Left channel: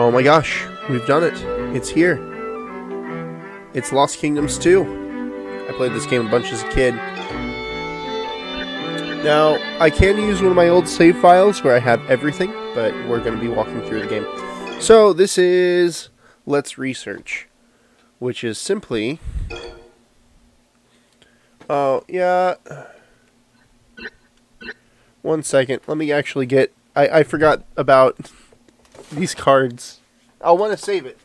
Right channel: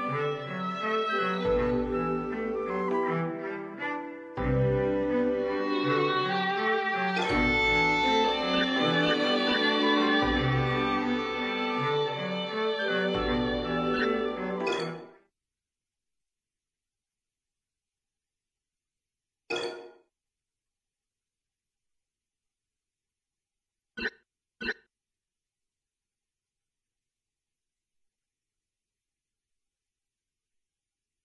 Oh my gosh, we've done it. It's here. It's Lost Kingdoms 2. I played this game a bunch as a kid. Now, I can use one of my old save files where I have everything, but we're going to be walking through the game. So, this is Let's Research, which is simply... Oh, yeah... One second, let me actually get... I forgot about these cards. I'll want to save it.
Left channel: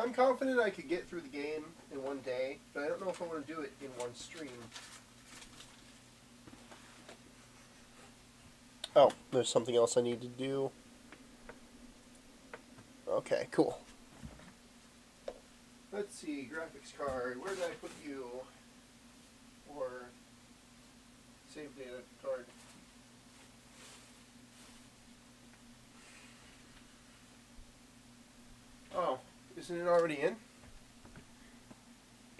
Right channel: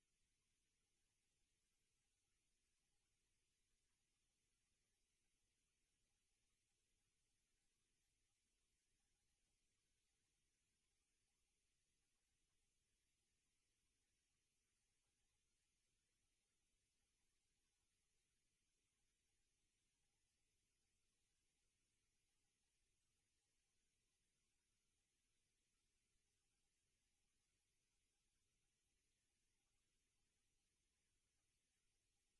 I'm confident I could get through the game in one day, but I don't know if I want to do it in one stream. Oh, there's something else I need to do. Okay, cool. Let's see, graphics card. Where did I put you? Or save data card. Oh, isn't it already in?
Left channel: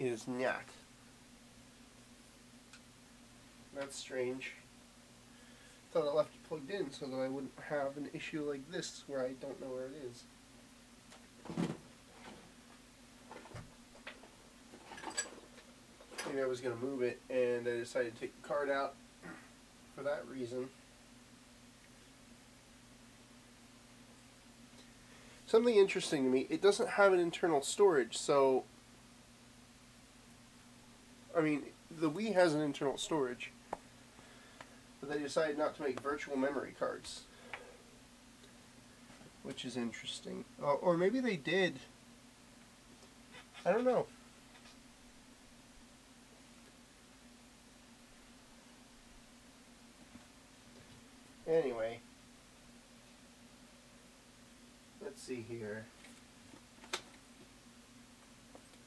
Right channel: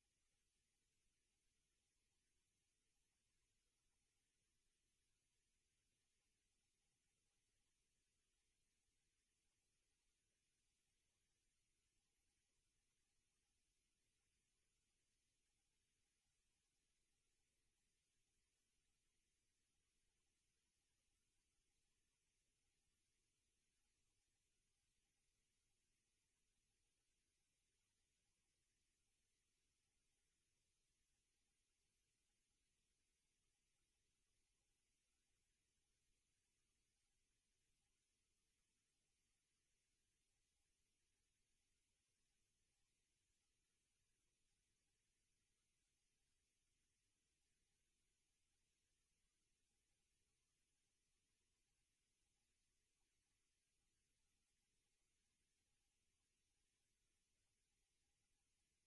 It is not. That's strange. Thought I left it plugged in so that I wouldn't have an issue like this where I don't know where it is. Maybe I was going to move it and I decided to take the card out for that reason. Something interesting to me, it doesn't have an internal storage, so... I mean, the Wii has an internal storage, but they decided not to make virtual memory cards. Which is interesting. Or maybe they did. I don't know. Anyway. Let's see here.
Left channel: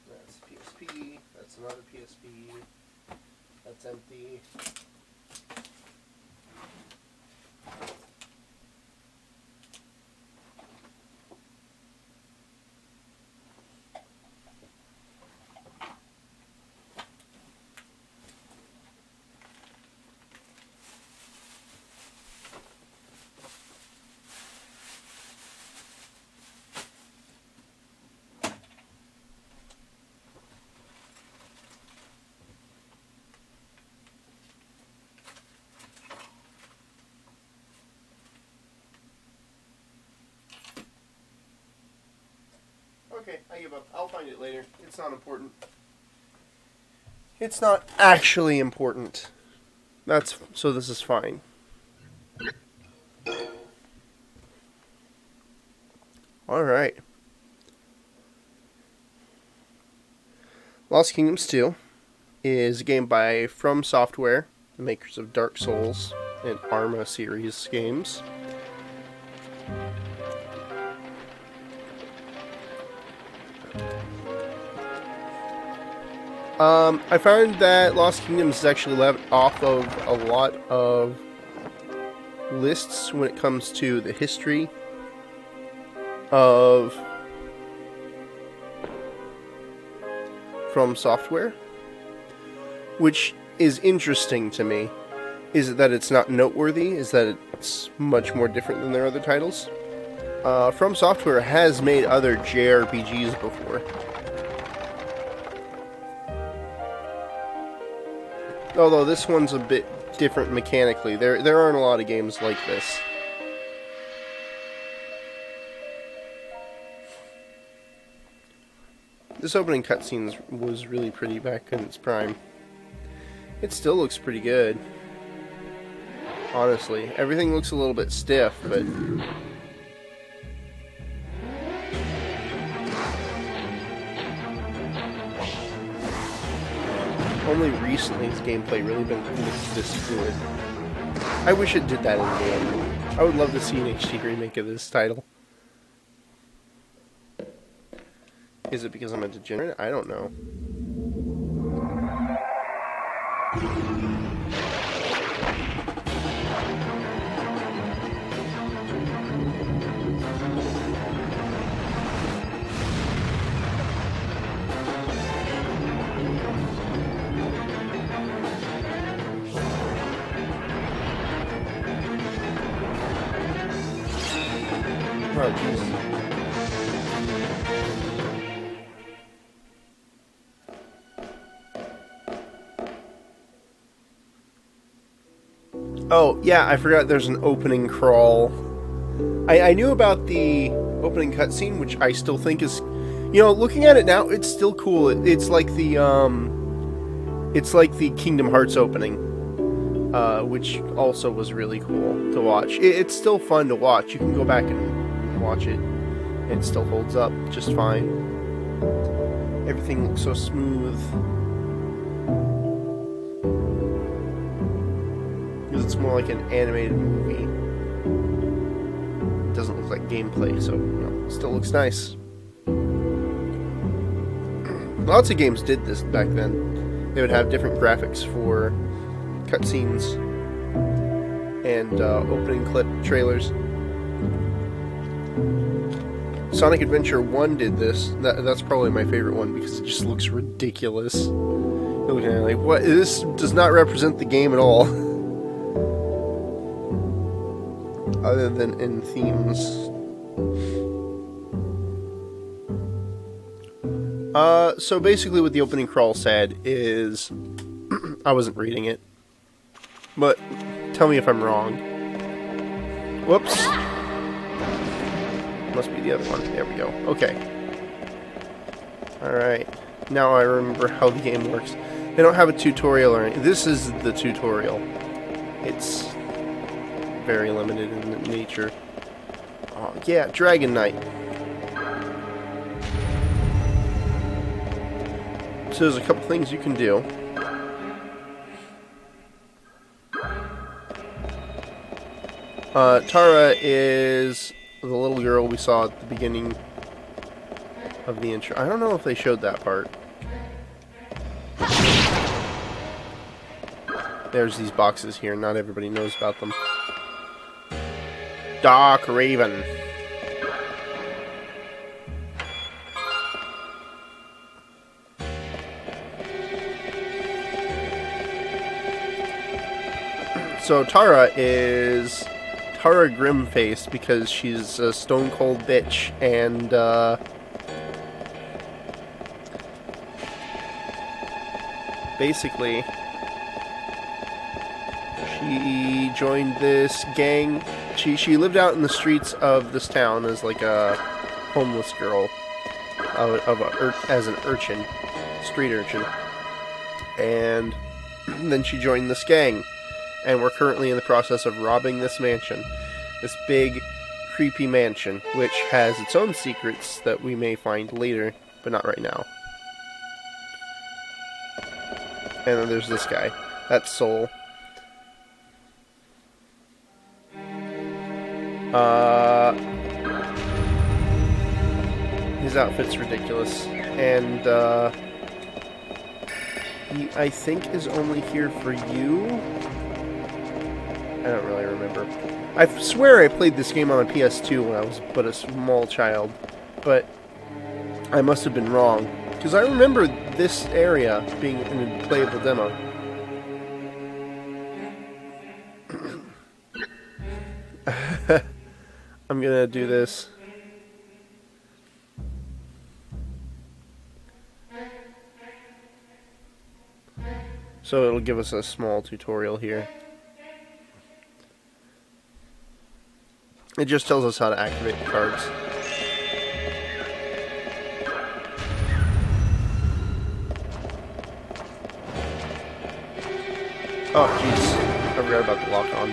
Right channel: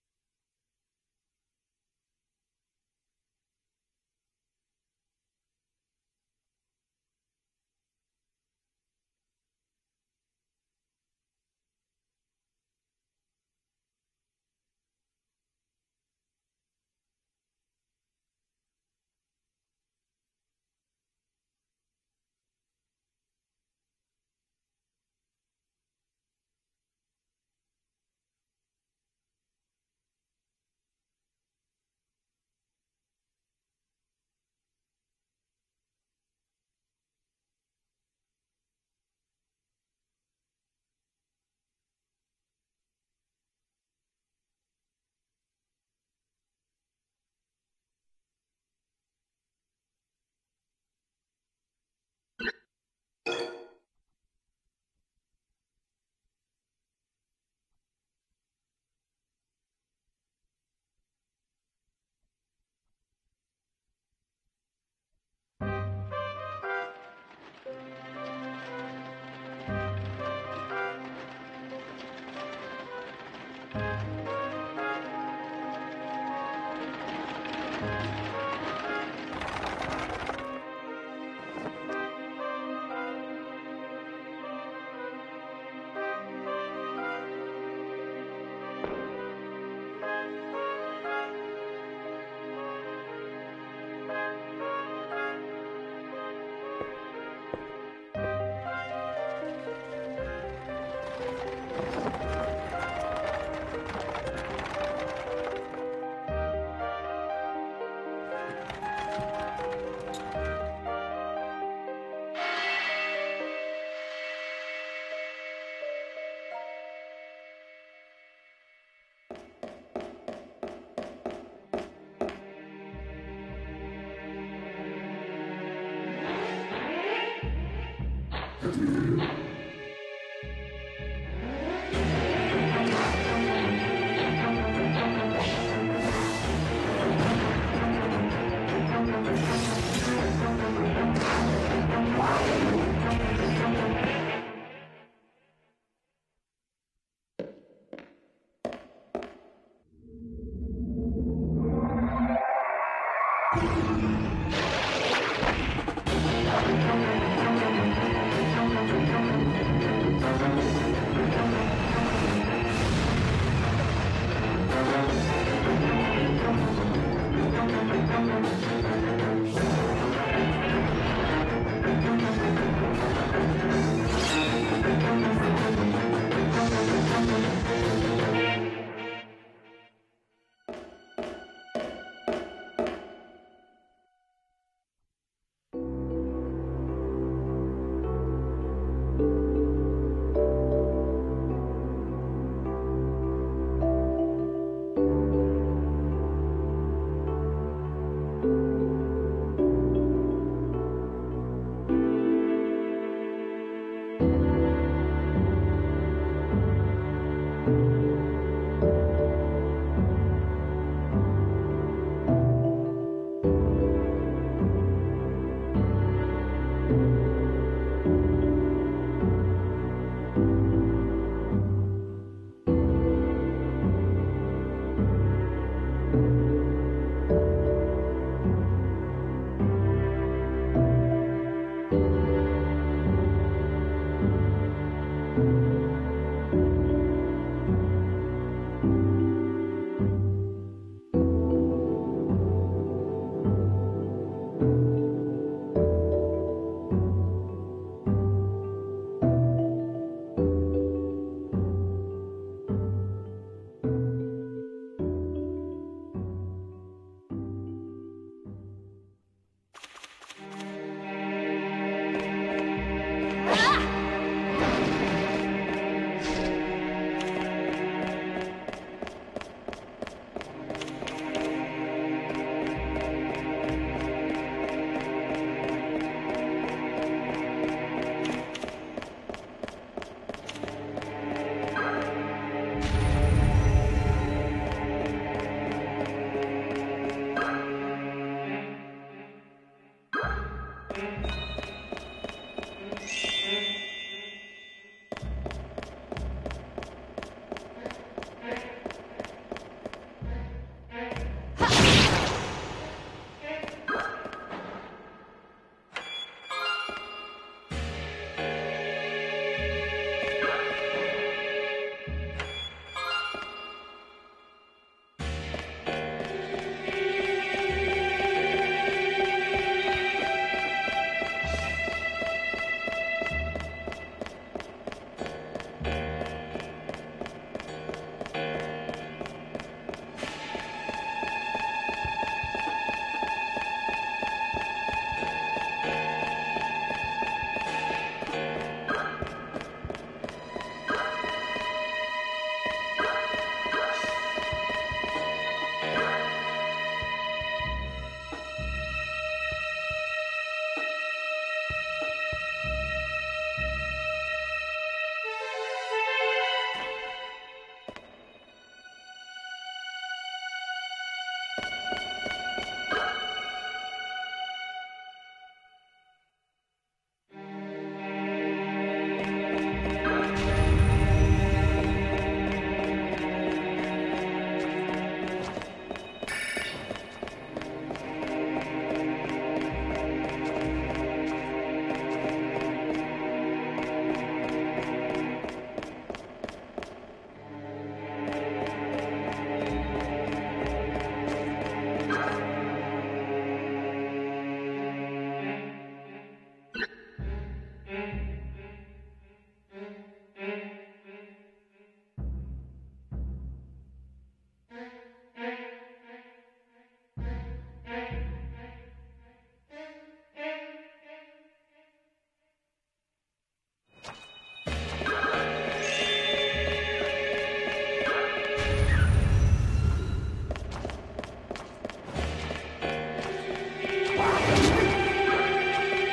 That's PSP. That's another PSP. That's empty. Okay, I give up. I'll find it later. It's not important. It's not actually important. So this is fine. Alright. Lost Kingdoms 2 is a game by From Software, the makers of Dark Souls and Arma series games. I found that Lost Kingdoms is actually left off of a lot of lists when it comes to the history of From Software, which is interesting to me. Is that it's not noteworthy, is that it's much more different than their other titles. From Software has made other JRPGs before. Although this one's a bit different mechanically. There aren't a lot of games like this. This opening cutscene was really pretty back in its prime. It still looks pretty good. Honestly. Everything looks a little bit stiff, but... only recently has gameplay really been this good. I wish it did that. I would love to see an HD remake of this title. Is it because I'm a degenerate? I don't know. Oh, yeah, I forgot there's an opening crawl. I knew about the opening cutscene, which I still think is... You know, looking at it now, it's still cool. It's like the Kingdom Hearts opening, which also was really cool to watch. It's still fun to watch. You can go back and watch it. It still holds up just fine. Everything looks so smooth. It's more like an animated movie. It doesn't look like gameplay, so it still looks nice. Lots of games did this back then. They would have different graphics for cutscenes and opening clip trailers. Sonic Adventure 1 did this. That's probably my favorite one because it just looks ridiculous. You're looking at it like, what? This does not represent the game at all. Other than in themes. So basically what the opening crawl said is... I wasn't reading it. But, tell me if I'm wrong. Whoops. Must be the other one. There we go. Okay. Alright. Now I remember how the game works. They don't have a tutorial or anything. This is the tutorial. It's very limited in nature. Oh, yeah, Dragon Knight. So there's a couple things you can do. Tara is the little girl we saw at the beginning of the intro. I don't know if they showed that part. There's these boxes here. Not everybody knows about them. Dark Raven. So Tara is Tara Grimface because she's a stone cold bitch and basically she joined this gang. She lived out in the streets of this town as like a homeless girl, as an urchin, street urchin, and then she joined this gang. And we're currently in the process of robbing this mansion. This big, creepy mansion, which has its own secrets that we may find later, but not right now. And then there's this guy. That's Soul. His outfit's ridiculous. And, he, I think, is only here for you. I don't really remember. I swear I played this game on a PS2 when I was but a small child, but I must have been wrong, because I remember this area being in a playable demo. I'm gonna do this. So it'll give us a small tutorial here. It just tells us how to activate the cards. Oh, jeez. I forgot about the lock on.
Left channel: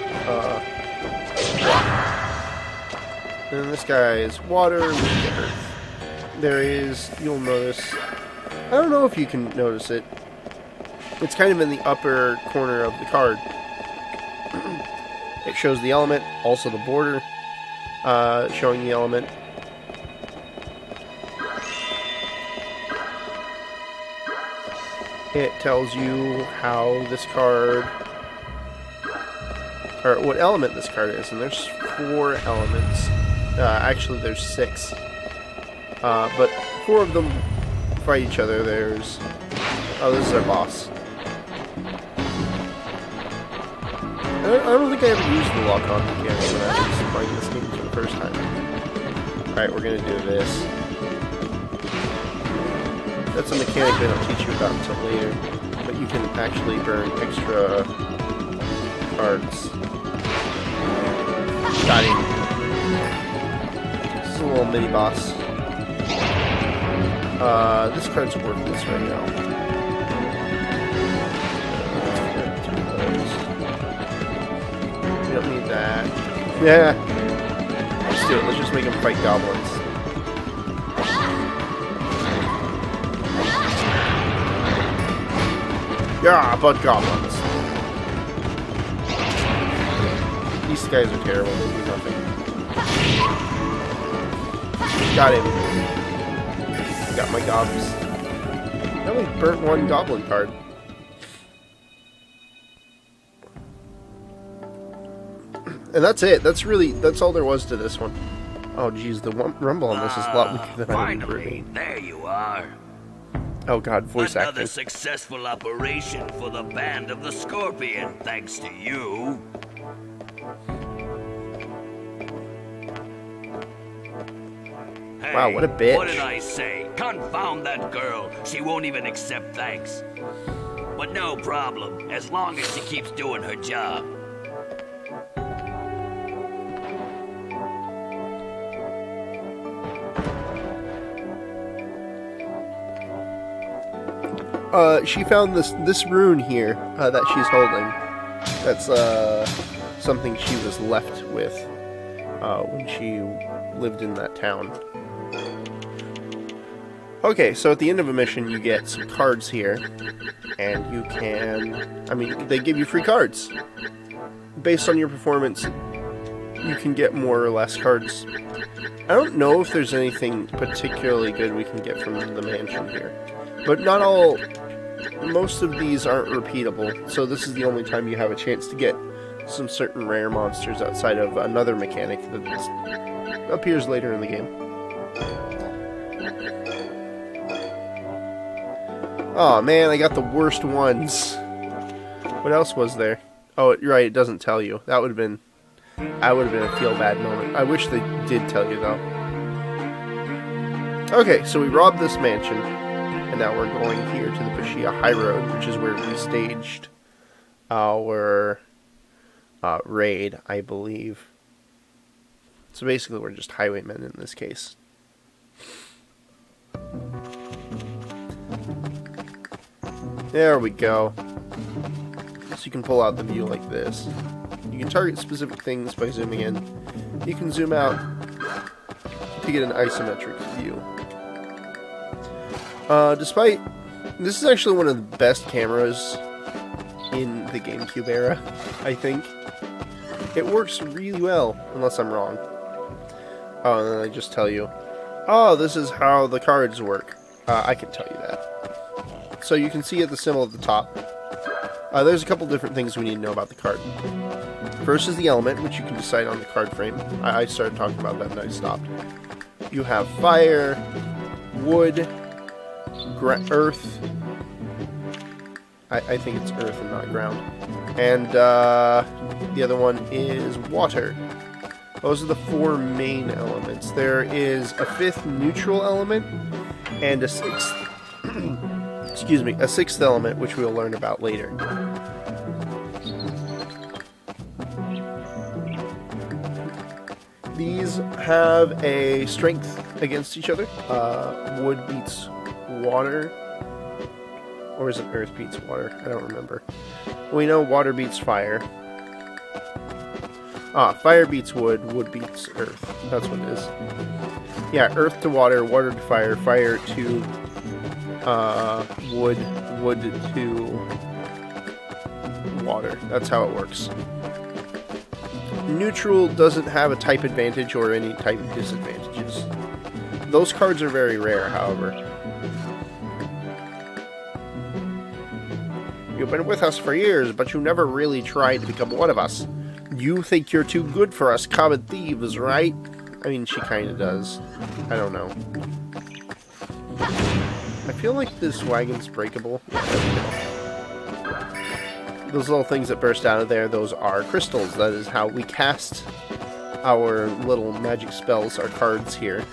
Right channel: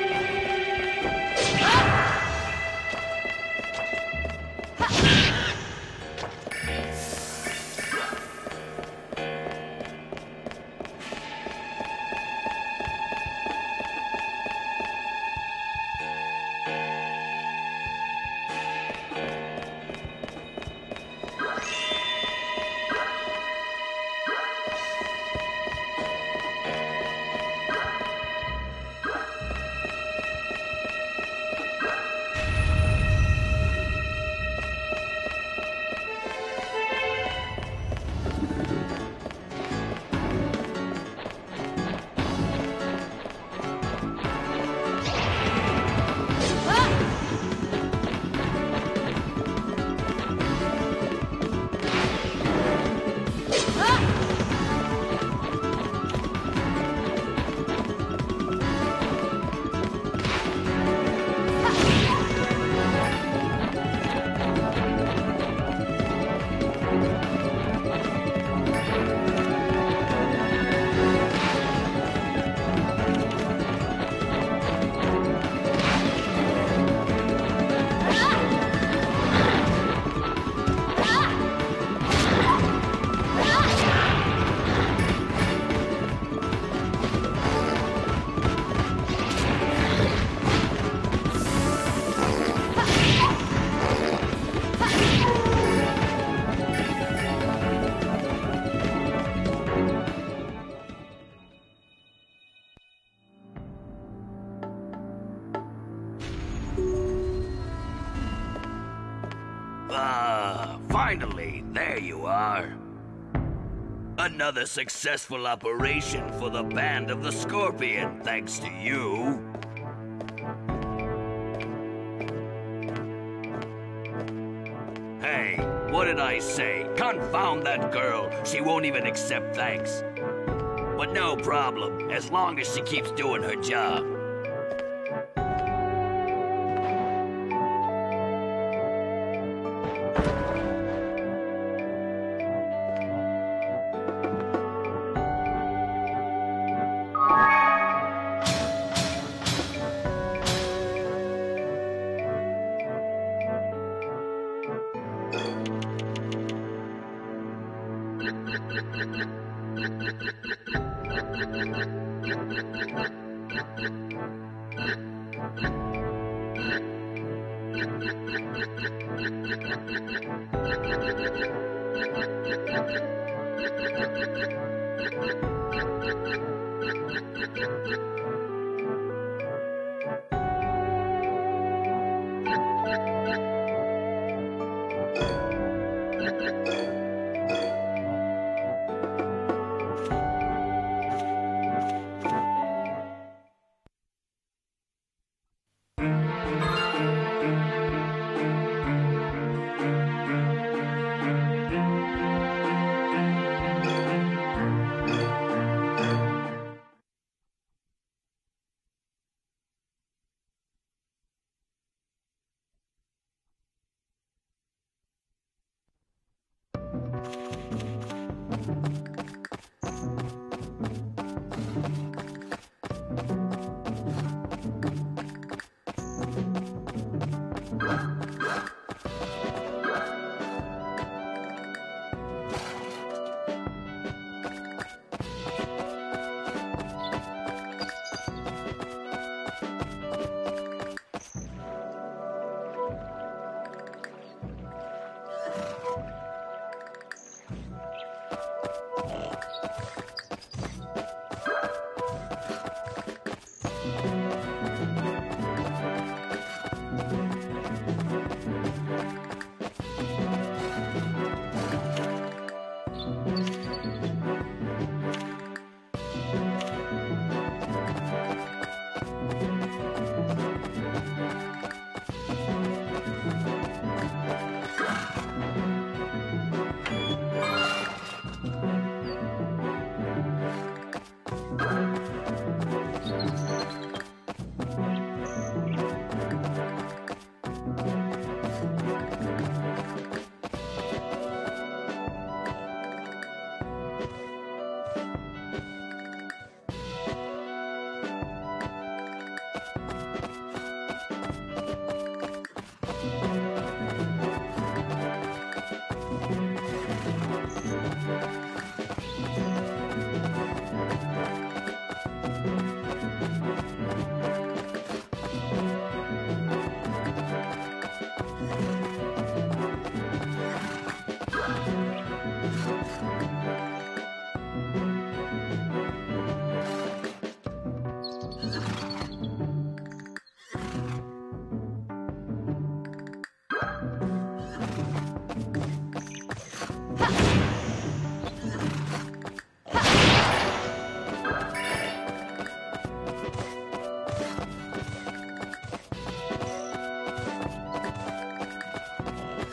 And this guy is water. There is, you'll notice. I don't know if you can notice it. It's kind of in the upper corner of the card. It shows the element, also the border. Showing the element. It tells you how this card, or what element this card is, and there's 4 elements. Actually, there's 6. But 4 of them fight each other. There's, oh, this is our boss. I don't think I ever used the lock on yet. Alright, we're gonna do this. That's a mechanic that I'll teach you about until later. But you can actually burn extra cards. cards are worthless right now. Don't need that. Yeah. Let's do it. Let's just make him fight goblins. Yeah, but goblins. These guys are terrible. Got him. Got my daughters. I only burnt one goblin card. And that's it. That's all there was to this one. Oh, geez, the rumble on this is a lot weaker than finally, there you are. Oh, God, voice Another acting. successful operation for the Band of the Scorpion, thanks to you. Hey, Wow, what a bitch. What did I say? Confound that girl. She won't even accept thanks. But no problem, as long as she keeps doing her job. She found this rune here that she's holding. That's something she was left with when she lived in that town. Okay, so at the end of a mission, you get some cards here, and you can... I mean, they give you free cards. Based on your performance, you can get more or less cards. I don't know if there's anything particularly good we can get from the mansion here. But not all... Most of these aren't repeatable, so this is the only time you have a chance to get some certain rare monsters outside of another mechanic that appears later in the game. Oh man, I got the worst ones. What else was there? Oh, you're right, it doesn't tell you. That would have been... I would have been a feel-bad moment. I wish they did tell you, though. Okay, so we robbed this mansion, and now we're going here to the Brishia High Road, which is where we staged our raid, I believe. So basically, we're just highwaymen in this case. There we go. So you can pull out the view like this. You can target specific things by zooming in. You can zoom out to get an isometric view. Despite... This is actually one of the best cameras in the GameCube era, I think. It works really well, unless I'm wrong. Oh, and then I just tell you, oh, this is how the cards work. I can tell you that. So you can see at the symbol at the top, there's a couple different things we need to know about the card. First is the element, which you can decide on the card frame. I started talking about that and I stopped. You have fire, wood, earth. I think it's earth and not ground. And the other one is water. Those are the four main elements. There is a fifth neutral element and a sixth. Excuse me, a sixth element, which we'll learn about later. These have a strength against each other. Wood beats water. Or is it earth beats water? I don't remember. We know water beats fire. Fire beats wood, wood beats earth. That's what it is. Yeah, earth to water, water to fire, fire to wood, wood to water. That's how it works. Neutral doesn't have a type advantage or any type disadvantages. Those cards are very rare, however. You've been with us for years, but you never really tried to become one of us. You think you're too good for us common thieves, right? I mean, she kind of does. I don't know. I feel like this wagon's breakable. Those little things that burst out of there, those are crystals. That is how we cast our little magic spells, our cards here.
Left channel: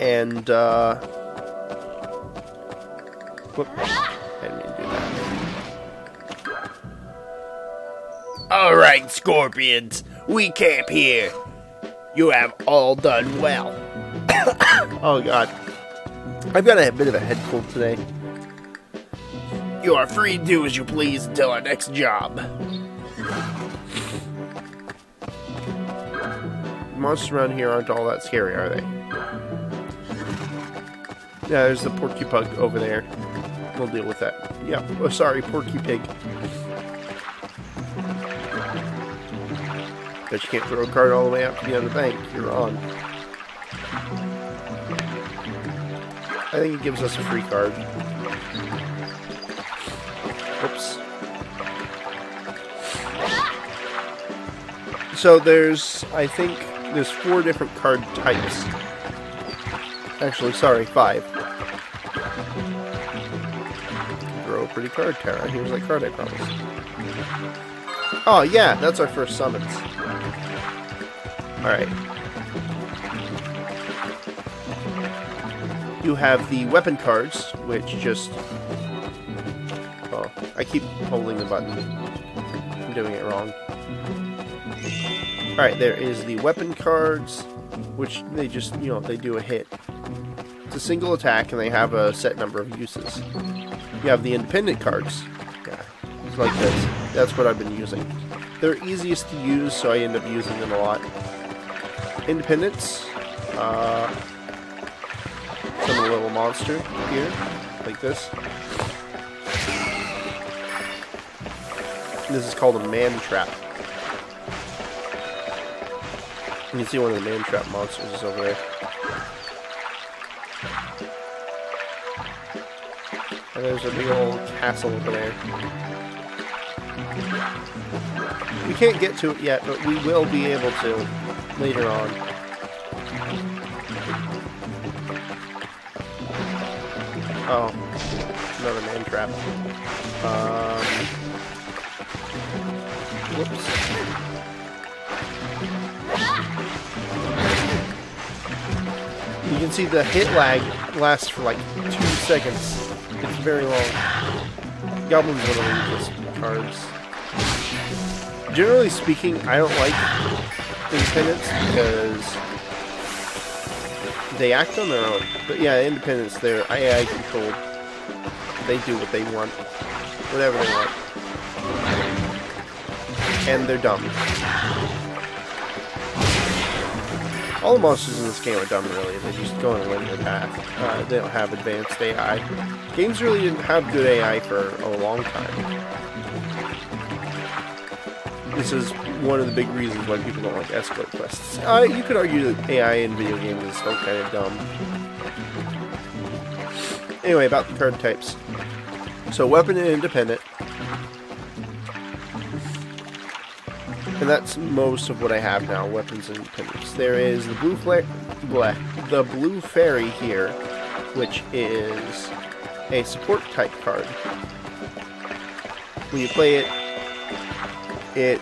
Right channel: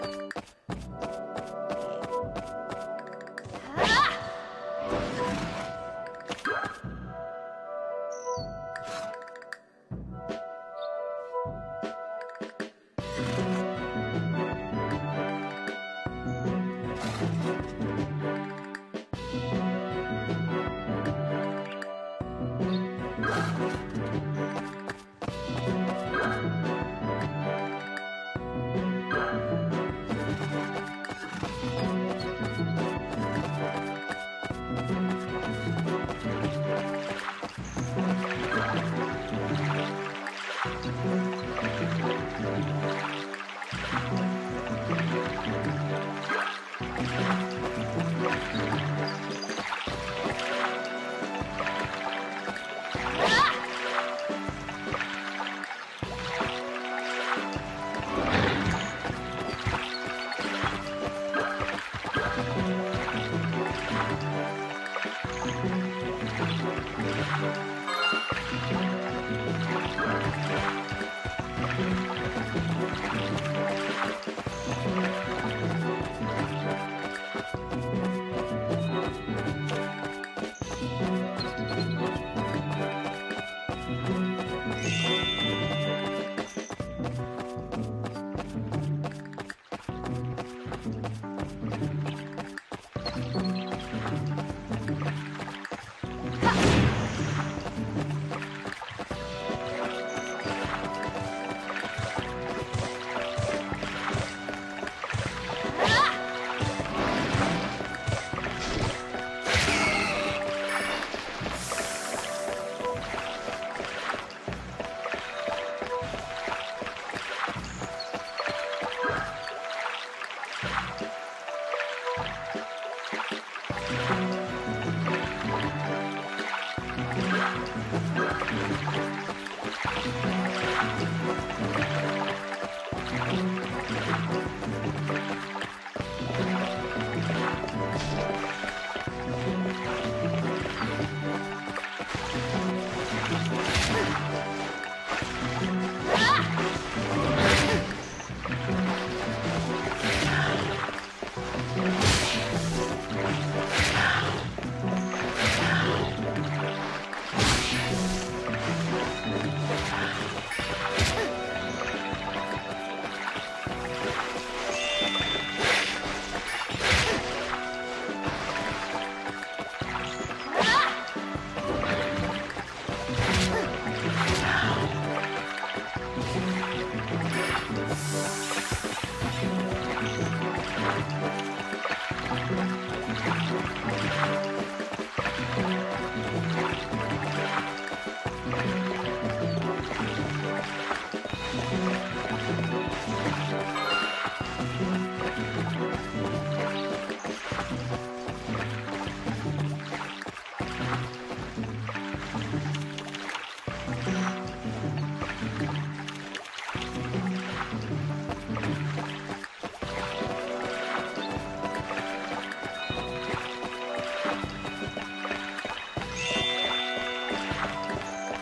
And, whoop. Alright, Scorpions, we camp here. You have all done well. Oh god. I've got a bit of a head cold today. You are free to do as you please until our next job. Monsters around here aren't all that scary, are they? Yeah, there's the porcupine over there. We'll deal with that. Yeah, oh, sorry, porky pig. But you can't throw a card all the way up to the other bank. You're wrong. I think it gives us a free card. Oops. So I think there's 4 different card types. Actually, sorry, 5. Throw a pretty card tower. Here's my card icons. Oh, yeah, that's our first summons. Alright. You have the weapon cards, which just... Oh, I keep holding the button. I'm doing it wrong. Alright, there is the weapon cards, which they just, they do a hit. It's a single attack, and they have a set number of uses. You have the independent cards. Like this. That's what I've been using. They're easiest to use, so I end up using them a lot. Independents. A little monster here, like this. This is called a man trap. You can see one of the man trap monsters is over there. And there's a little castle over there. We can't get to it yet, but we will be able to later on. Oh, another man trap. You can see the hit lag lasts for like 2 seconds. It's very long. Goblins are the cards. Generally speaking, I don't like independents because they act on their own. But yeah, independents, they're AI controlled. They do what they want. Whatever they want. And they're dumb. All the monsters in this game are dumb anyway. They're just going along the path. They don't have advanced AI. Games really didn't have good AI for a long time. This is one of the big reasons why people don't like escort quests. You could argue that AI in video games is still kind of dumb. Anyway, about the card types. So, weapon and independent. And that's most of what I have now, weapons and independents. There is the blue fairy here, which is a support type card. When you play it, it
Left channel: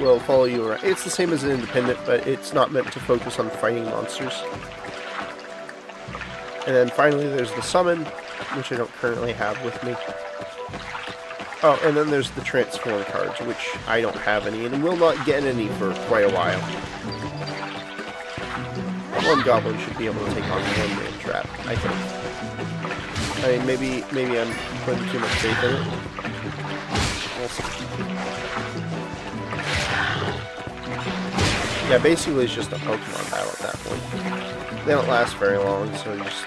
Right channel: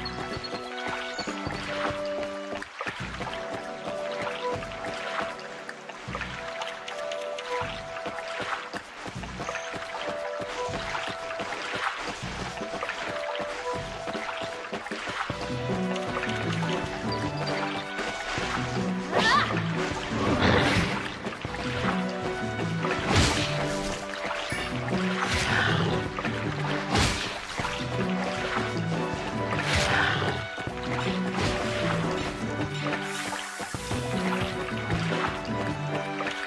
will follow you around. It's the same as an independent, but it's not meant to focus on fighting monsters. And then finally there's the summon, which I don't currently have with me. Oh, and then there's the transform cards, which I don't have any, and will not get any for quite a while. One goblin should be able to do a trap, I think. I mean, maybe I'm putting too much paper. Yeah, basically it's just a Pokemon battle at that point. They don't last very long, so just...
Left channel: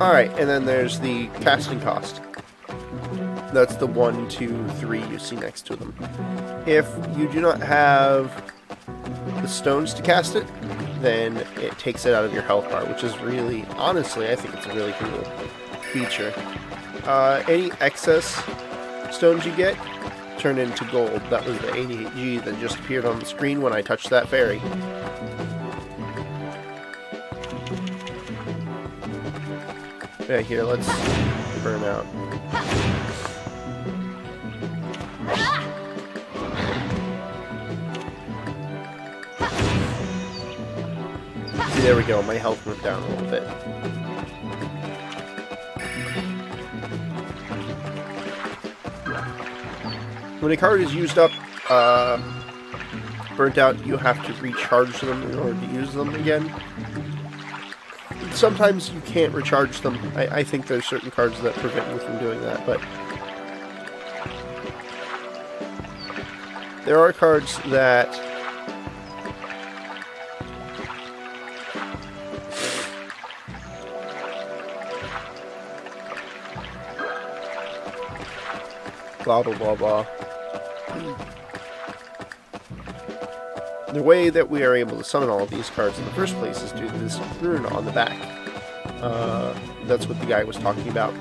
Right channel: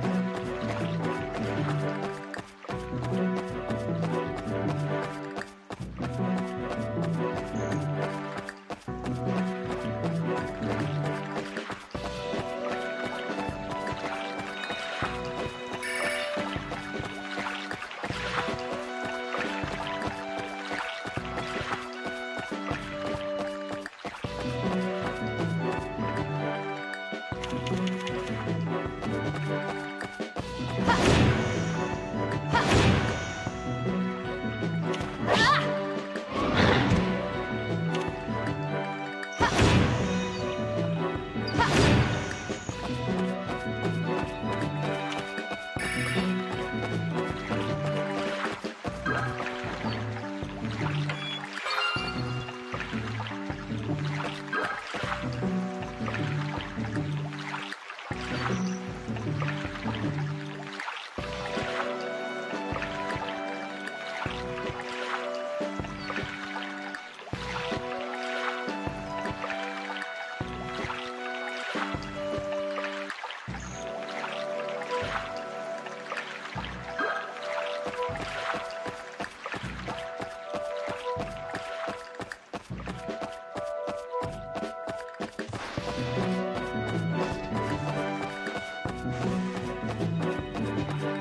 Alright, and then there's the casting cost. That's the 1, 2, 3 you see next to them. If you do not have the stones to cast it, then it takes it out of your health bar, which is really, honestly, I think it's a really cool feature. Any excess stones you get turn into gold. That was the 88G that just appeared on the screen when I touched that fairy. Yeah, here, let's burn out. There we go, my health went down a little bit. When a card is used up burnt out, you have to recharge them in order to use them again. Sometimes you can't recharge them. I think there's certain cards that prevent you from doing that, but there are cards that blah blah blah blah. The way that we are able to summon all of these cards in the first place is due to this rune on the back. That's what the guy was talking about.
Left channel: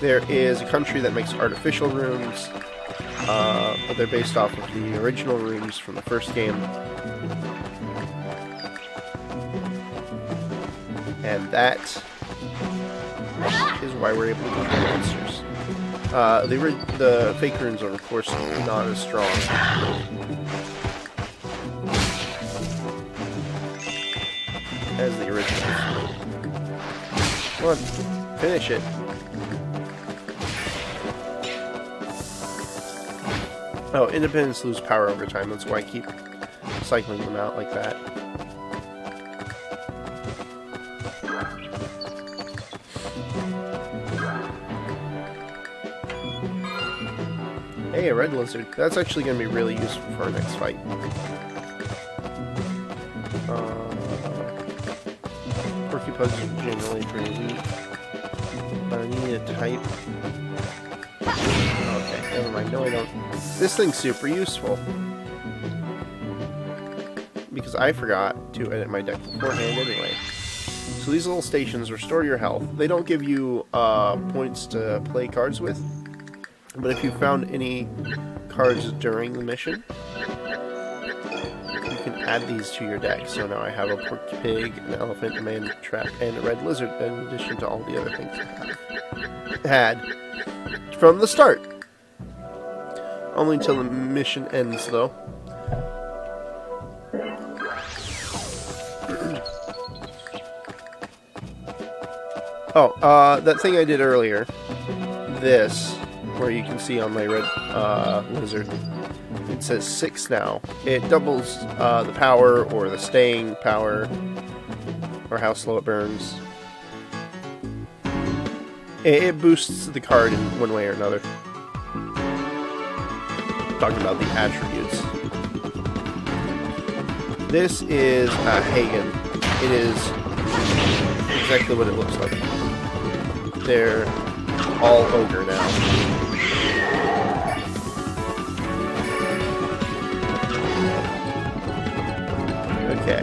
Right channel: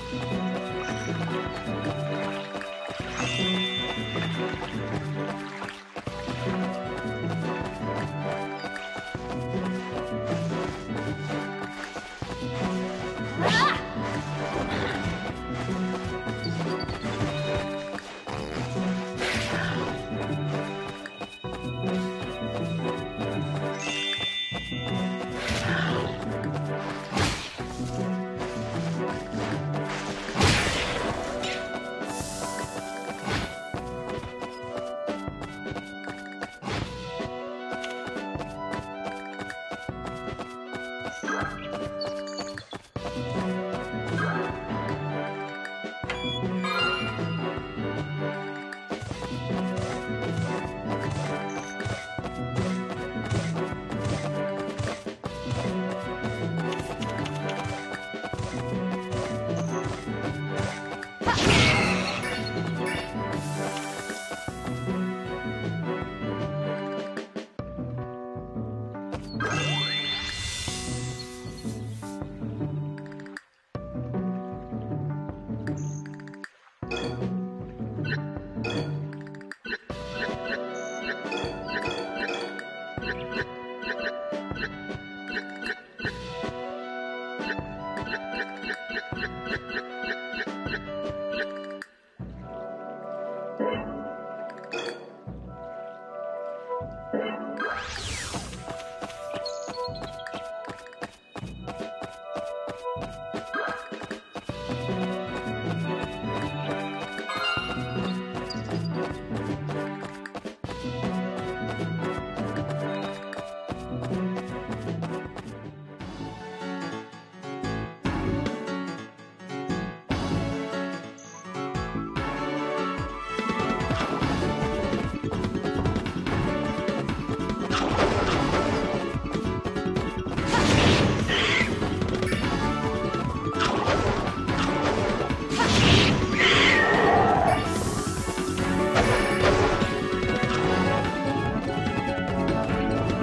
There is a country that makes artificial runes, but they're based off of the original runes from the first game. And that is why we're able to get monsters. The fake runes are, of course, not as strong as the original. Come on, finish it. Oh, independents lose power over time, that's why I keep cycling them out like that. Hey, a red lizard. That's actually going to be really useful for our next fight. This thing's super useful. Because I forgot to edit my deck beforehand anyway. So these little stations restore your health. They don't give you points to play cards with. But if you found any cards during the mission, you can add these to your deck. So now I have a pork pig, an elephant, a man trap, and a red lizard, in addition to all the other things I had from the start. Only until the mission ends, though. Oh, that thing I did earlier, this, where you can see on my red lizard, it says 6 now. It doubles the power, or the staying power, or how slow it burns. It boosts the card in one way or another. Talking about the attributes. This is Hagen. It is exactly what it looks like. They're all ogre now. Okay.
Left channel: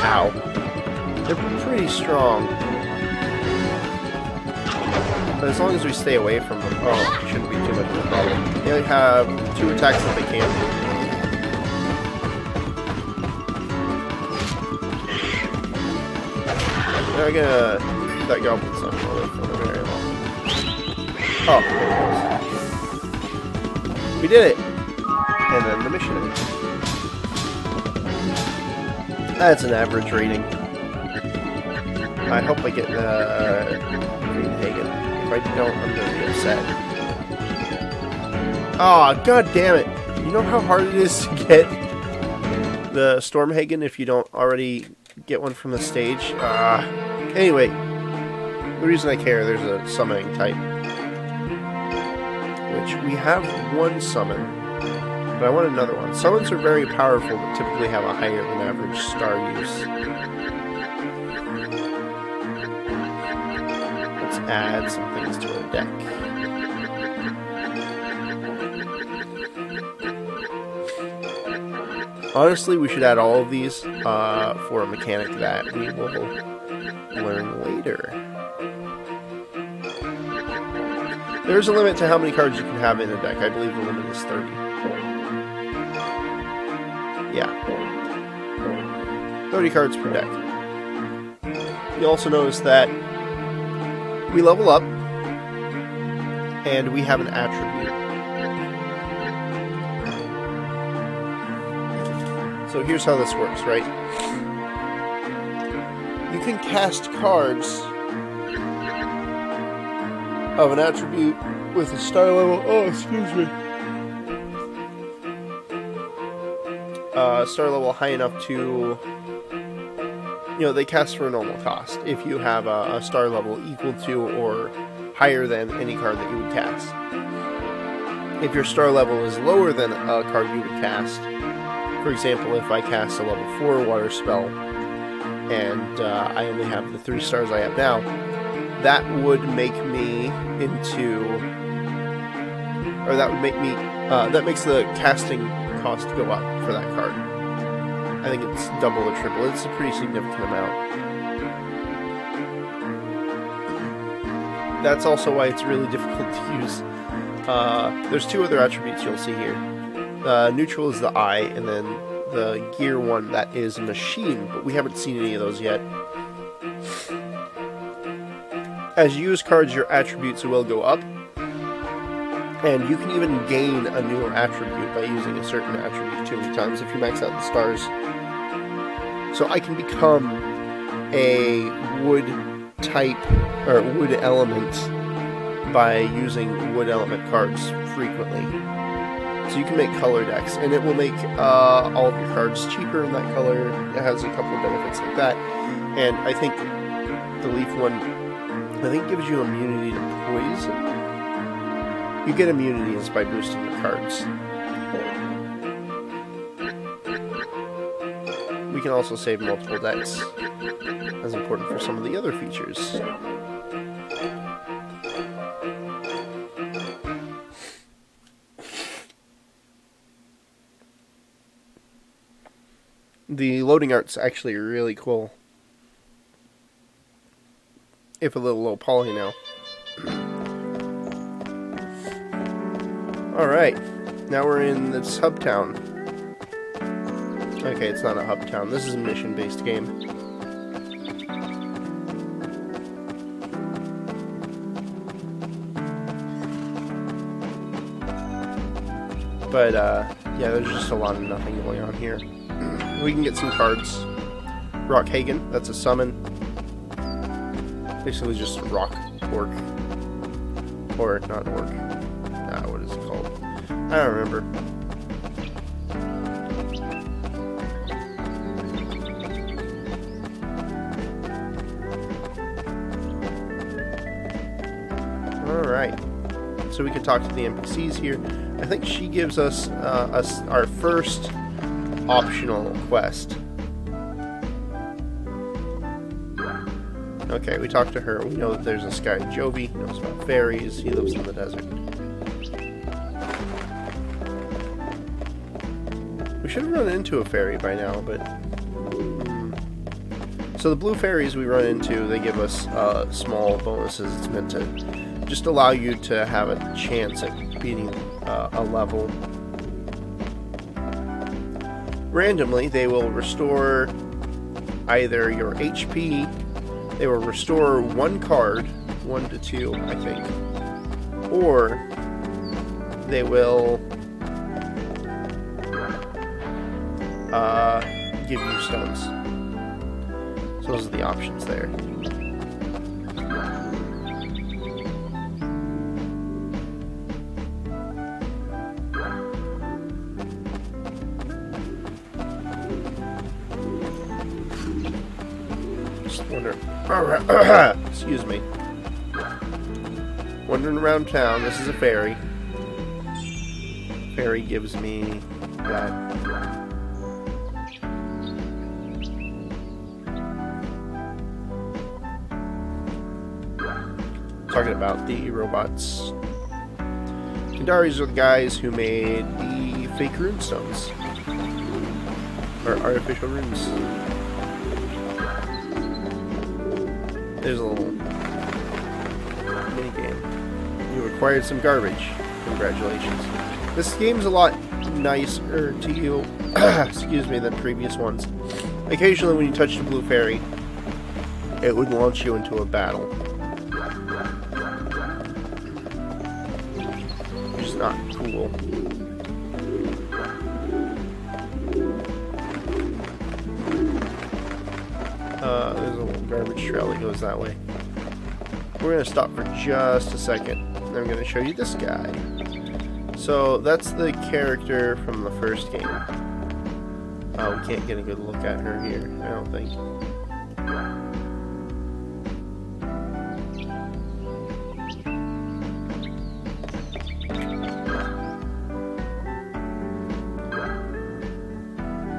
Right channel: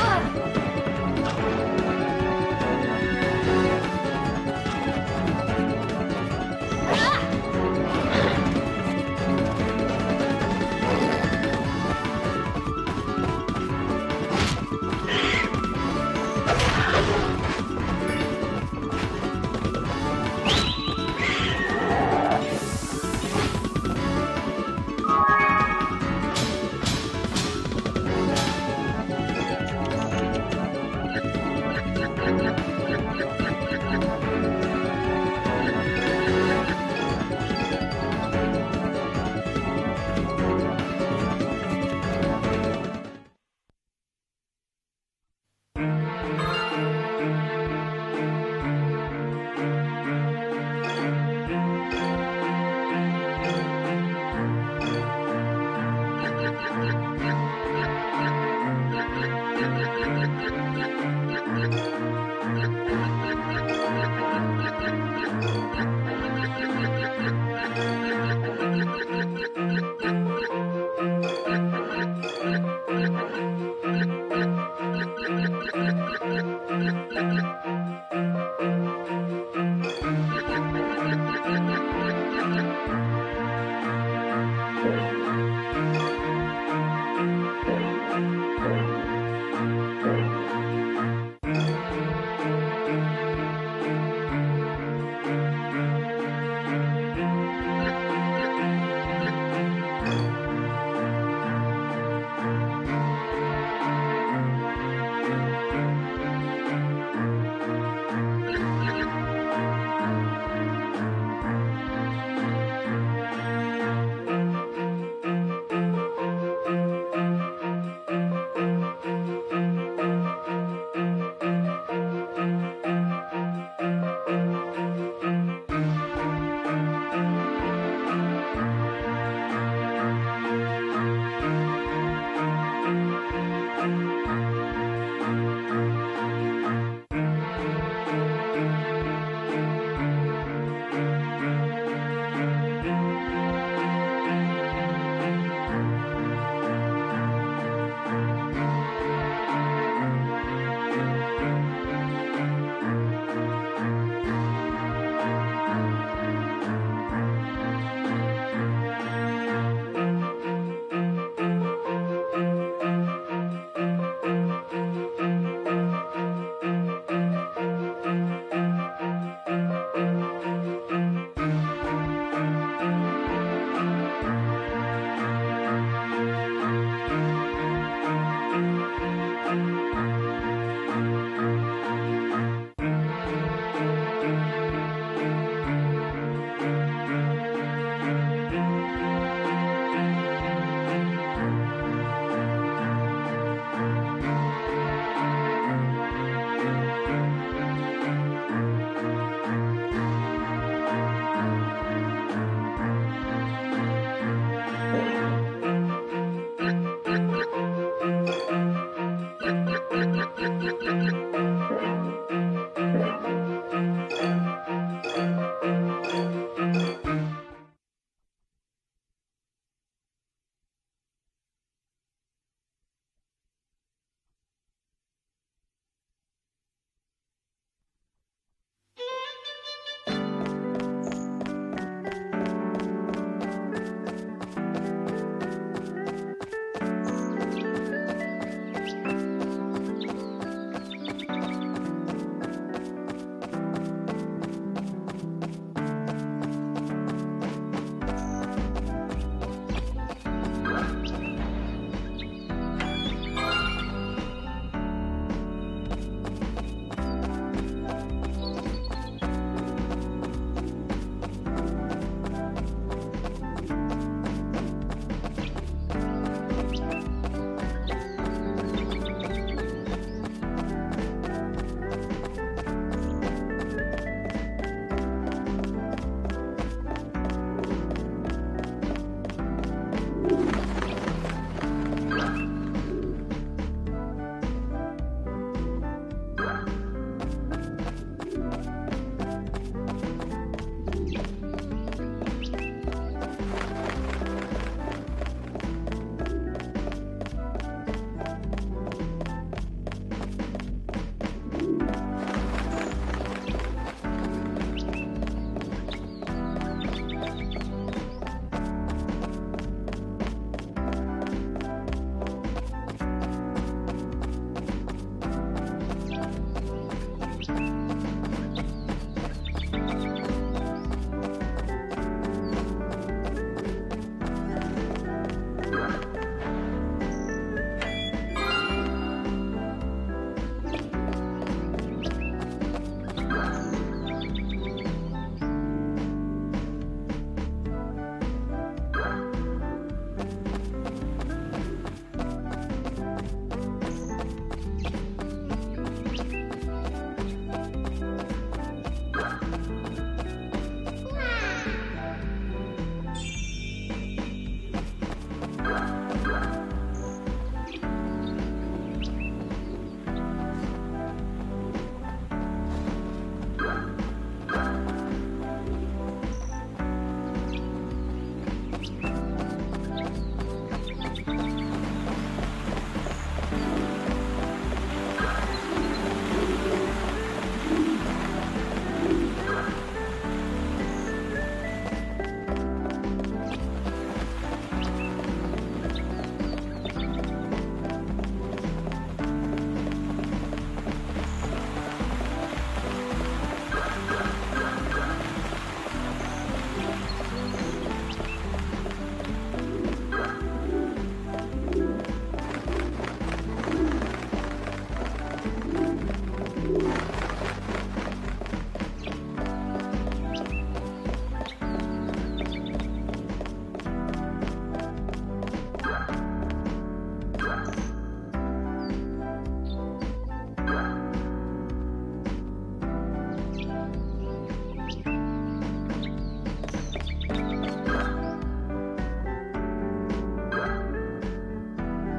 Ow. They're pretty strong. But as long as we stay away from them, they only have 2 attacks that they can do. I'm gonna let go of some away from there. Oh. We did it! And then the mission. That's an average rating. I hope I get oh, god damn it. You know how hard it is to get the Stormhagen if you don't already get one from the stage? Anyway, the reason I care, there's a summoning type. Which we have one summon, but I want another one. Summons are very powerful, but typically have a higher than average star use. Let's add some things to the deck. Honestly, we should add all of these for a mechanic that we will learn later. There's a limit to how many cards you can have in a deck. I believe the limit is 30. Yeah. 30 cards per deck. You also notice that we level up, and we have an attribute. So here's how this works, right? You can cast cards of an attribute with a star level. Oh, excuse me. star level high enough to, they cast for a normal cost. If you have a star level equal to or higher than any card that you would cast. If your star level is lower than a card you would cast, for example, if I cast a level 4 water spell, and I only have the 3 stars I have now, that would make me that makes the casting cost go up for that card. I think it's double or triple. It's a pretty significant amount. That's also why it's really difficult to use. There's 2 other attributes you'll see here. Neutral is the eye, and then the gear one, that is machine, but we haven't seen any of those yet. As you use cards, your attributes will go up, and you can even gain a newer attribute by using a certain attribute 2 times if you max out the stars. So I can become a wood type, or wood element, by using wood element cards frequently. So you can make color decks, and it will make all of your cards cheaper in that color. It has a couple of benefits like that. And I think the leaf one, gives you immunity to poison. You get immunities by boosting your cards. We can also save multiple decks. That's important for some of the other features. The loading art's actually really cool. If a little low poly now. Alright, now we're in this hub town. Okay, it's not a hub town. This is a mission-based game. But, yeah, there's just a lot of nothing going on here. We can get some cards. Rockhagen, that's a summon. Basically just rock orc. Or not orc. What is it called? I don't remember. Alright. So we can talk to the NPCs here. I think she gives us our first optional quest. Okay, we talked to her. We know that there's this guy, Jovi. He knows about fairies. He lives in the desert. We should have run into a fairy by now, but... So the blue fairies we run into, they give us small bonuses. It's meant to just allow you to have a chance at beating a level. Randomly, they will restore either your HP. They will restore 1 card, 1 to 2, I think, or they will give you stones. So those are the options there. Excuse me. Wandering around town. This is a fairy. Fairy gives me... Talking about the robots. Kandaris are the guys who made the fake runestones. Or artificial runes. We acquired some garbage. Congratulations. This game's a lot nicer to you, excuse me, than previous ones. Occasionally when you touch the blue fairy, it would launch you into a battle. Which is not cool. There's a little garbage trail that goes that way. We're going to stop for just a second. I'm going to show you this guy. So that's the character from the first game. Oh, can't get a good look at her here, I don't think.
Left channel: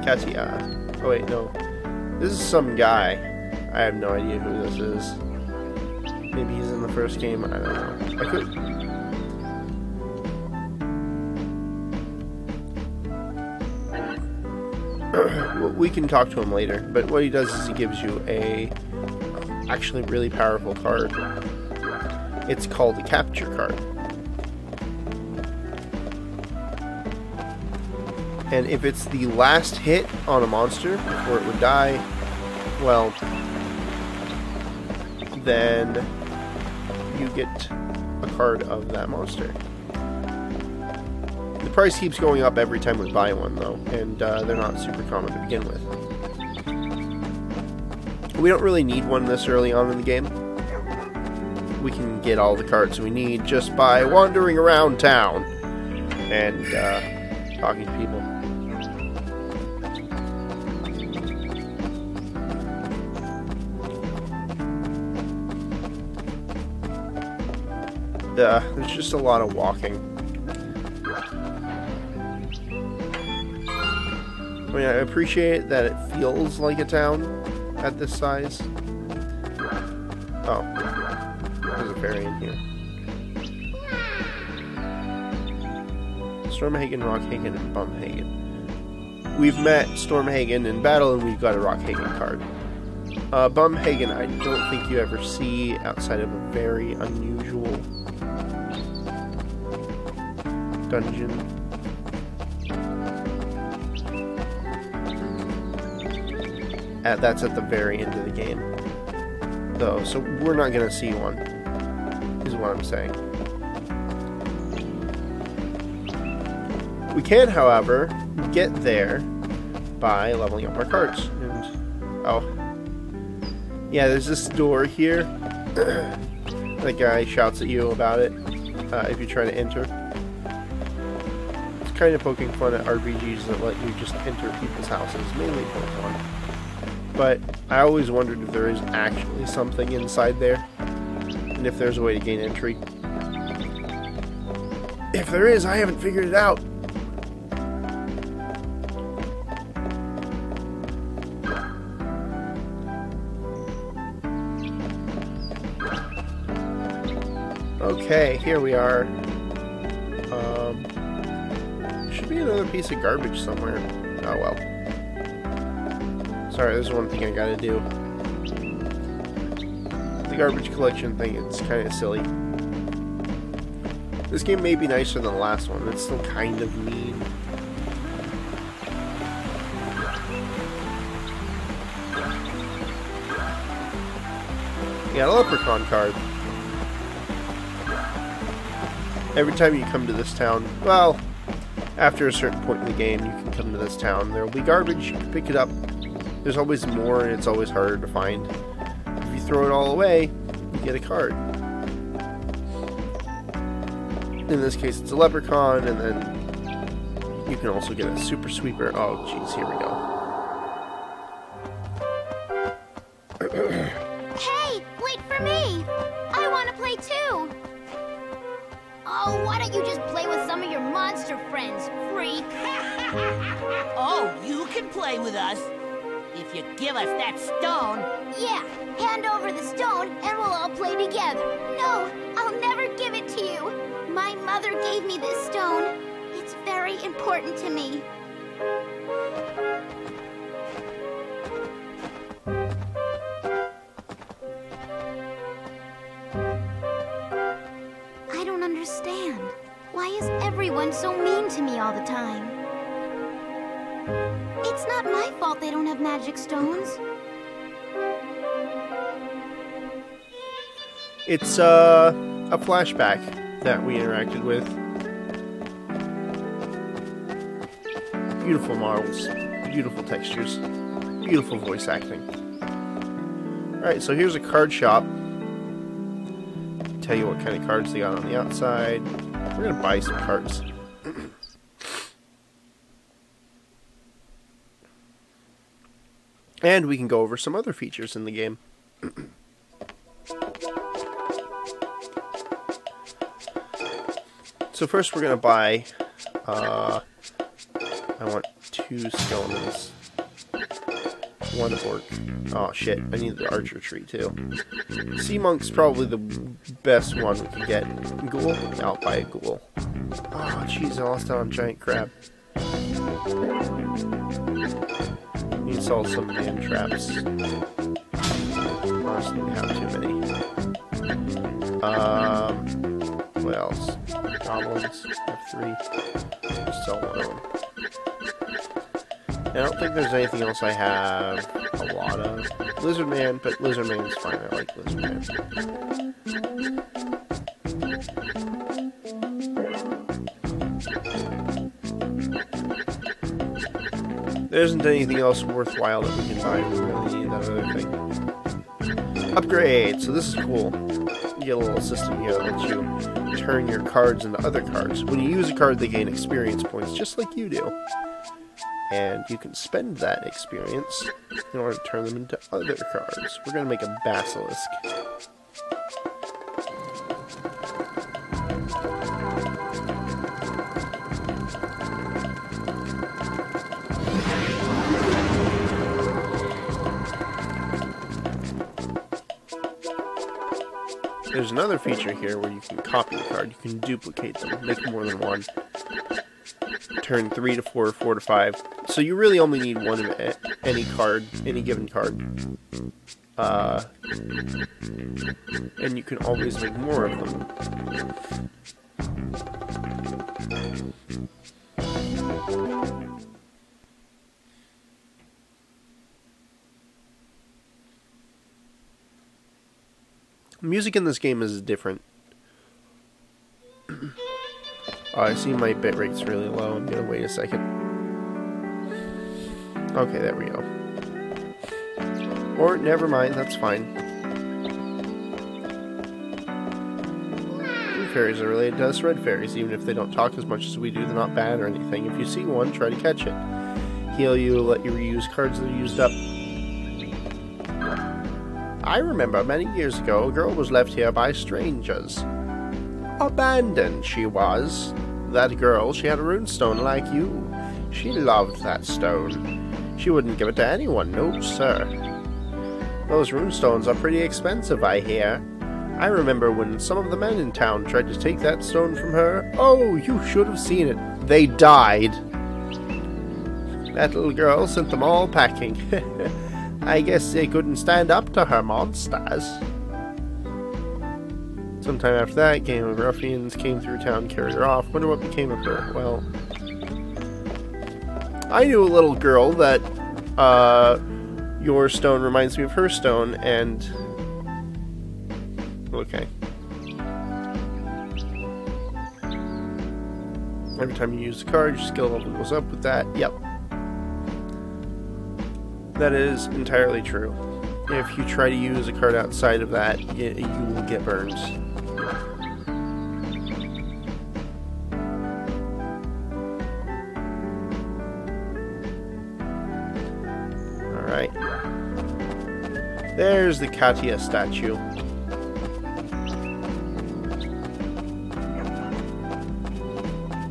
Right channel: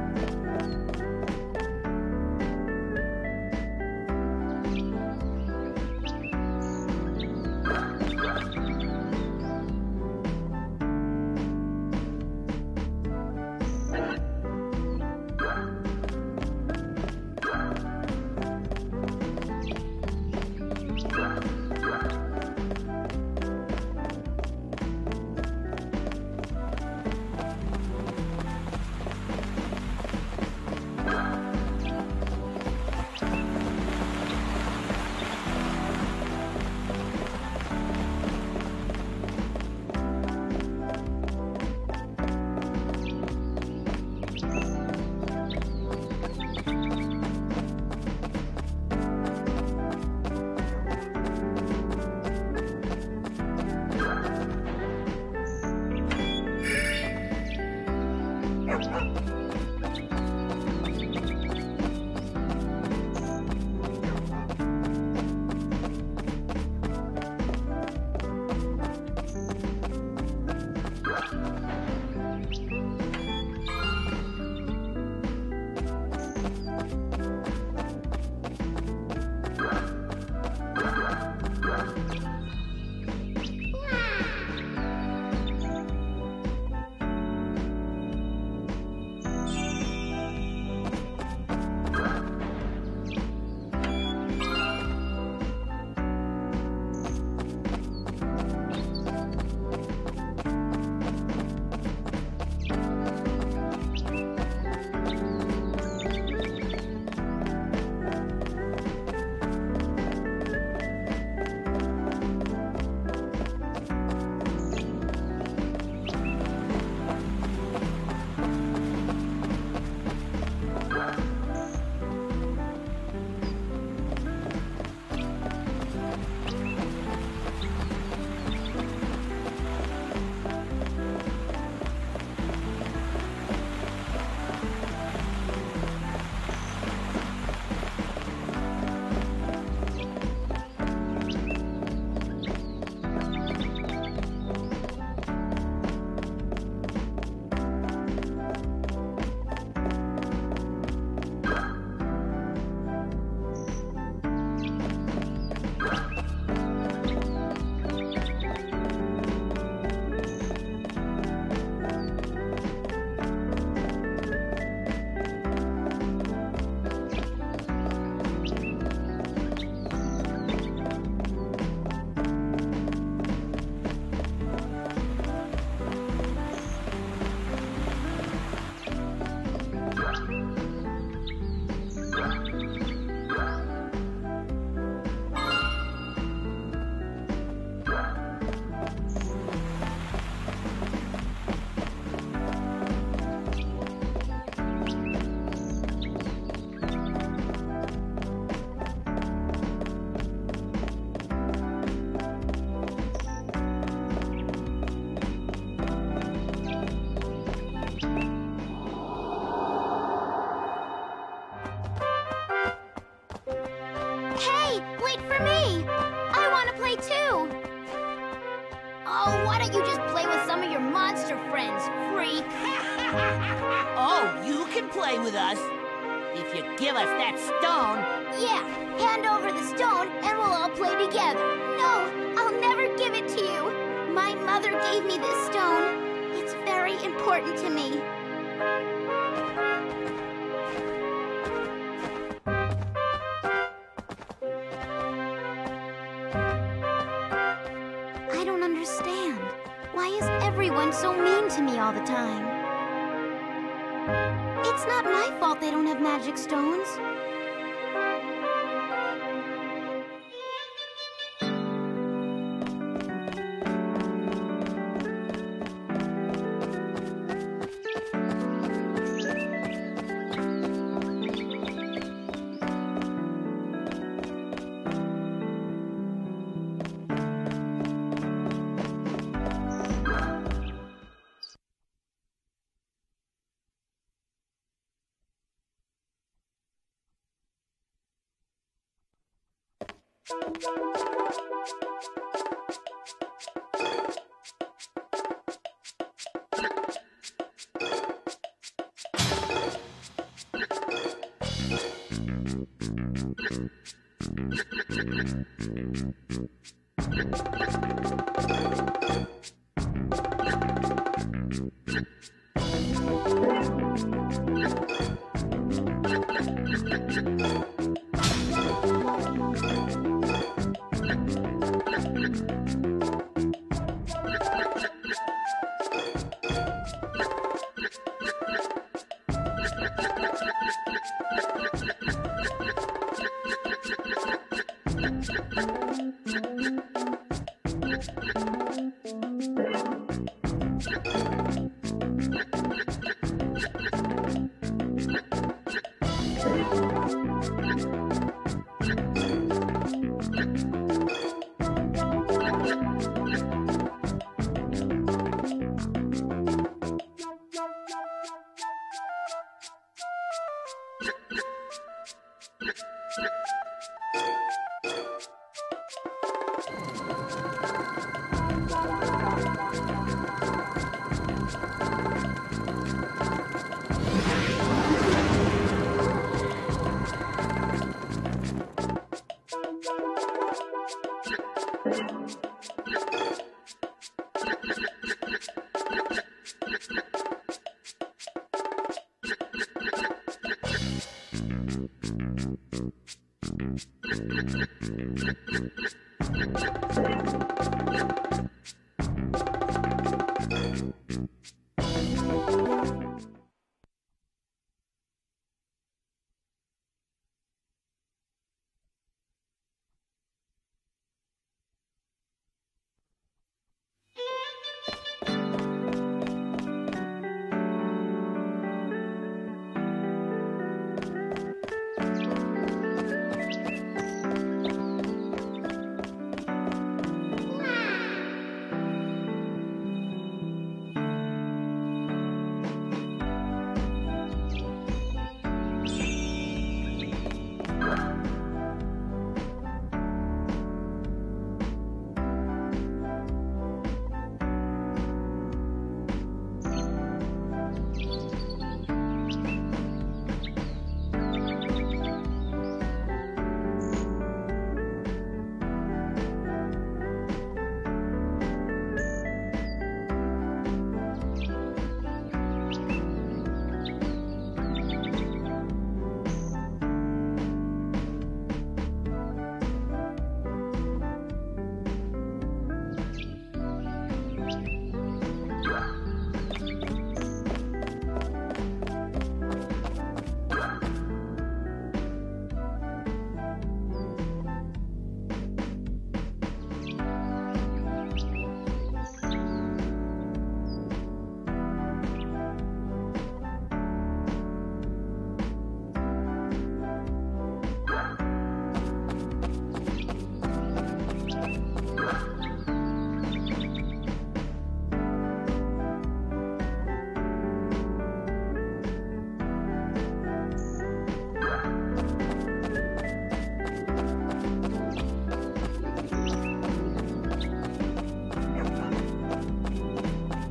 Katia. Oh wait, no. This is some guy. I have no idea who this is. Maybe he's in the first game. I don't know. We can talk to him later, but what he does is he gives you a actually really powerful card. It's called a capture card. And if it's the last hit on a monster before it would die, well, then you get a card of that monster. The price keeps going up every time we buy one, though, and they're not super common to begin with. We don't really need one this early on in the game. We can get all the cards we need just by wandering around town and talking to people. There's just a lot of walking. I mean, I appreciate that it feels like a town at this size. Oh, there's a fairy in here. Stormhagen, Rockhagen, and Bumhagen. We've met Stormhagen in battle, and we've got a Rockhagen card. Bumhagen, I don't think you ever see outside of a very unusual dungeon. That's at the very end of the game, though, so we're not going to see one, is what I'm saying. We can, however, get there by leveling up our cards. Oh. Yeah, there's this door here. The guy shouts at you about it if you try to enter. It's kind of poking fun at RPGs that let you just enter people's houses. But I always wondered if there is actually something inside there, and if there's a way to gain entry. If there is, I haven't figured it out. Okay, here we are. Should be another piece of garbage somewhere. Oh well. Sorry, there's one thing I gotta do. The garbage collection thing is kind of silly. This game may be nicer than the last one. It's still kind of mean. You got a leprechaun card. Every time you come to this town, well, after a certain point in the game, you can come to this town. There will be garbage, you can pick it up. There's always more, and it's always harder to find. If you throw it all away, you get a card. In this case, it's a leprechaun, and then you can also get a super sweeper. Oh, jeez, here we go. Hey, wait for me! I want to play too! Oh, why don't you just play with some of your monster friends, freak? Oh, you can play with us. If you give us that stone. Yeah, hand over the stone and we'll all play together. No, I'll never give it to you. My mother gave me this stone. It's very important to me. I don't understand. Why is everyone so mean to me all the time? It's not my fault they don't have magic stones. It's a flashback that we interacted with. Beautiful models, beautiful textures, beautiful voice acting. Alright, so here's a card shop. Tell you what kind of cards they got on the outside. We're gonna buy some cards. And we can go over some other features in the game. So first we're going to buy, I want 2 stones. 1 orc. Oh shit, I need the archer tree too. Sea monk's probably the best one to get. Ghoul? I'll buy a ghoul. Oh jeez, I lost out on giant crab. It's also man traps. What else? Goblins. 3. Just sell 1. I don't think there's anything else I have a lot of. Lizard Man, but Lizard Man's fine. I like Lizard Man. There isn't anything else worthwhile that we can buy. Upgrade! So this is cool. You get a little system here that you turn your cards into other cards. When you use a card, they gain experience points, just like you do. And you can spend that experience in order to turn them into other cards. We're going to make a basilisk. There's another feature here where you can copy a card. You can duplicate them, make more than one. Turn 3 to 4, 4 to 5. So you really only need one of any card, any given card. And you can always make more of them. Music in this game is different. I see my bitrate's really low. I'm gonna wait a second. Okay, there we go. Or, never mind, that's fine. Blue fairies are related to us red fairies. Even if they don't talk as much as we do, they're not bad or anything. If you see one, try to catch it. Heal you, let you reuse cards that are used up. I remember many years ago, a girl was left here by strangers. Abandoned, she was. That girl, she had a runestone like you. She loved that stone. She wouldn't give it to anyone, no sir. Those runestones are pretty expensive, I hear. I remember when some of the men in town tried to take that stone from her. Oh, you should have seen it. They died. That little girl sent them all packing. I guess they couldn't stand up to her monsters. Sometime after that, a gang of ruffians came through town, carried her off. Wonder what became of her. Well, I knew a little girl that your stone reminds me of her stone, and okay. Every time you use a card, your skill level goes up with that. Yep. That is entirely true. If you try to use a card outside of that, you will get burns. Alright. There's the Katia statue.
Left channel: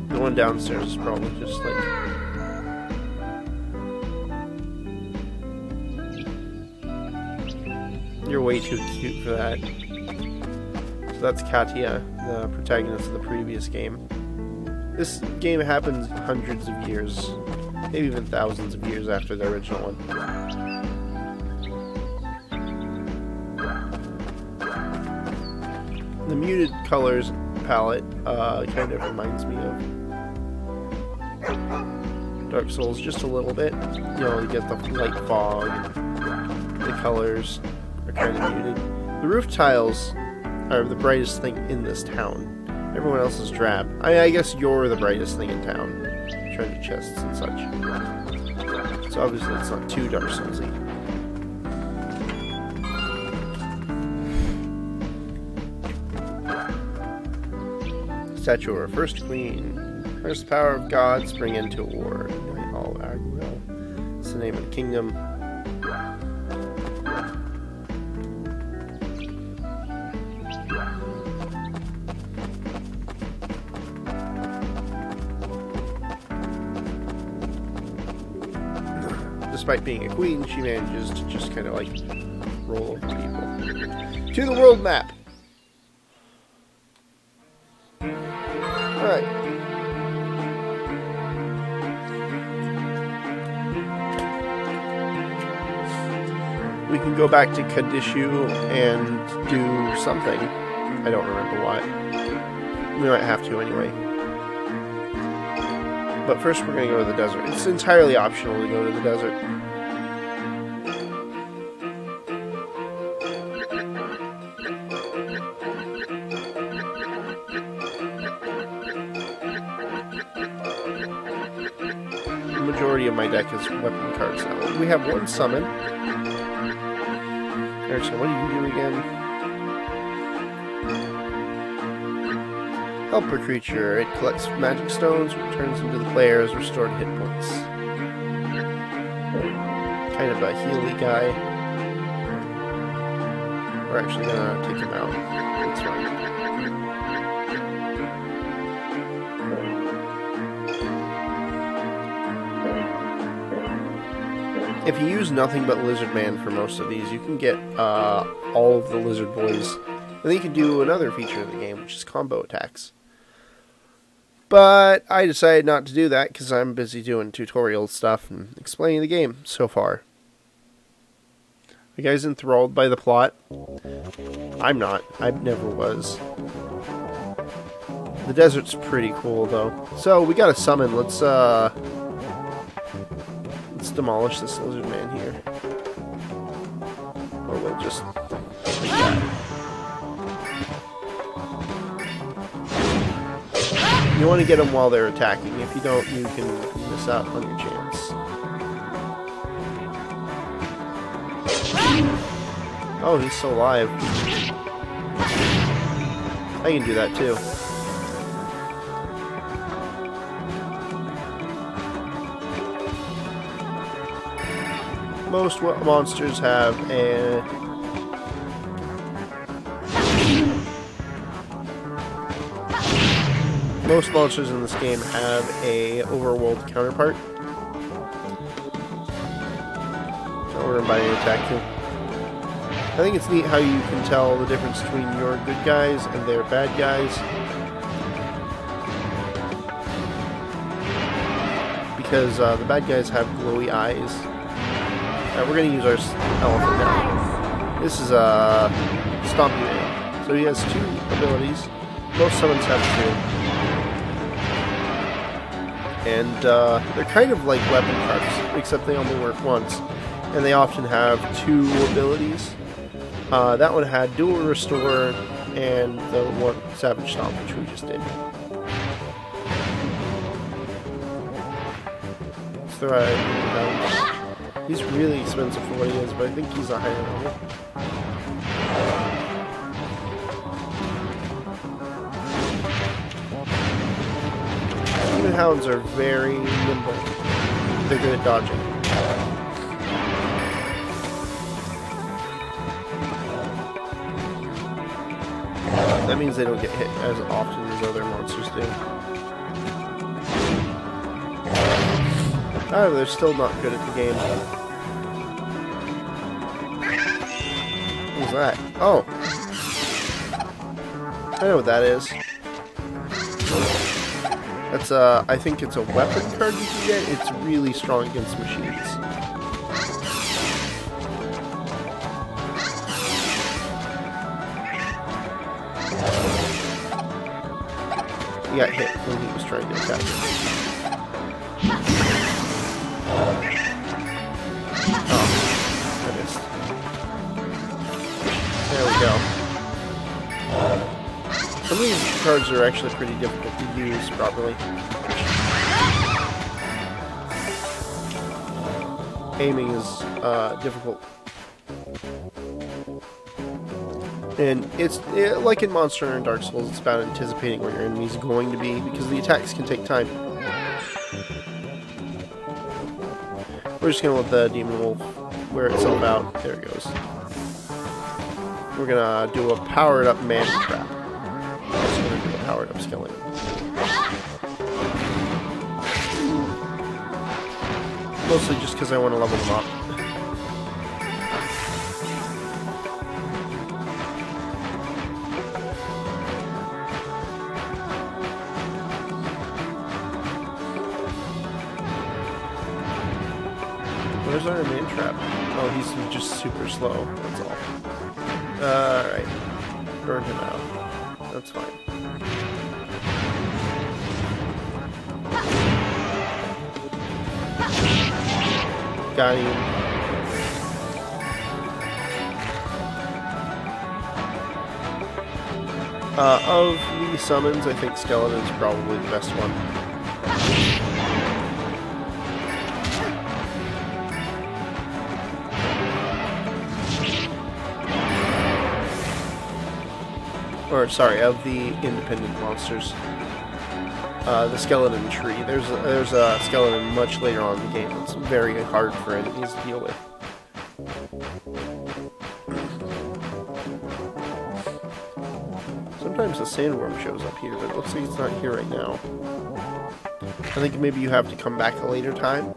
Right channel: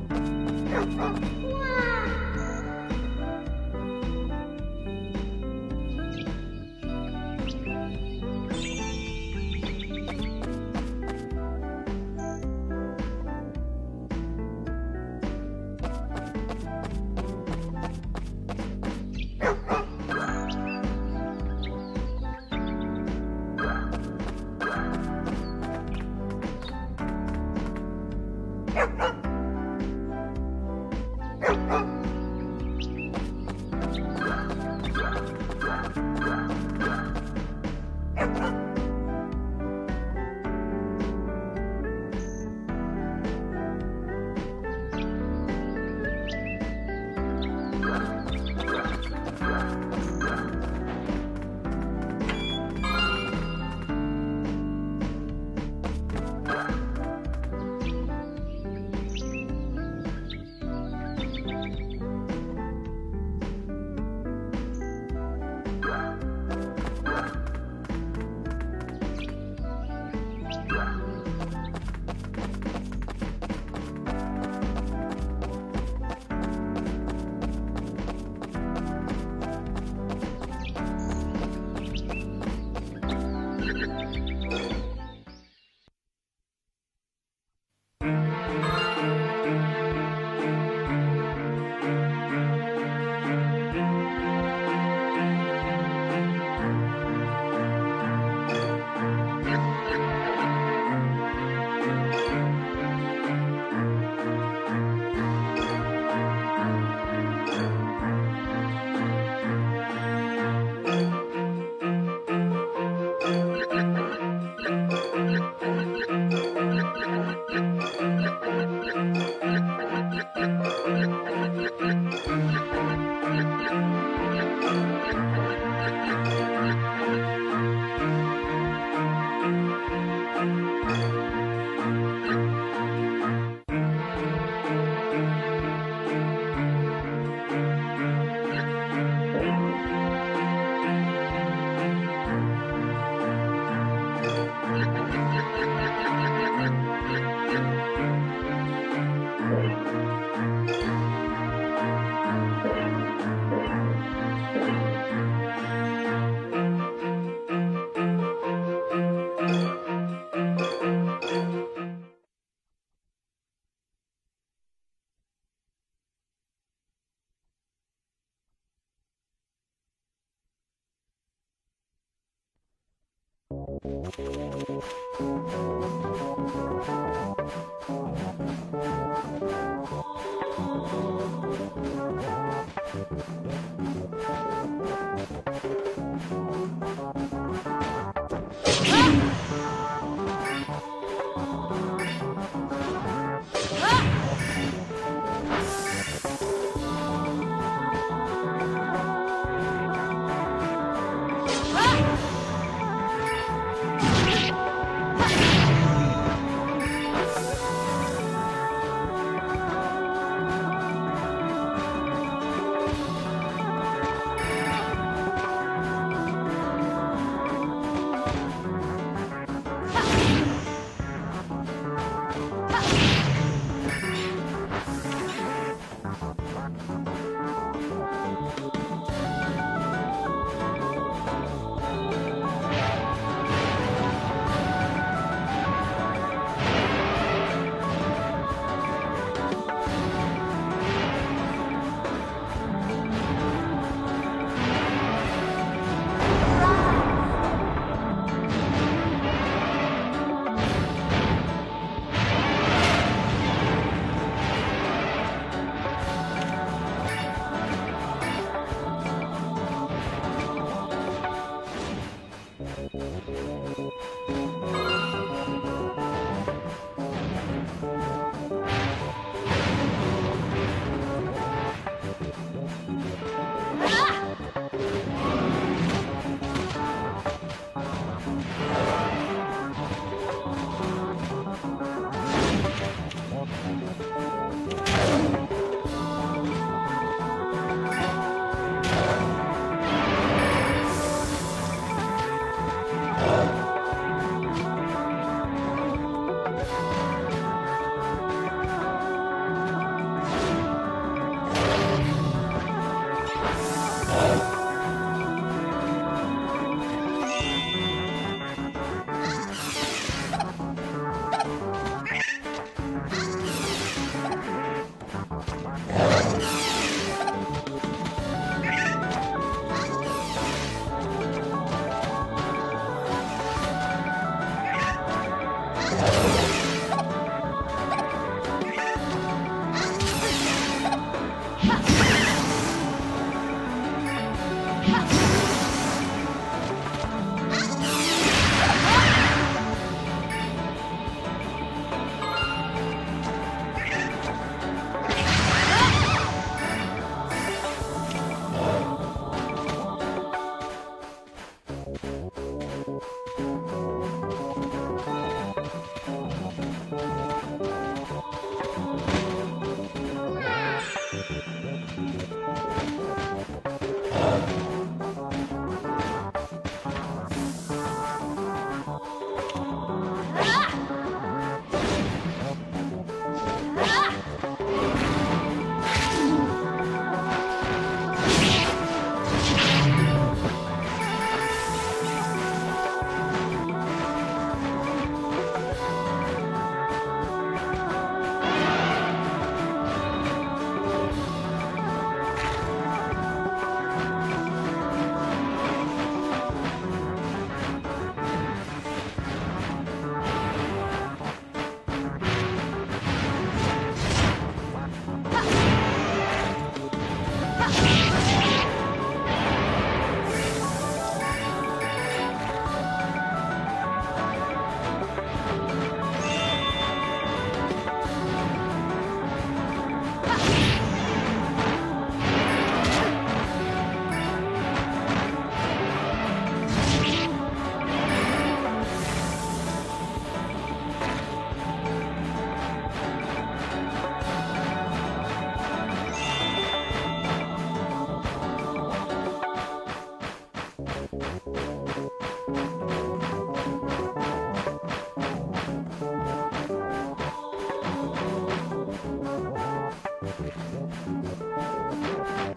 The one downstairs is probably just like... You're way too cute for that. So that's Katia, the protagonist of the previous game. This game happens hundreds of years, maybe even thousands of years after the original one. The muted colors palette kind of reminds me of Dark Souls just a little bit. You know, you get the like fog, the colors. The roof tiles are the brightest thing in this town. Everyone else is drab. I guess you're the brightest thing in town. Treasure chests and such. So obviously it's not too Dark Soulsy. Statue of our first queen. First power of God spring into war. All our will. It's the name of the kingdom. Despite being a queen, she manages to just kind of like roll to the world map. Alright. We can go back to Kadishu and do something. I don't remember why. We might have to anyway. But first we're going to go to the desert. It's entirely optional to go to the desert. The majority of my deck is weapon cards now. We have one summon. Actually, what do you do again? Help a creature. It collects magic stones, returns into the player's restored hit points. Kind of a healy guy. We're actually gonna take him out. If you use nothing but Lizard Man for most of these, you can get all of the Lizard Boys. And then you can do another feature in the game, which is combo attacks. But I decided not to do that because I'm busy doing tutorial stuff and explaining the game so far. You guys enthralled by the plot? I'm not. I never was. The desert's pretty cool though. So we got a summon. Let's demolish this lizard man here. Just you want to get them while they're attacking. If you don't, you can miss out on your chance. Oh, he's still alive. I can do that too. Most monsters have most monsters in this game have a overworld counterpart. Or by attacking. I think it's neat how you can tell the difference between your good guys and their bad guys. Because the bad guys have glowy eyes. Now we're going to use our elephant. This is Stomp. So he has two abilities. Both summons have two. And they're kind of like weapon cards, except they only work once. And they often have two abilities. That one had dual restore and the one savage stomp, which we just did. Let's throw out. He's really expensive to play with, but I think he's alright. The hounds are very nimble. They're good at dodging. That means they don't get hit as often as other monsters do. Oh, they're still not good at the game. Who's that? Oh! I know what that is. That's I think it's a weapon card. It's really strong against machines. He got hit when he was trying to attack. Some of these cards are actually pretty difficult to use, probably. Aiming is difficult. And it's like in Monster and Dark Souls, it's about anticipating where your enemy's going to be, because the attacks can take time. We're just going to let the Demon Wolf wear itself out. There it goes. We're gonna do a powered up man trap. Powered up skeleton. Mostly just because I want to level him up. Of the summons, I think Skeleton's probably the best one. Or, sorry, of the independent monsters. The Skeleton tree. There's a Skeleton much later on in the game. It's very hard for enemies to deal with. Sandworm shows up here. It looks like it's not here right now. I think maybe you have to come back a later time.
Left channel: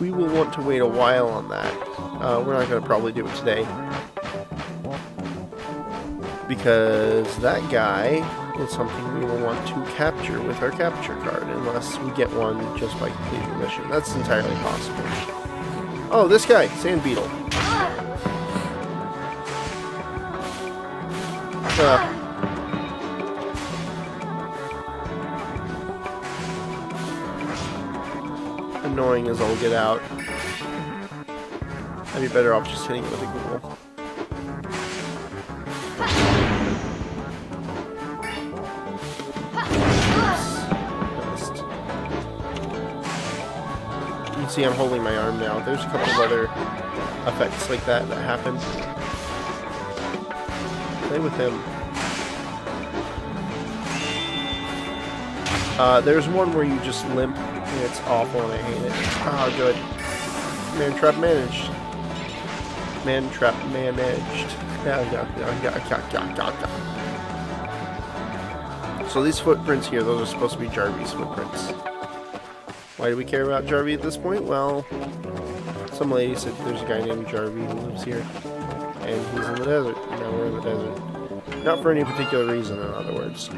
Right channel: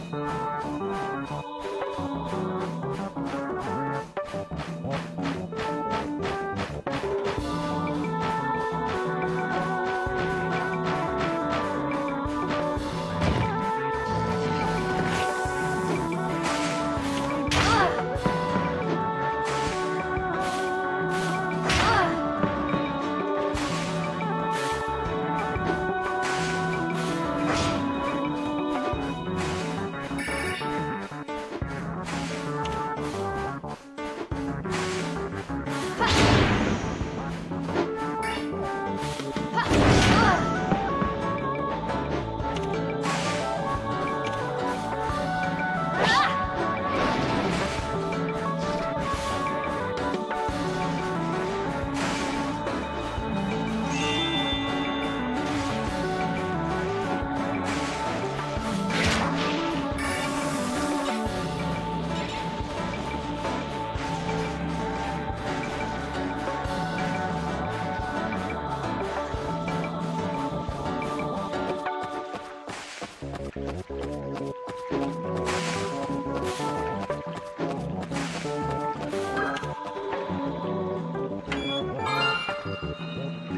We will want to wait a while on that. We're not going to probably do it today. Because that guy is something we will want to capture with our capture card. Unless we get one just by completing the mission. That's entirely possible. Oh, this guy! Sand Beetle. Annoying as all get out. I'd be better off just hitting it with a See, I'm holding my arm now. There's a couple of other effects like that happen. With him. There's one where you just limp, and it's awful. Oh, good. Man trap managed. Man trap managed. Yeah, so these footprints here, those are supposed to be Jarvie's footprints. Why do we care about Jarvie at this point? Well, some lady said there's a guy named Jarvie who lives here. And he's in the desert. Not for any particular reason, in other words.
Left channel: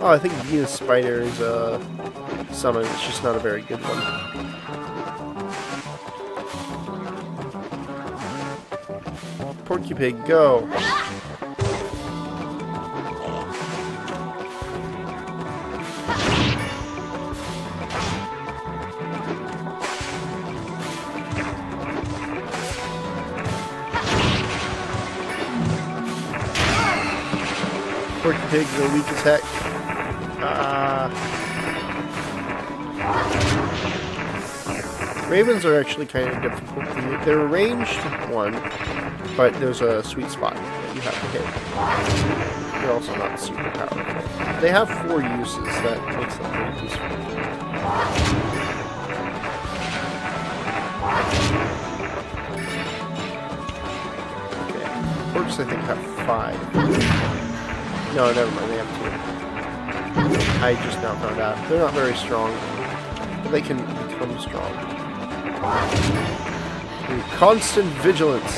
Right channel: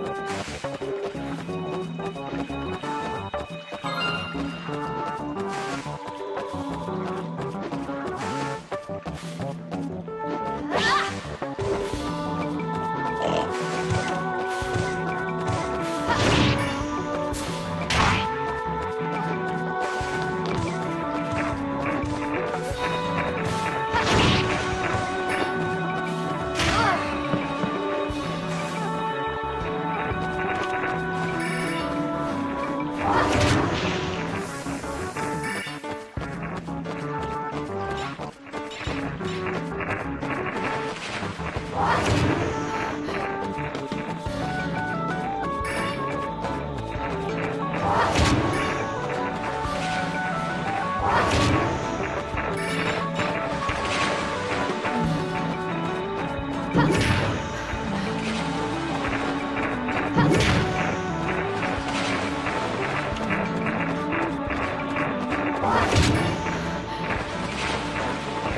Oh, I think being a spider is summon. It's just not a very good one. Porky Pig, go! Pig will weak attack. Ravens are actually kind of difficult. They're a ranged one, but there's a sweet spot. They're also not super powerful. They have 4 uses that makes them Orcs, I think, have 5. No, I never really have to. I just now found out. They're not very strong. They can become strong. Constant vigilance.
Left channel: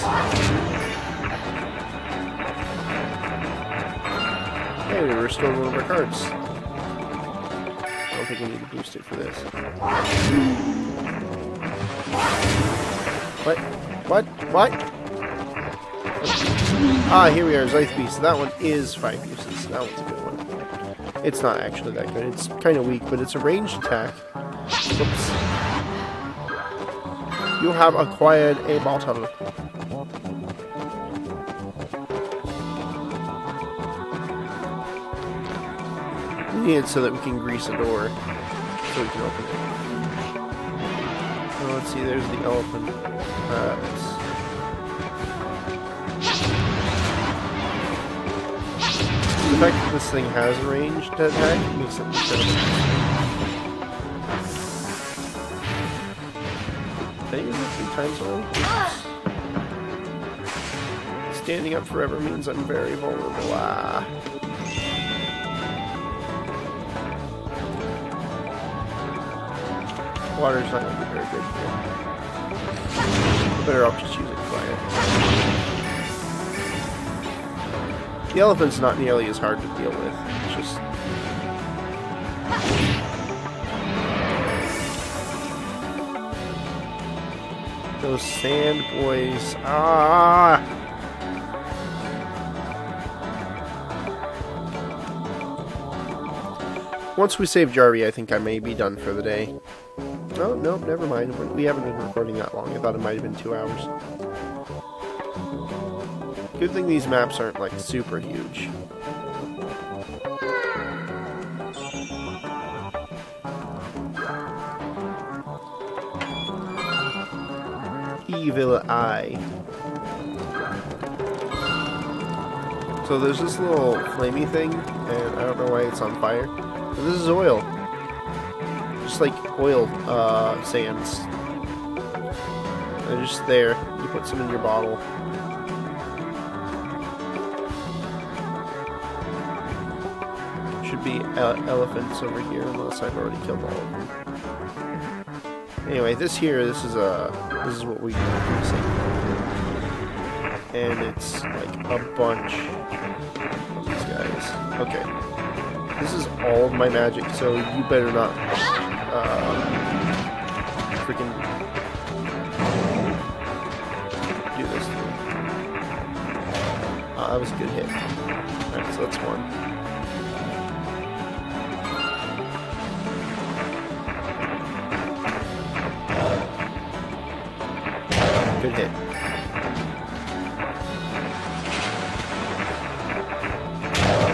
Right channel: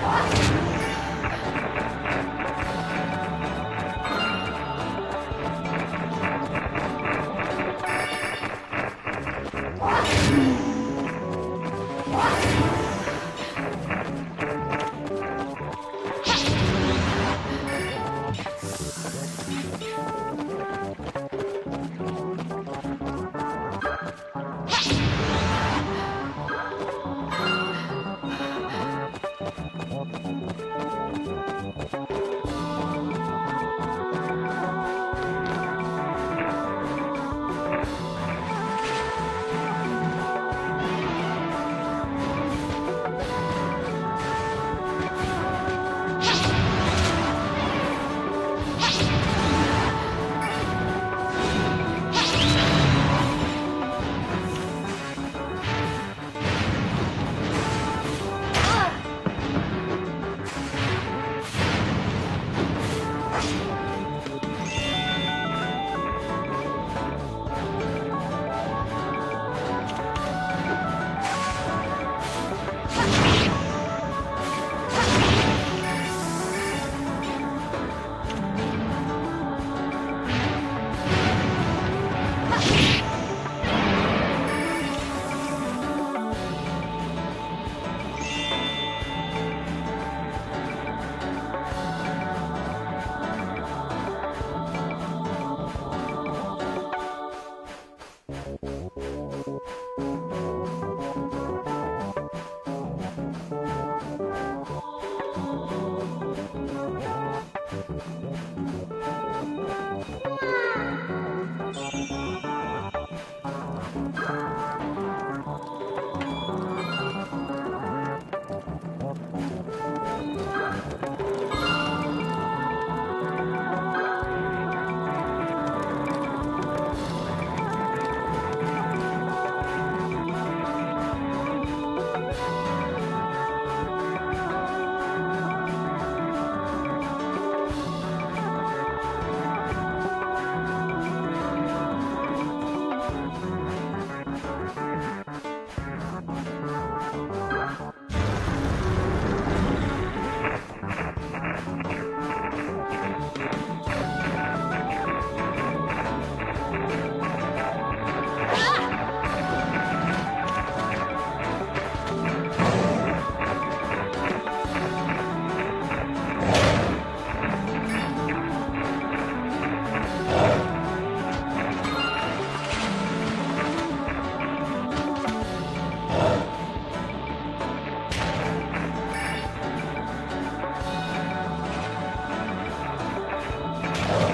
Hey, we're restoring one of our cards. What? Ah, here we are, Life Beast. That one is 5 uses. That one's a good one. It's not actually that good. It's kind of weak, but it's a ranged attack. You have acquired a bottle. We need it so that we can grease a door. So let's see, there's the elephant. The fact that this thing has range attack is water's not very good. Better off just using fire. The elephant's not nearly as hard to deal with. Those sand boys. Ah! Once we save Jarvie, I think I may be done for the day. No, no, never mind. We haven't been recording that long. I thought it might have been 2 hours. Good thing these maps aren't, like, super huge. Evil Eye. So there's this little flamey thing, and I don't know why it's on fire. This is oil. Just like oil sands. They're just there. You put some in your bottle. Should be elephants over here unless I've already killed them. Anyway, this is what we use. And it's like a bunch. Okay. This is all of my magic, so you better not freaking do this. That was a good hit. So let's go. Good hit.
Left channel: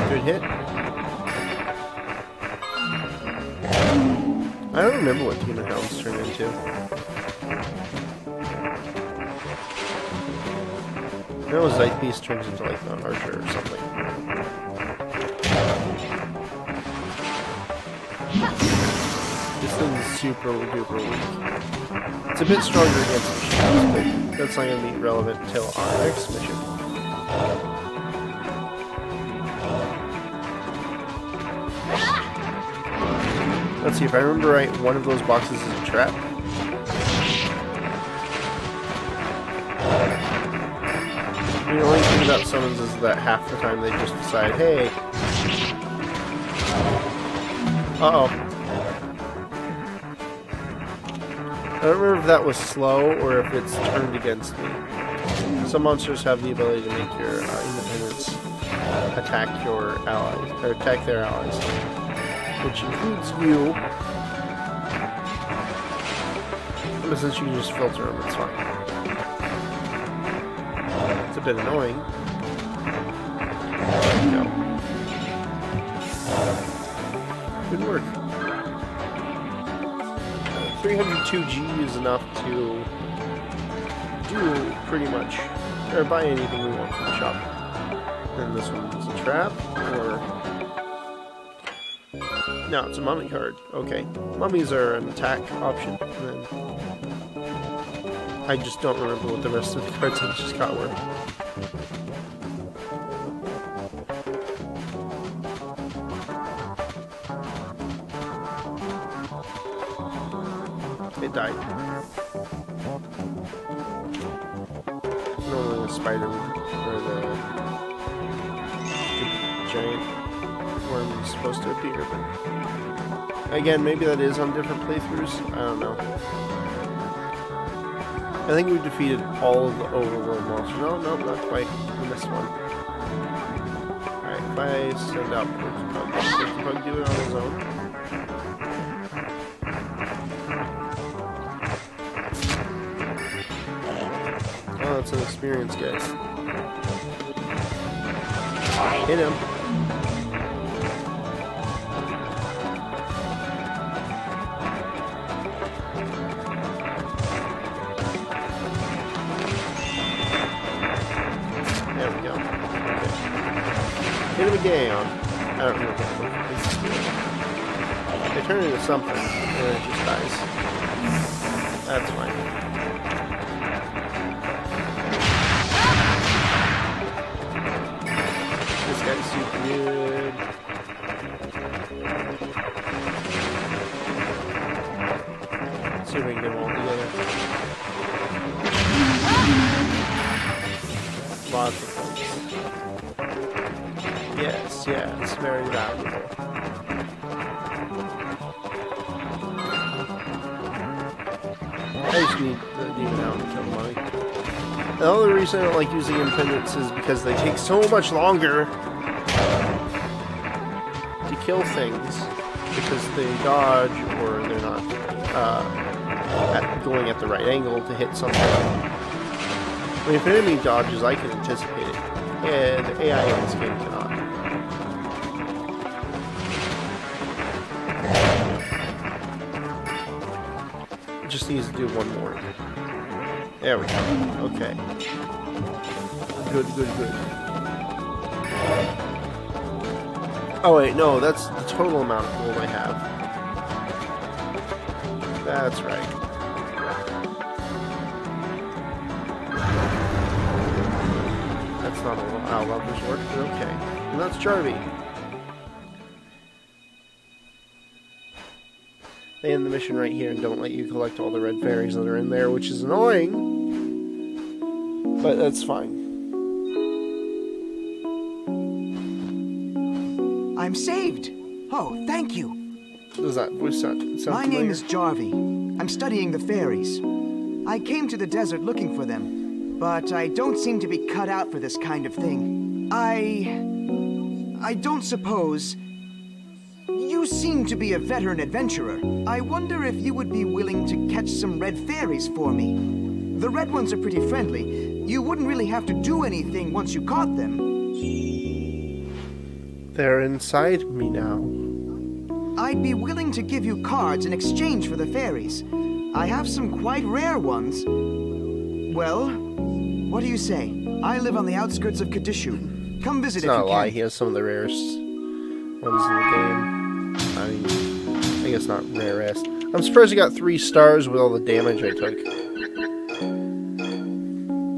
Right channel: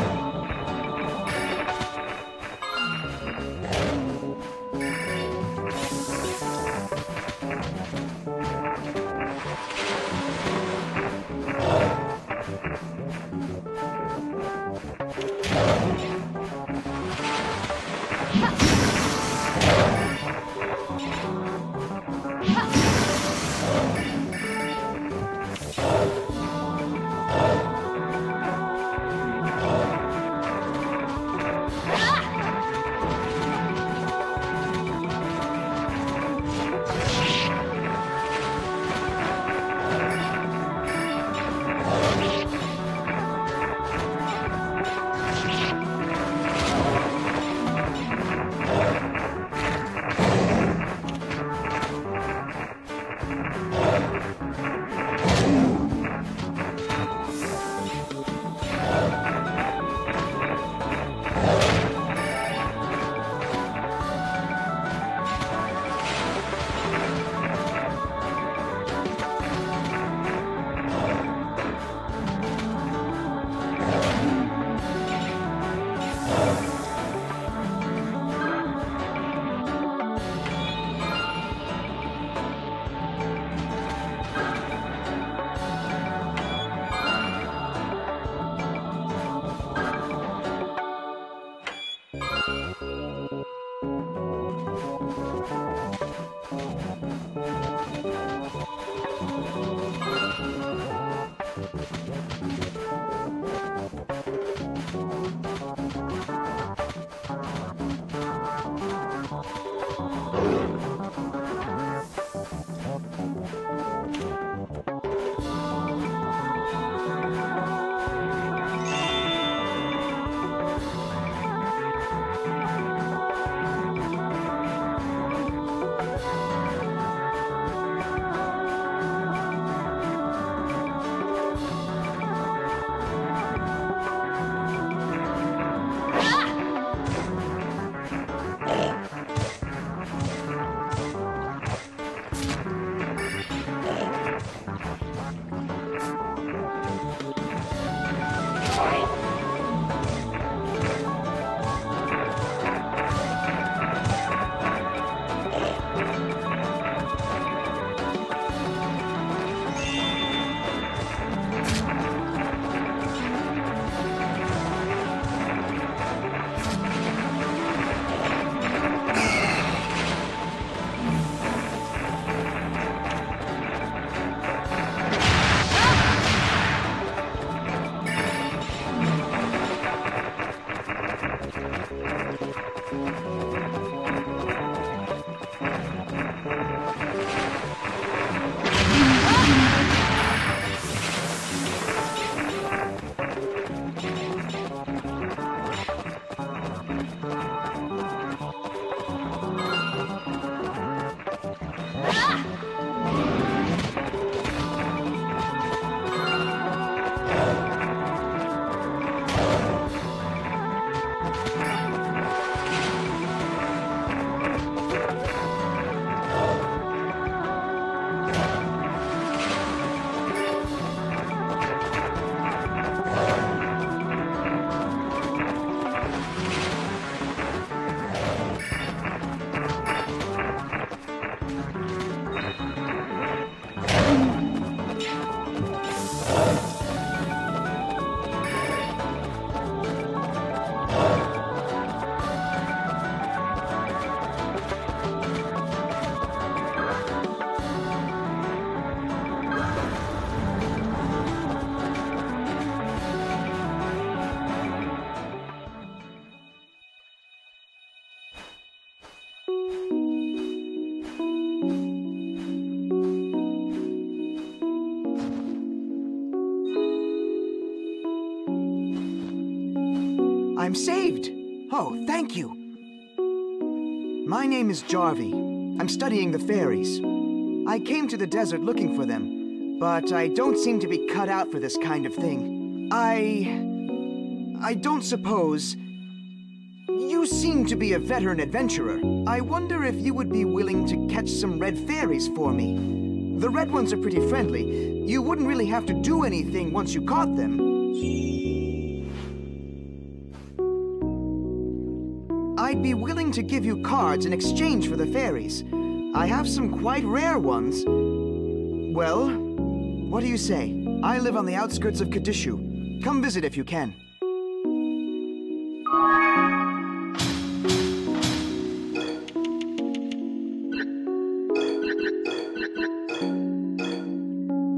Good hit. I don't remember what human else turned into. I know it's like these turned into like an archer or something. Super weird. It's a bit stronger, but that's not going to be relevant until I switch it. Let's see, if I remember right, one of those boxes is a trap. The only thing about summons is that half the time they just decide, hey. Uh-oh. I don't remember if that was slow or if it's turned against me. Some monsters have the ability to make your enemies attack your ally, or attack their allies. Which is you. Since you just filter them, it's fine. It's a bit annoying. Good work. 302G is enough to do pretty much, or buy anything we want from the shop. And this one is a trap. No, it's a mummy card. Okay. Mummies are an attack option. I just don't remember what the rest of the cards I just got were. They died. Little spider. Again, maybe that is on different playthroughs. I don't know. I think we defeated all of the overworld monsters. No, not quite. This one. If I stand up, oh, that's an experience, guys. Hit him. This guy's reason I don't like using impediments is because they take so much longer to kill things because they dodge or they're not going at the right angle to hit something. And if an enemy dodges, I can anticipate. And AI is good. Just needs to do one more. There we go. Okay. Good. Oh wait, no, that's the total amount of what I have. That's right. That's not how long this works. Okay. That's Charlie. They end the mission right here and don't let you collect all the red fairies that are in there, which is annoying. But that's fine. I'm saved! Oh, thank you! Does that voice sound My name is Jarvie. I'm studying the fairies. I came to the desert looking for them, but I don't seem to be cut out for this kind of thing. I don't suppose... You seem to be a veteran adventurer. I wonder if you would be willing to catch some red fairies for me. The red ones are pretty friendly. You wouldn't really have to do anything once you caught them. They're inside me now. I'd be willing to give you cards in exchange for the fairies. I have some quite rare ones. Well, what do you say? I live on the outskirts of Kadishu. Come visit if you can. He has some of the rarest ones in the game. I think it's not rarest. I'm surprised he got 3 stars with all the damage I took.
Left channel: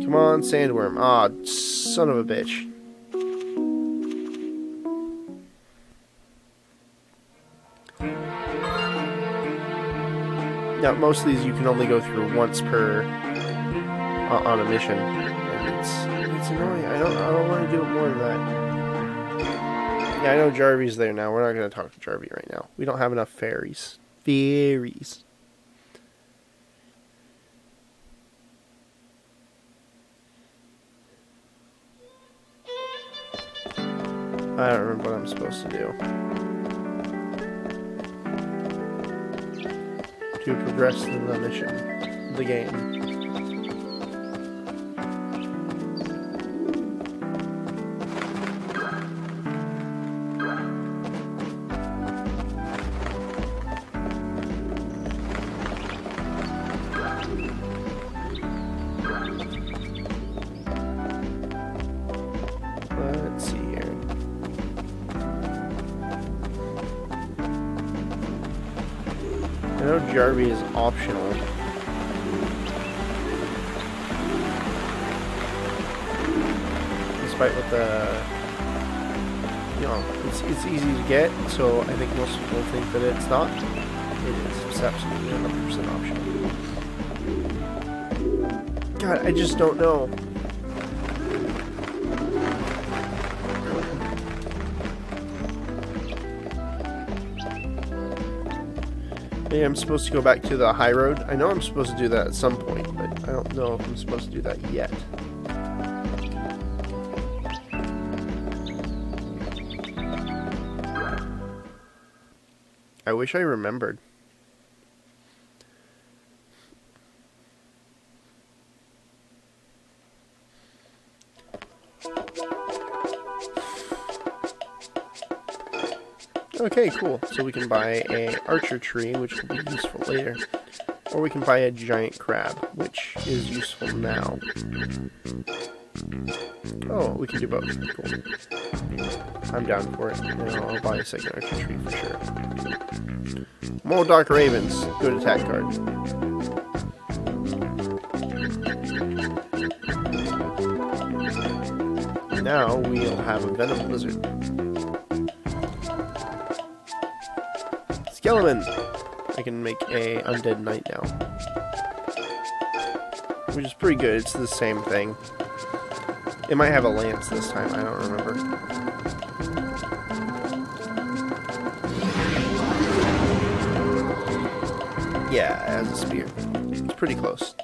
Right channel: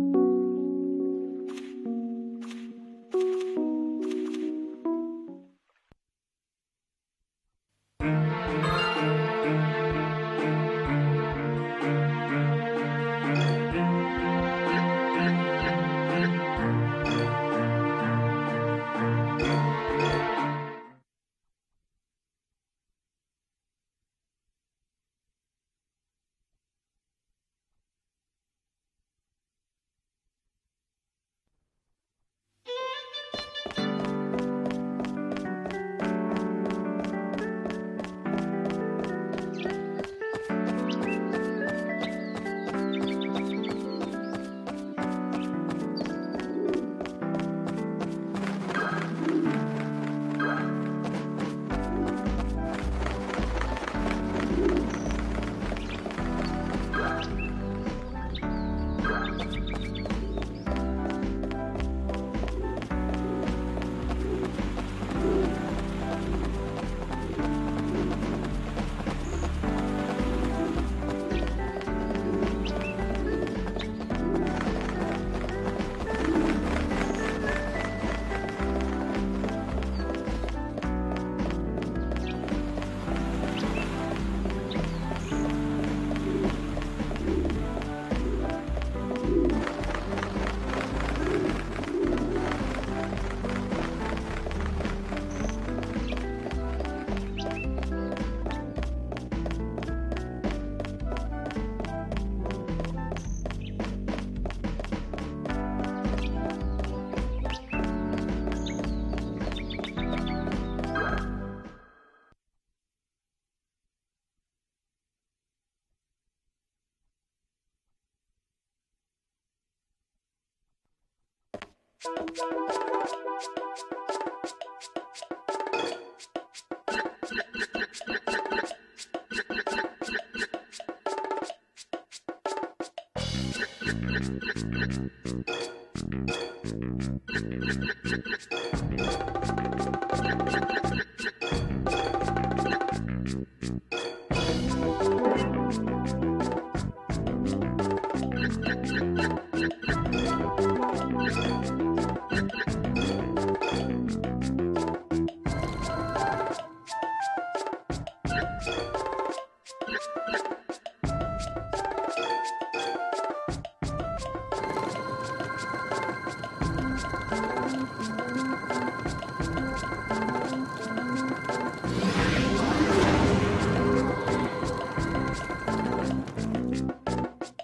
Come on, sandworm. Aw, son of a bitch. Now, most of these you can only go through once per on a mission. It's annoying. I don't want to do more of that. Yeah, I know Jarvie's there now. We're not going to talk to Jarvie right now. We don't have enough fairies. Fairies. I don't remember what I'm supposed to do. To progress in the mission of the game. Let's see here. I know Jarvie is optional. Despite what the... You know, it's easy to get, so I think most people think that it's not. It's absolutely 100% optional. God, I just don't know. Maybe I'm supposed to go back to the high road. I know I'm supposed to do that at some point, but I don't know if I'm supposed to do that yet. I wish I remembered. Okay, cool. So we can buy a archer tree, which will be useful later. Or we can buy a giant crab, which is useful now. Oh, we can do both. Cool. I'm down for it. I'll buy a second archer tree for sure. More dark ravens. Good attack card. Now we will have a venom lizard. Skeleton! I can make a undead knight now. Which is pretty good, it's the same thing. It might have a lance this time, I don't remember. Yeah, it has a spear. It's pretty close.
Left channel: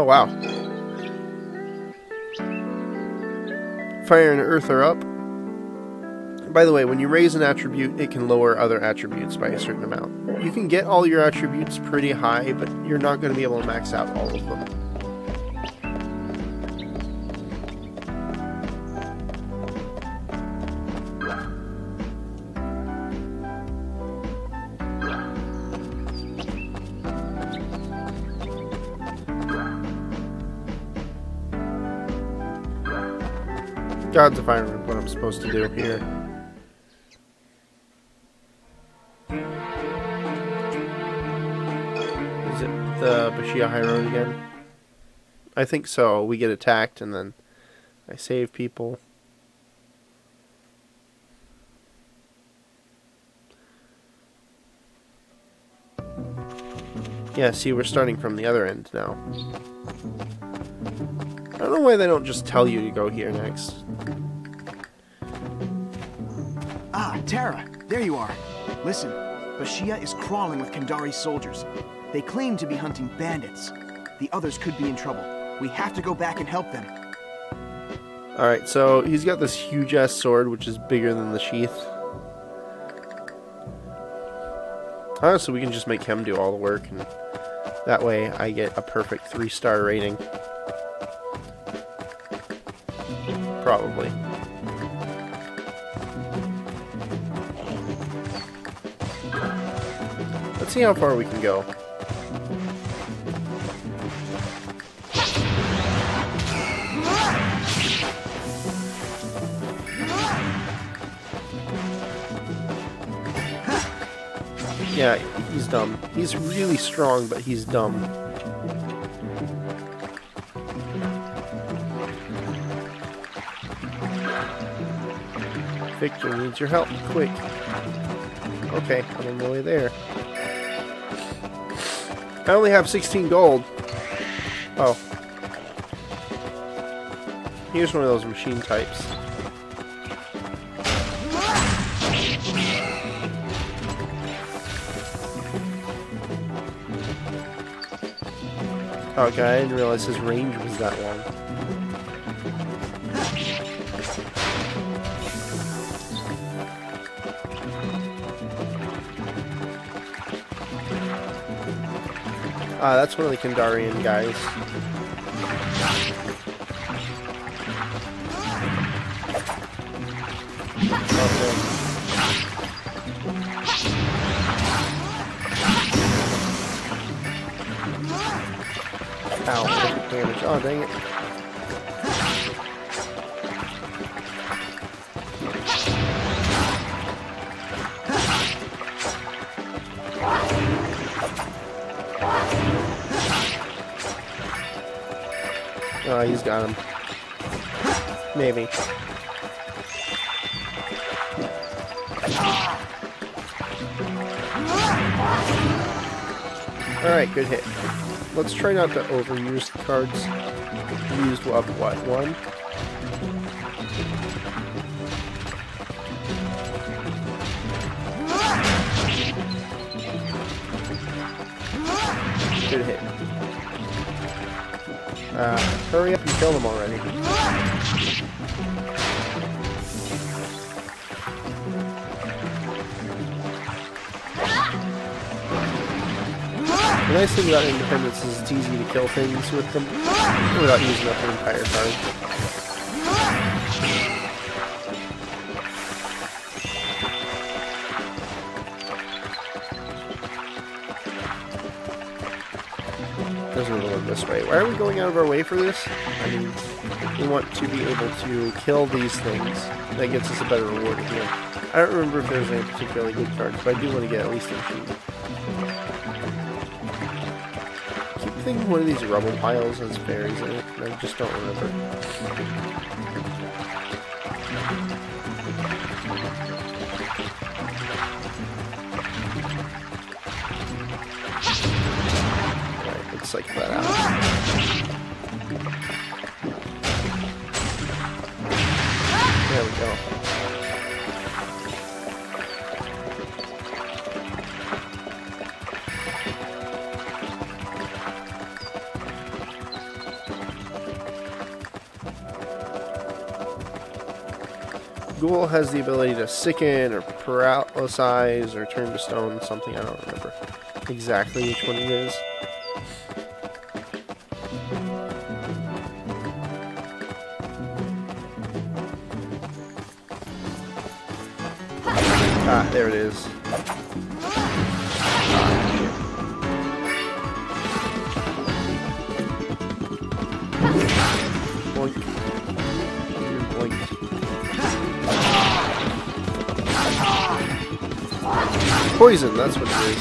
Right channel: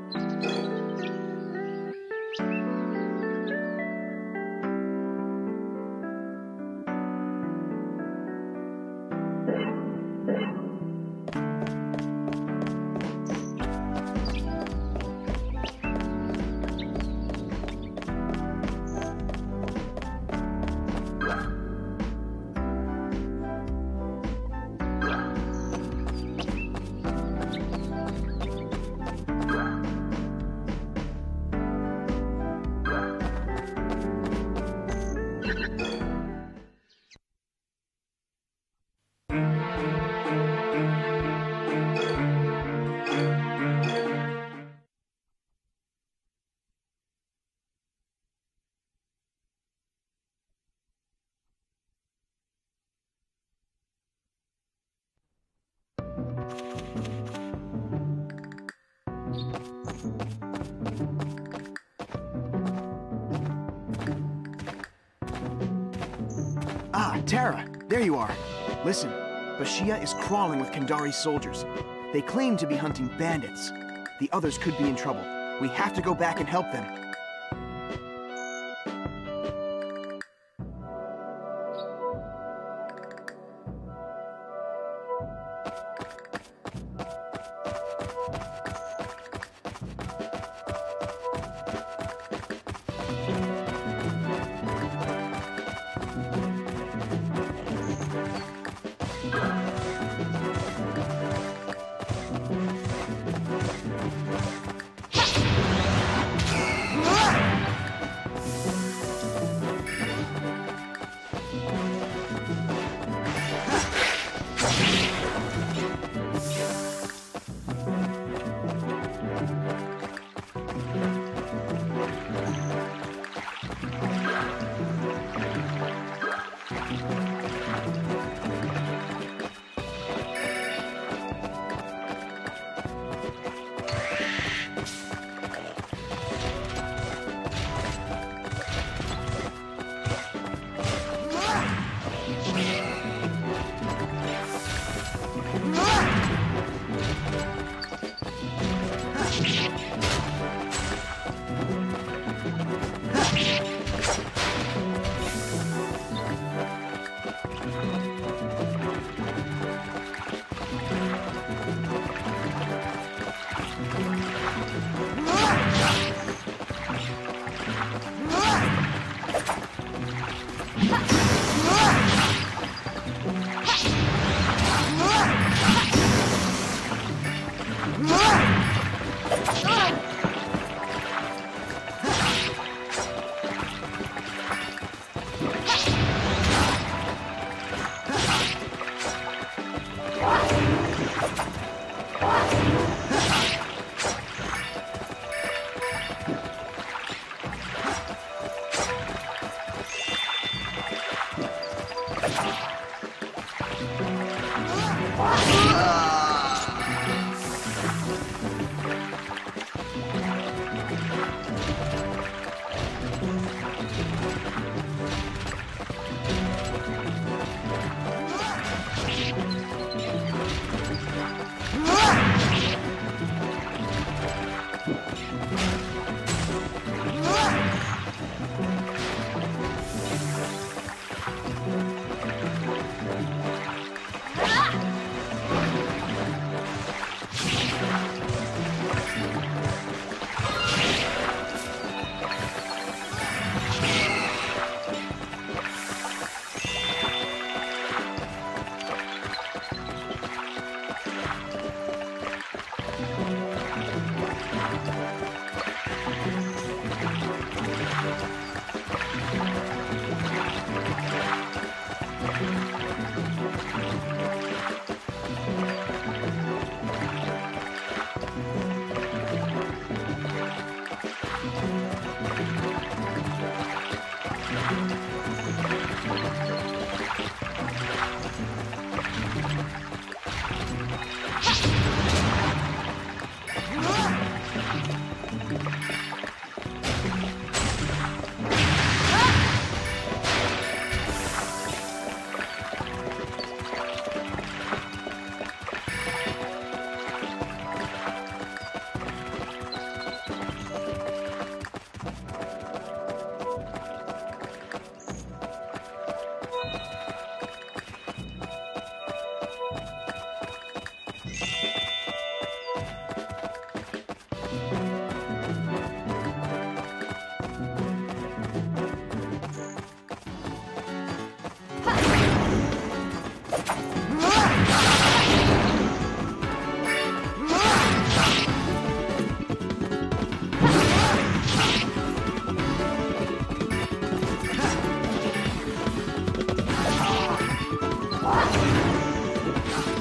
Oh, wow. Fire and earth are up. By the way, when you raise an attribute, it can lower other attributes by a certain amount. You can get all your attributes pretty high, but you're not going to be able to max out all of them. Gods of Iron is what I'm supposed to do here. Is it the Bashia High Road again? I think so. We get attacked and then I save people. Yeah, see, we're starting from the other end now. I don't know why they don't just tell you to go here next. Ah, Tara, there you are. Listen, Bashia is crawling with Kandari's soldiers. They claim to be hunting bandits. The others could be in trouble. We have to go back and help them. Alright, so he's got this huge-ass sword, which is bigger than the sheath. Honestly, we can just make him do all the work, and that way I get a perfect 3-star rating. Probably. Let's see how far we can go. Yeah, he's dumb. He's really strong, but he's dumb. Victor needs your help, quick. Okay, I'm nearly there. I only have 16 gold. Oh. Here's one of those machine types. Oh, okay, I didn't realize his range was that long. Ah, that's one of the Kandarian guys. Oh, dang it. Oh, he's got him. Maybe. Alright, good hit. Let's try not to overuse the cards. Use what, one? Good hit. Hurry up and kill them already. The nice thing about Independence is it's easy to kill things with him without using up an entire card. Doesn't really work this way. Why are we going out of our way for this? We want to be able to kill these things. That gives us a better reward here. I don't remember if there's a particularly good card, but I do want to get at least a few. One of these rubble piles is very good. I just don't remember. Looks like that. Ghoul has the ability to sicken or paralyze or turn to stone, something. I don't remember exactly which one it is. Ah, there it is. Poison, that's what it is.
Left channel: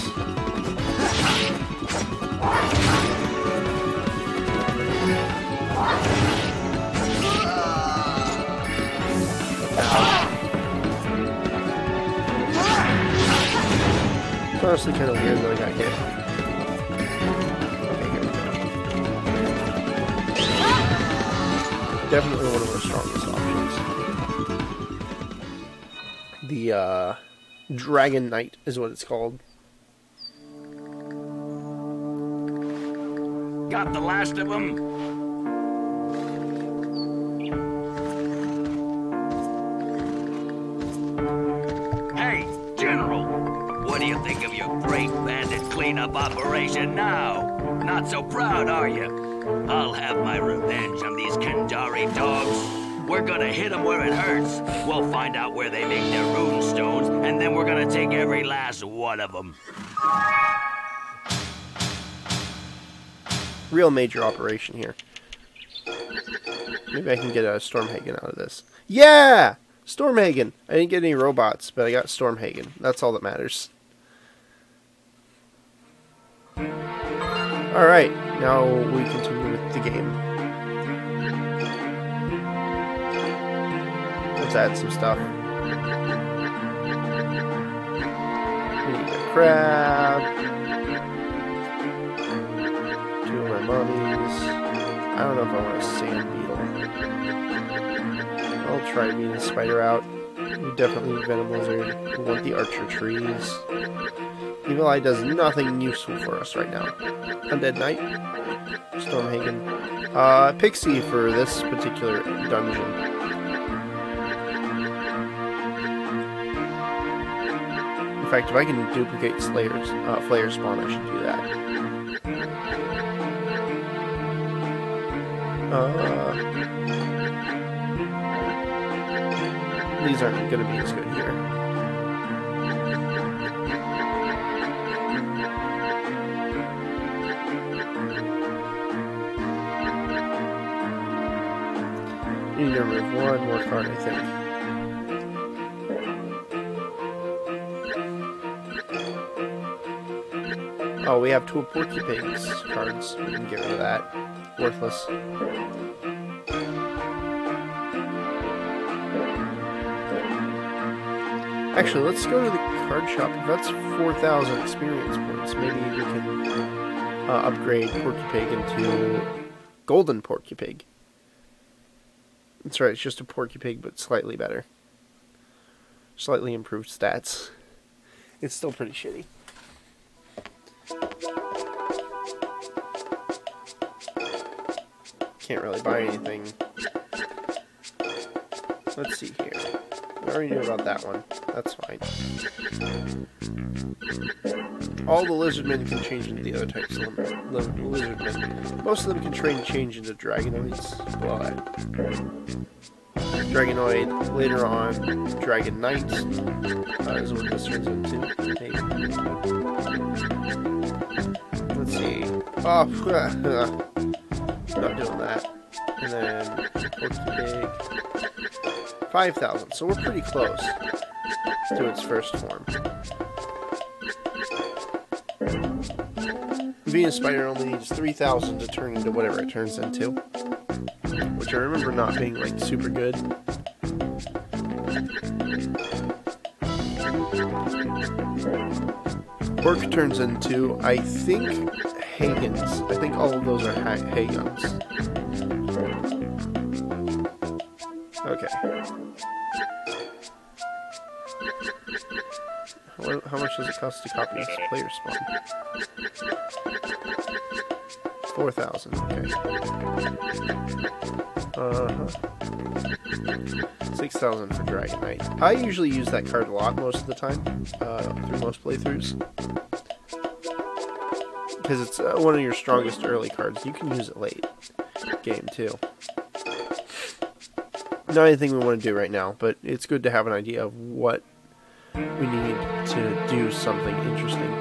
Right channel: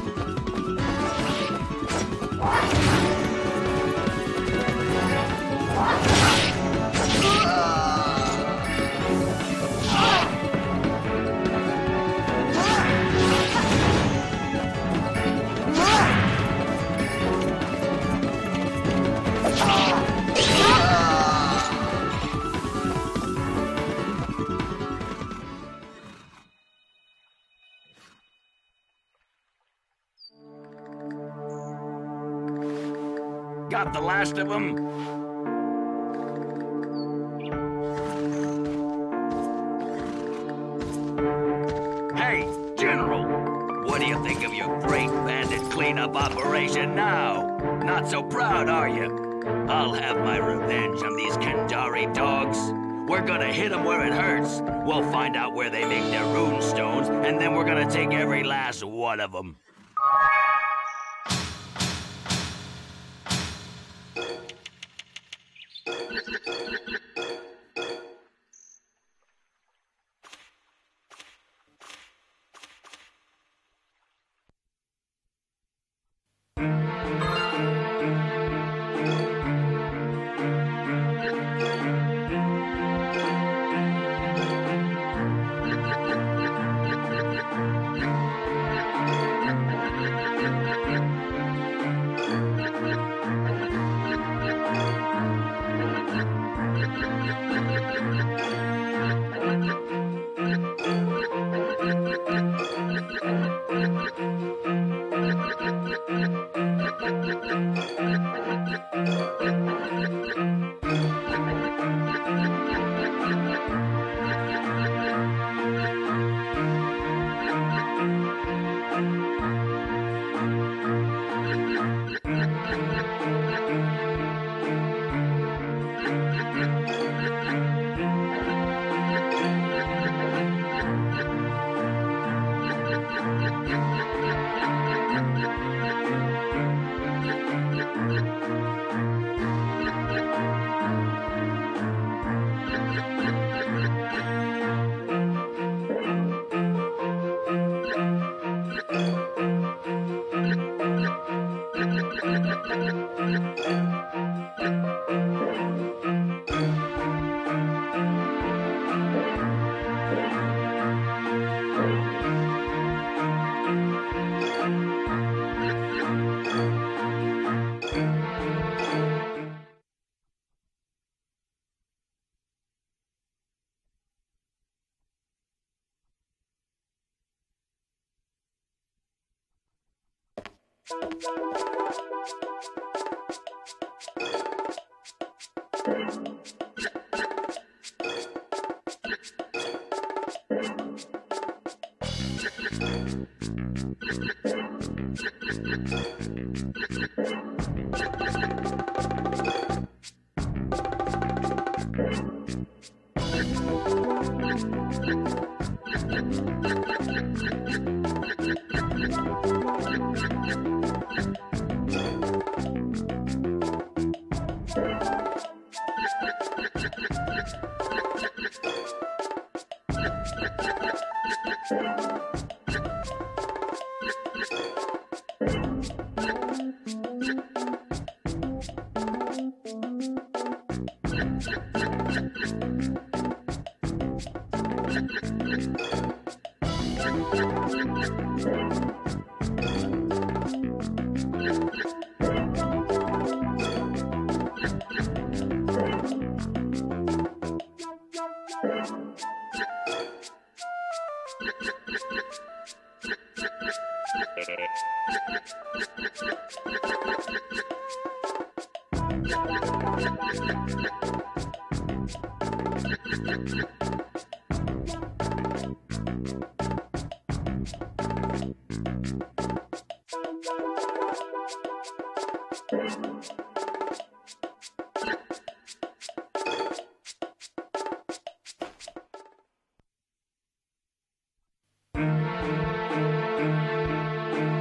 Definitely one of the strongest options. The Dragon Knight is what it's called. Got the last of them? Hey, General. What do you think of your great bandit cleanup operation now? Not so proud, are you? I'll have my revenge on these Kandari dogs. We're gonna hit them where it hurts. We'll find out where they make their rune stones, and then we're gonna take every last one of them. Real major operation here. Maybe I can get a Stormhagen out of this. Yeah! Stormhagen! I didn't get any robots, but I got Stormhagen. That's all that matters. Alright, now we continue with the game. Let's add some stuff. Crab. I don't know if I want to save Beetle. I'll try to beat the spider out. Definitely Venomous with the archer trees. Evil Eye does nothing useful for us right now. Undead Knight. Stormhagen. Pixie for this particular dungeon. In fact, if I can duplicate Slayer's Flare spawn, I should do that. These aren't going to be as good here. Need to remove one more card, I think. Oh, we have two Porcupines cards. We can get rid of that. Worthless. Actually, let's go to the card shop. That's 4,000 experience points. Maybe we can upgrade Porcupig into Golden Porcupig. That's right, it's just a Porcupig, but slightly better. Slightly improved stats. It's still pretty shitty. Can't really buy anything. Let's see here. I already knew about that one. That's fine. All the lizardmen can change into the other types of lizardmen. Most of them can change into dragonoids. Dragonoid, later on, Dragon Knight. Is what this one's into. Let's see. Oh, not doing that. And then 5,000, so we're pretty close to its first form. Venus Spider only needs 3,000 to turn into whatever it turns into, which I remember not being like super good. Orc turns into, I think, Hagens. I think all of those are Hagens. Okay. How much does it cost to copy this player spawn? 4,000. Okay. 6,000 for Dragon Knight. I usually use that card a lot most of the time, for most playthroughs. Because it's one of your strongest early cards. You can use it late game too. Not anything we want to do right now, but it's good to have an idea of what we need to do something interesting.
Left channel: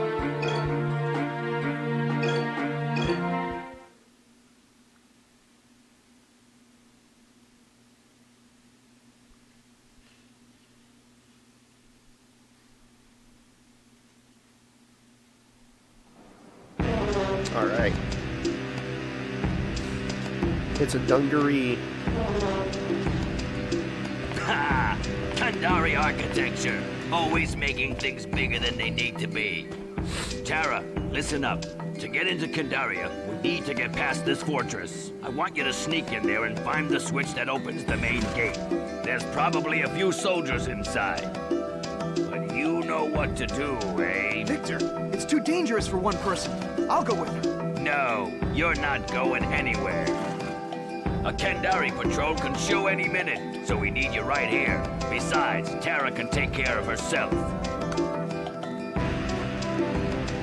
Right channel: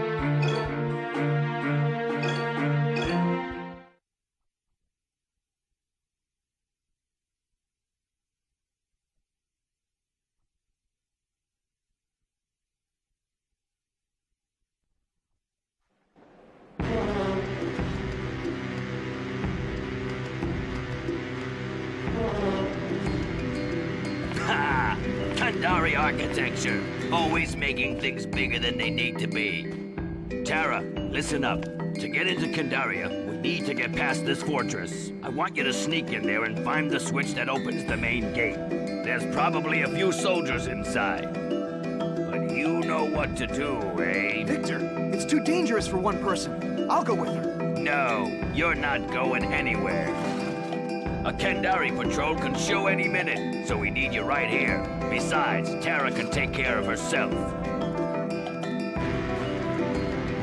Alright. It's a dungaree. Ha! Kandari architecture. Always making things bigger than they need to be. Tara, listen up. To get into Kandaria, we need to get past this fortress. I want you to sneak in there and find the switch that opens the main gate. There's probably a few soldiers inside. But you know what to do, eh? Victor, it's too dangerous for one person. I'll go with her. No, you're not going anywhere. A Kandari patrol can show any minute, so we need you right here. Besides, Tara can take care of herself.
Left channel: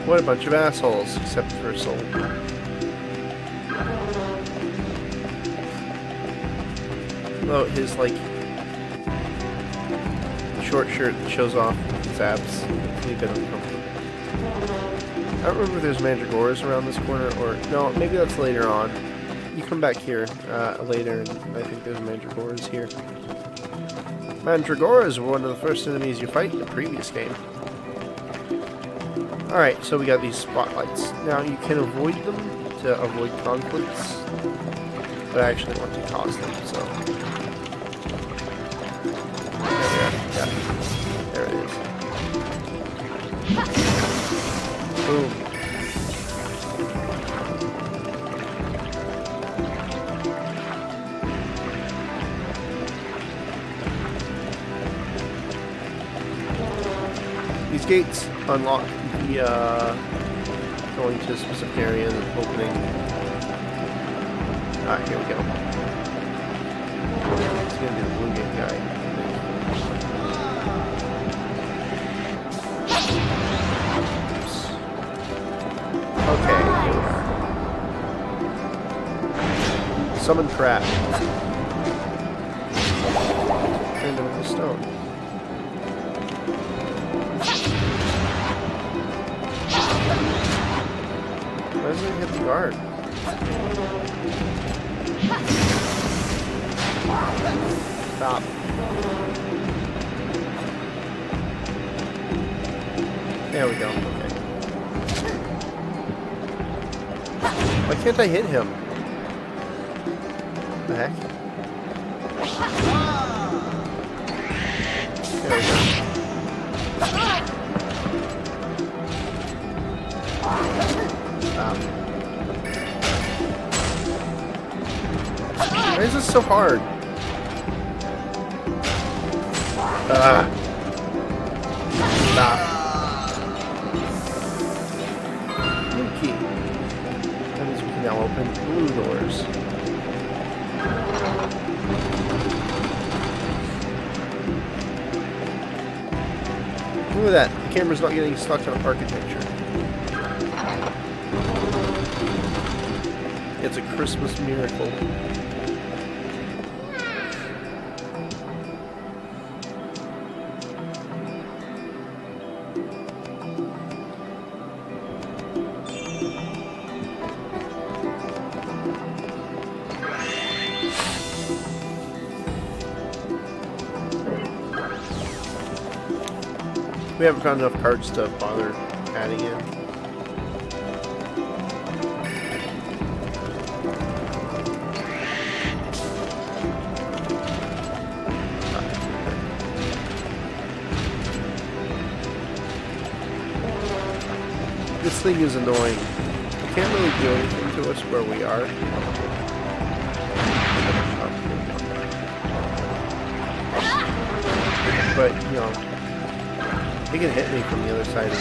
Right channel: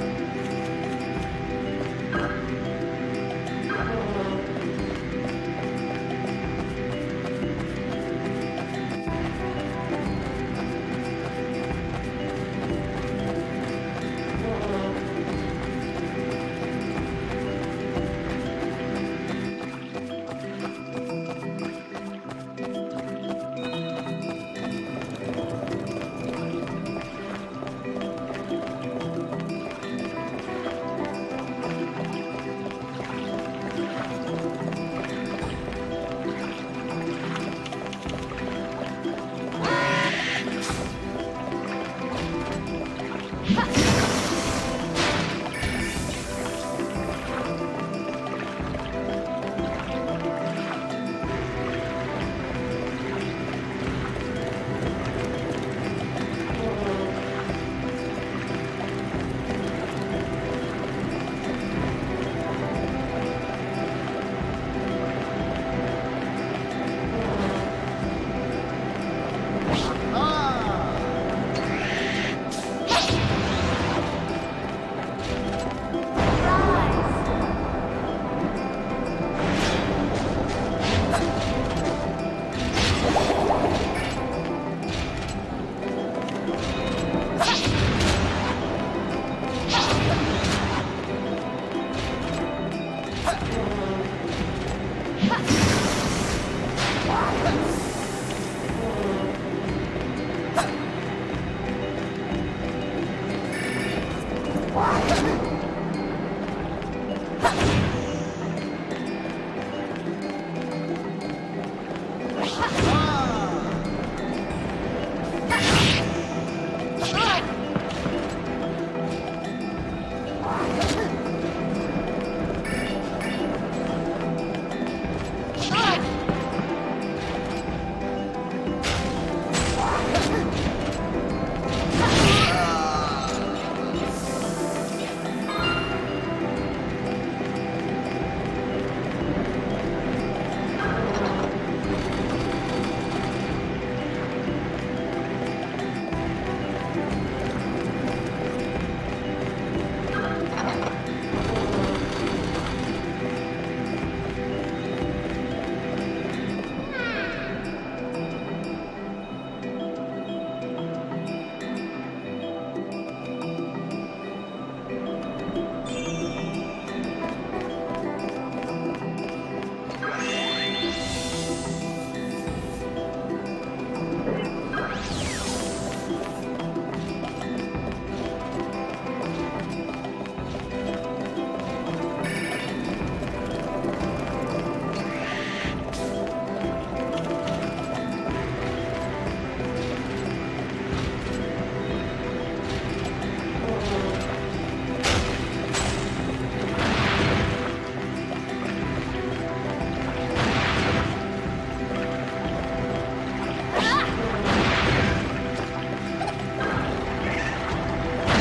What a bunch of assholes, except for Soul. Oh, his, like, short shirt that shows off his abs. I don't remember if there's mandragoras around this corner, or... No, maybe that's later on. Come back here later. I think there's mandragoras here. Mandragoras were one of the first enemies you fight in the previous game. Alright, so we got these spotlights. Now you can avoid them to avoid conflicts, but I actually want to toss them, so... Gates unlock the going to a specific area and opening. Ah, here we go. Okay. Summon trap. There we go. Why can't I hit him? What the heck? Why is this so hard? Now open blue doors. Look at that. The camera's not getting stuck on architecture. It's a Christmas miracle. We haven't found enough cards to bother adding in. This thing is annoying. It can't really do anything to us where we are. But, you know, he can hit me from the other side.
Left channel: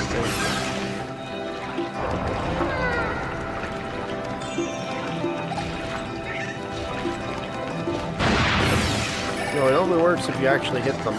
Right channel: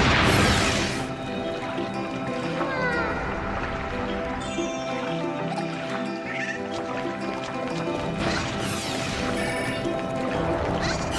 actually hit them.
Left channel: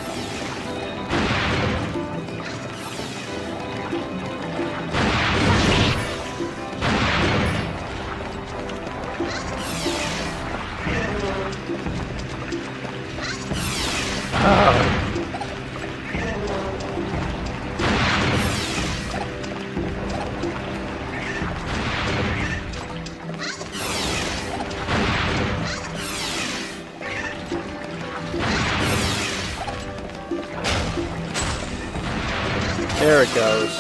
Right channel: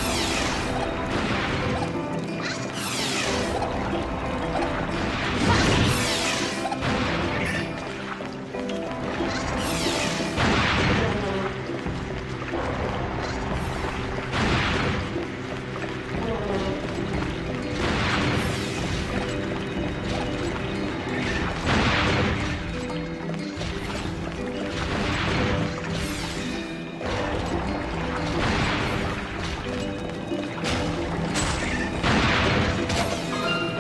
There it goes.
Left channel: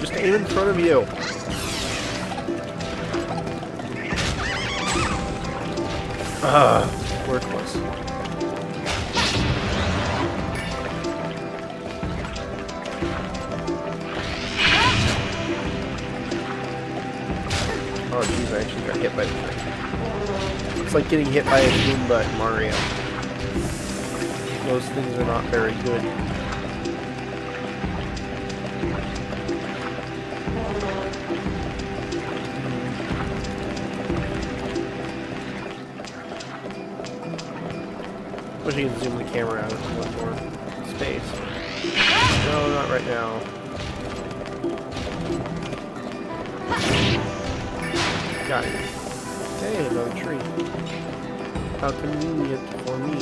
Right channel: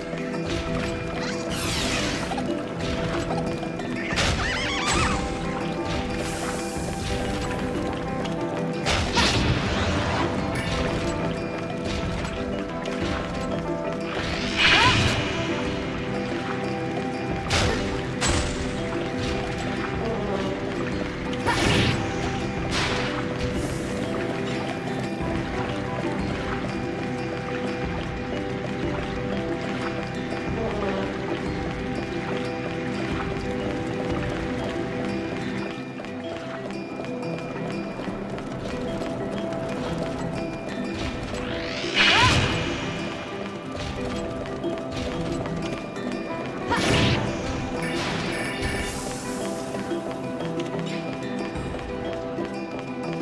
Just aim in front of you. Worthless. Oh, he's actually getting hit by me. It's like getting hit by a beam by Mario. Those things are not very good. Especially if you zoom the camera out of space. No, not right now. Got it. Hey, little tree. How convenient for me.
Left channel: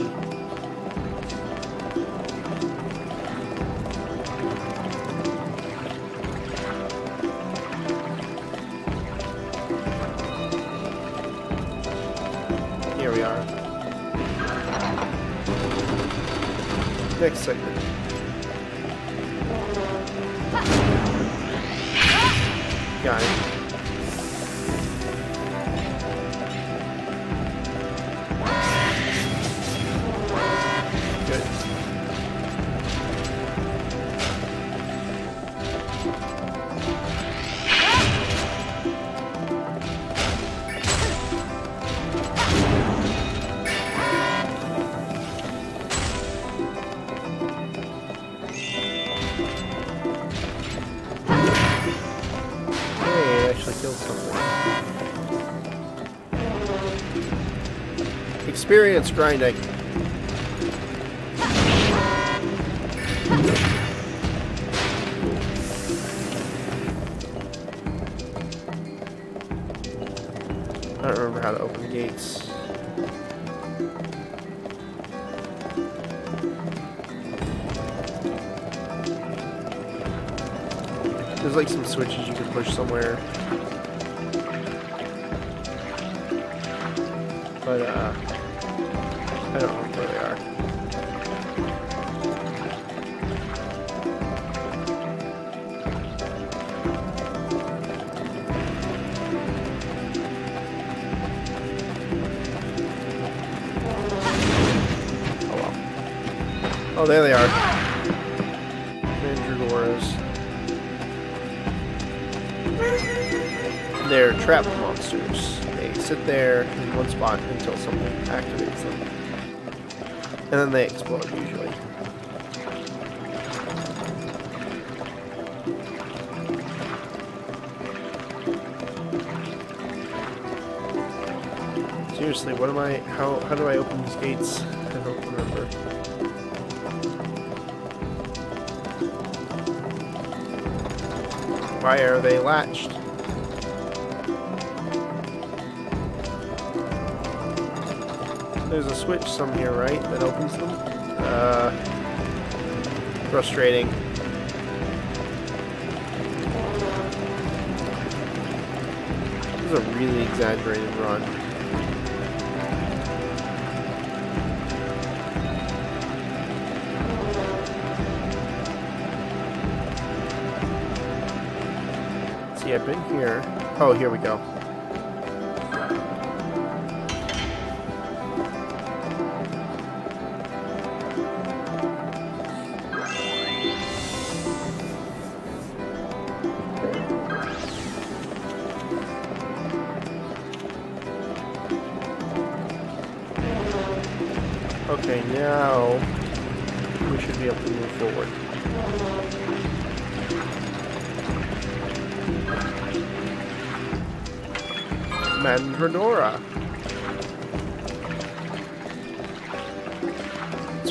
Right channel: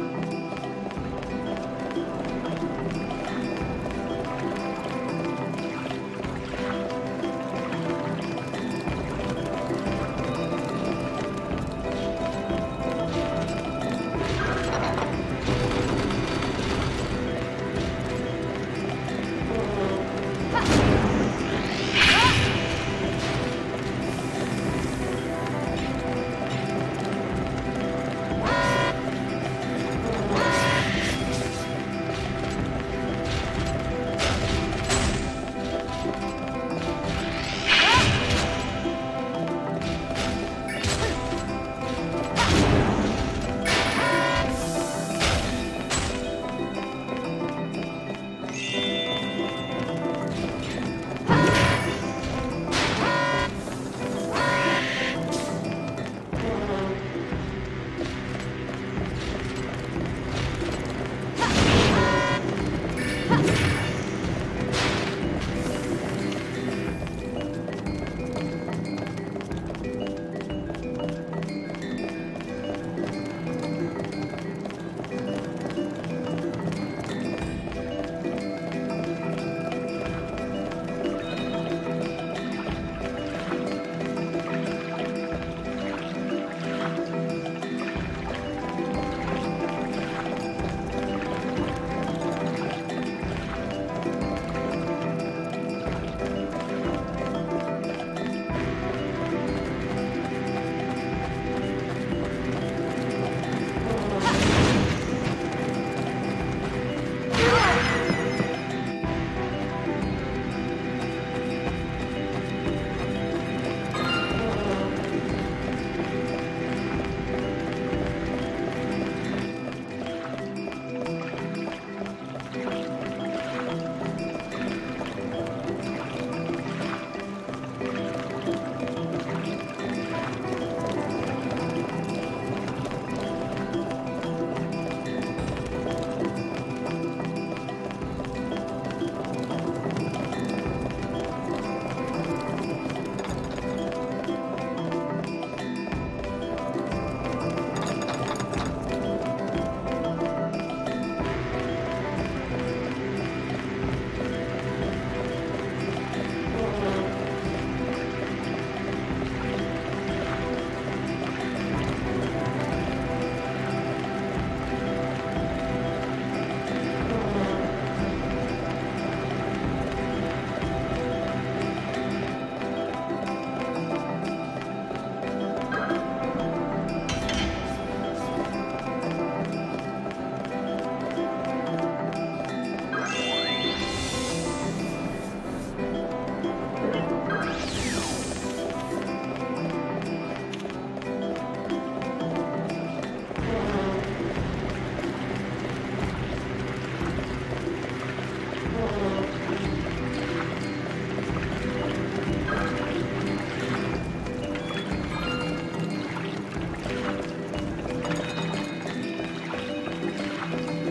Here we are. Next segment. Got it. Experience grinding. I don't remember how to open gates. There's like some switches you can push somewhere. But, I don't know what they are. Oh, there they are. They're trap monsters. They sit there in one spot until someone activates them. And then they explode usually. Seriously, what am I, how do I open these gates? Why are they latched? There's a switch somewhere, right? That opens them. Frustrating. This is a really exaggerated run. See, I've been here. Oh, here we go. Okay, now we should be able to move forward. Madden Fedora.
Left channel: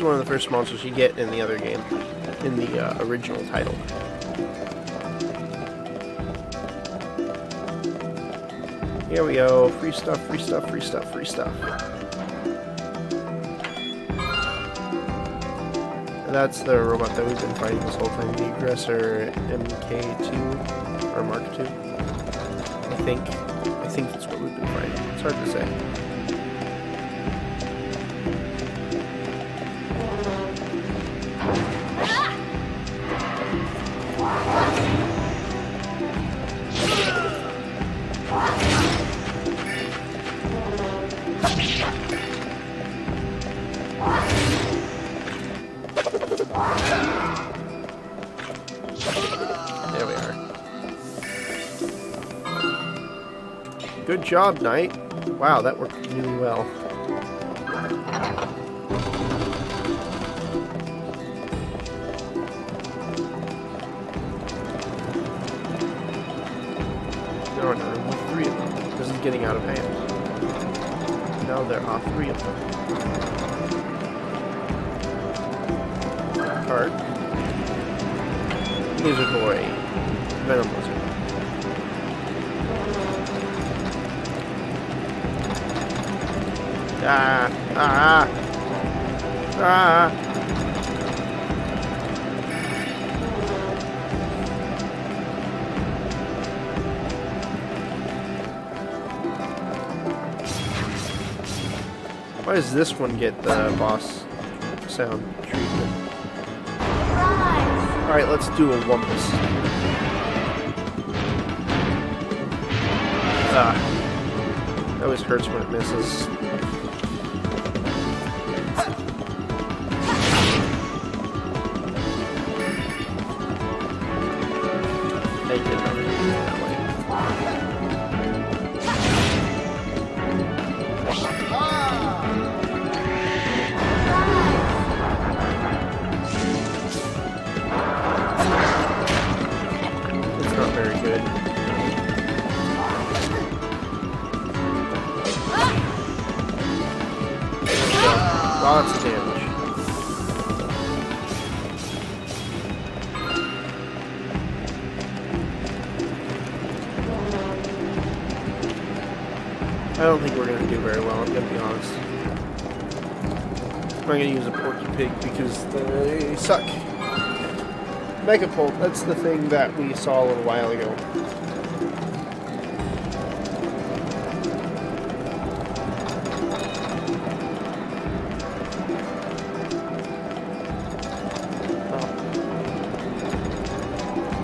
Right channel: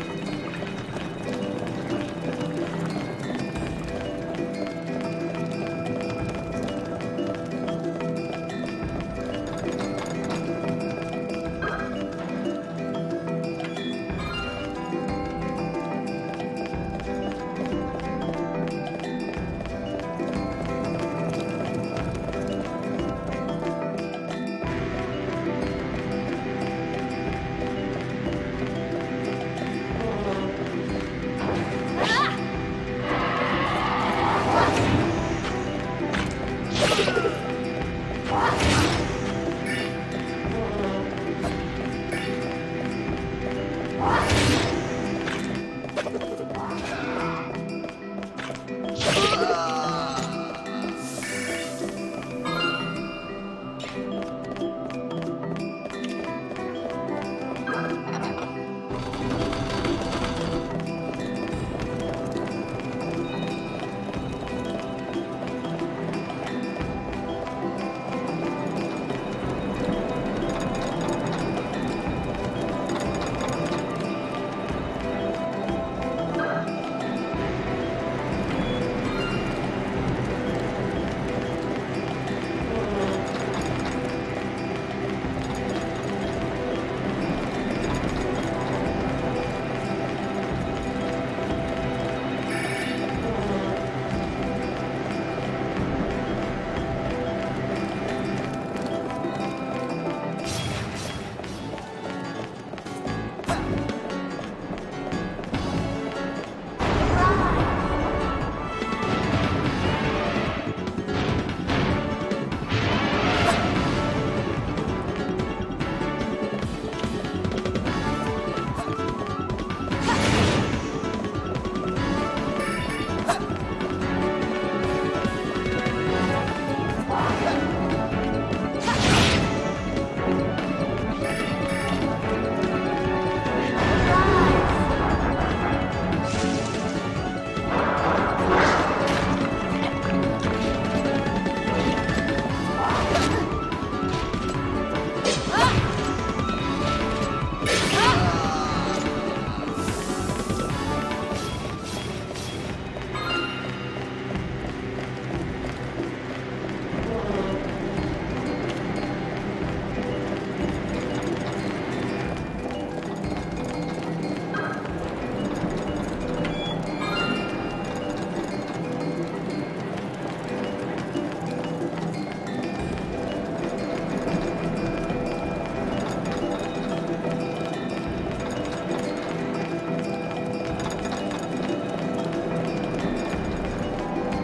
one of the first monsters you get in the other game, in the original title. Here we go. Free stuff, free stuff, free stuff, free stuff. That's the robot that we've been fighting this whole time. The aggressor MK2 or Mark 2. I think it's what we've been fighting. It's hard to say. Good job, Knight. Wow, that worked really well. No, three of them. This is getting out of hand. Now they're off three of them. Card. Here's a boy. Metal Wizard. Why does this one get the boss sound? Alright, let's do a Wumpus. It always hurts when it misses. I don't think we're going to do very well, I'm going to be honest. I'm going to use a Porky Pig because they suck. Megapult, that's the thing that we saw a little while ago.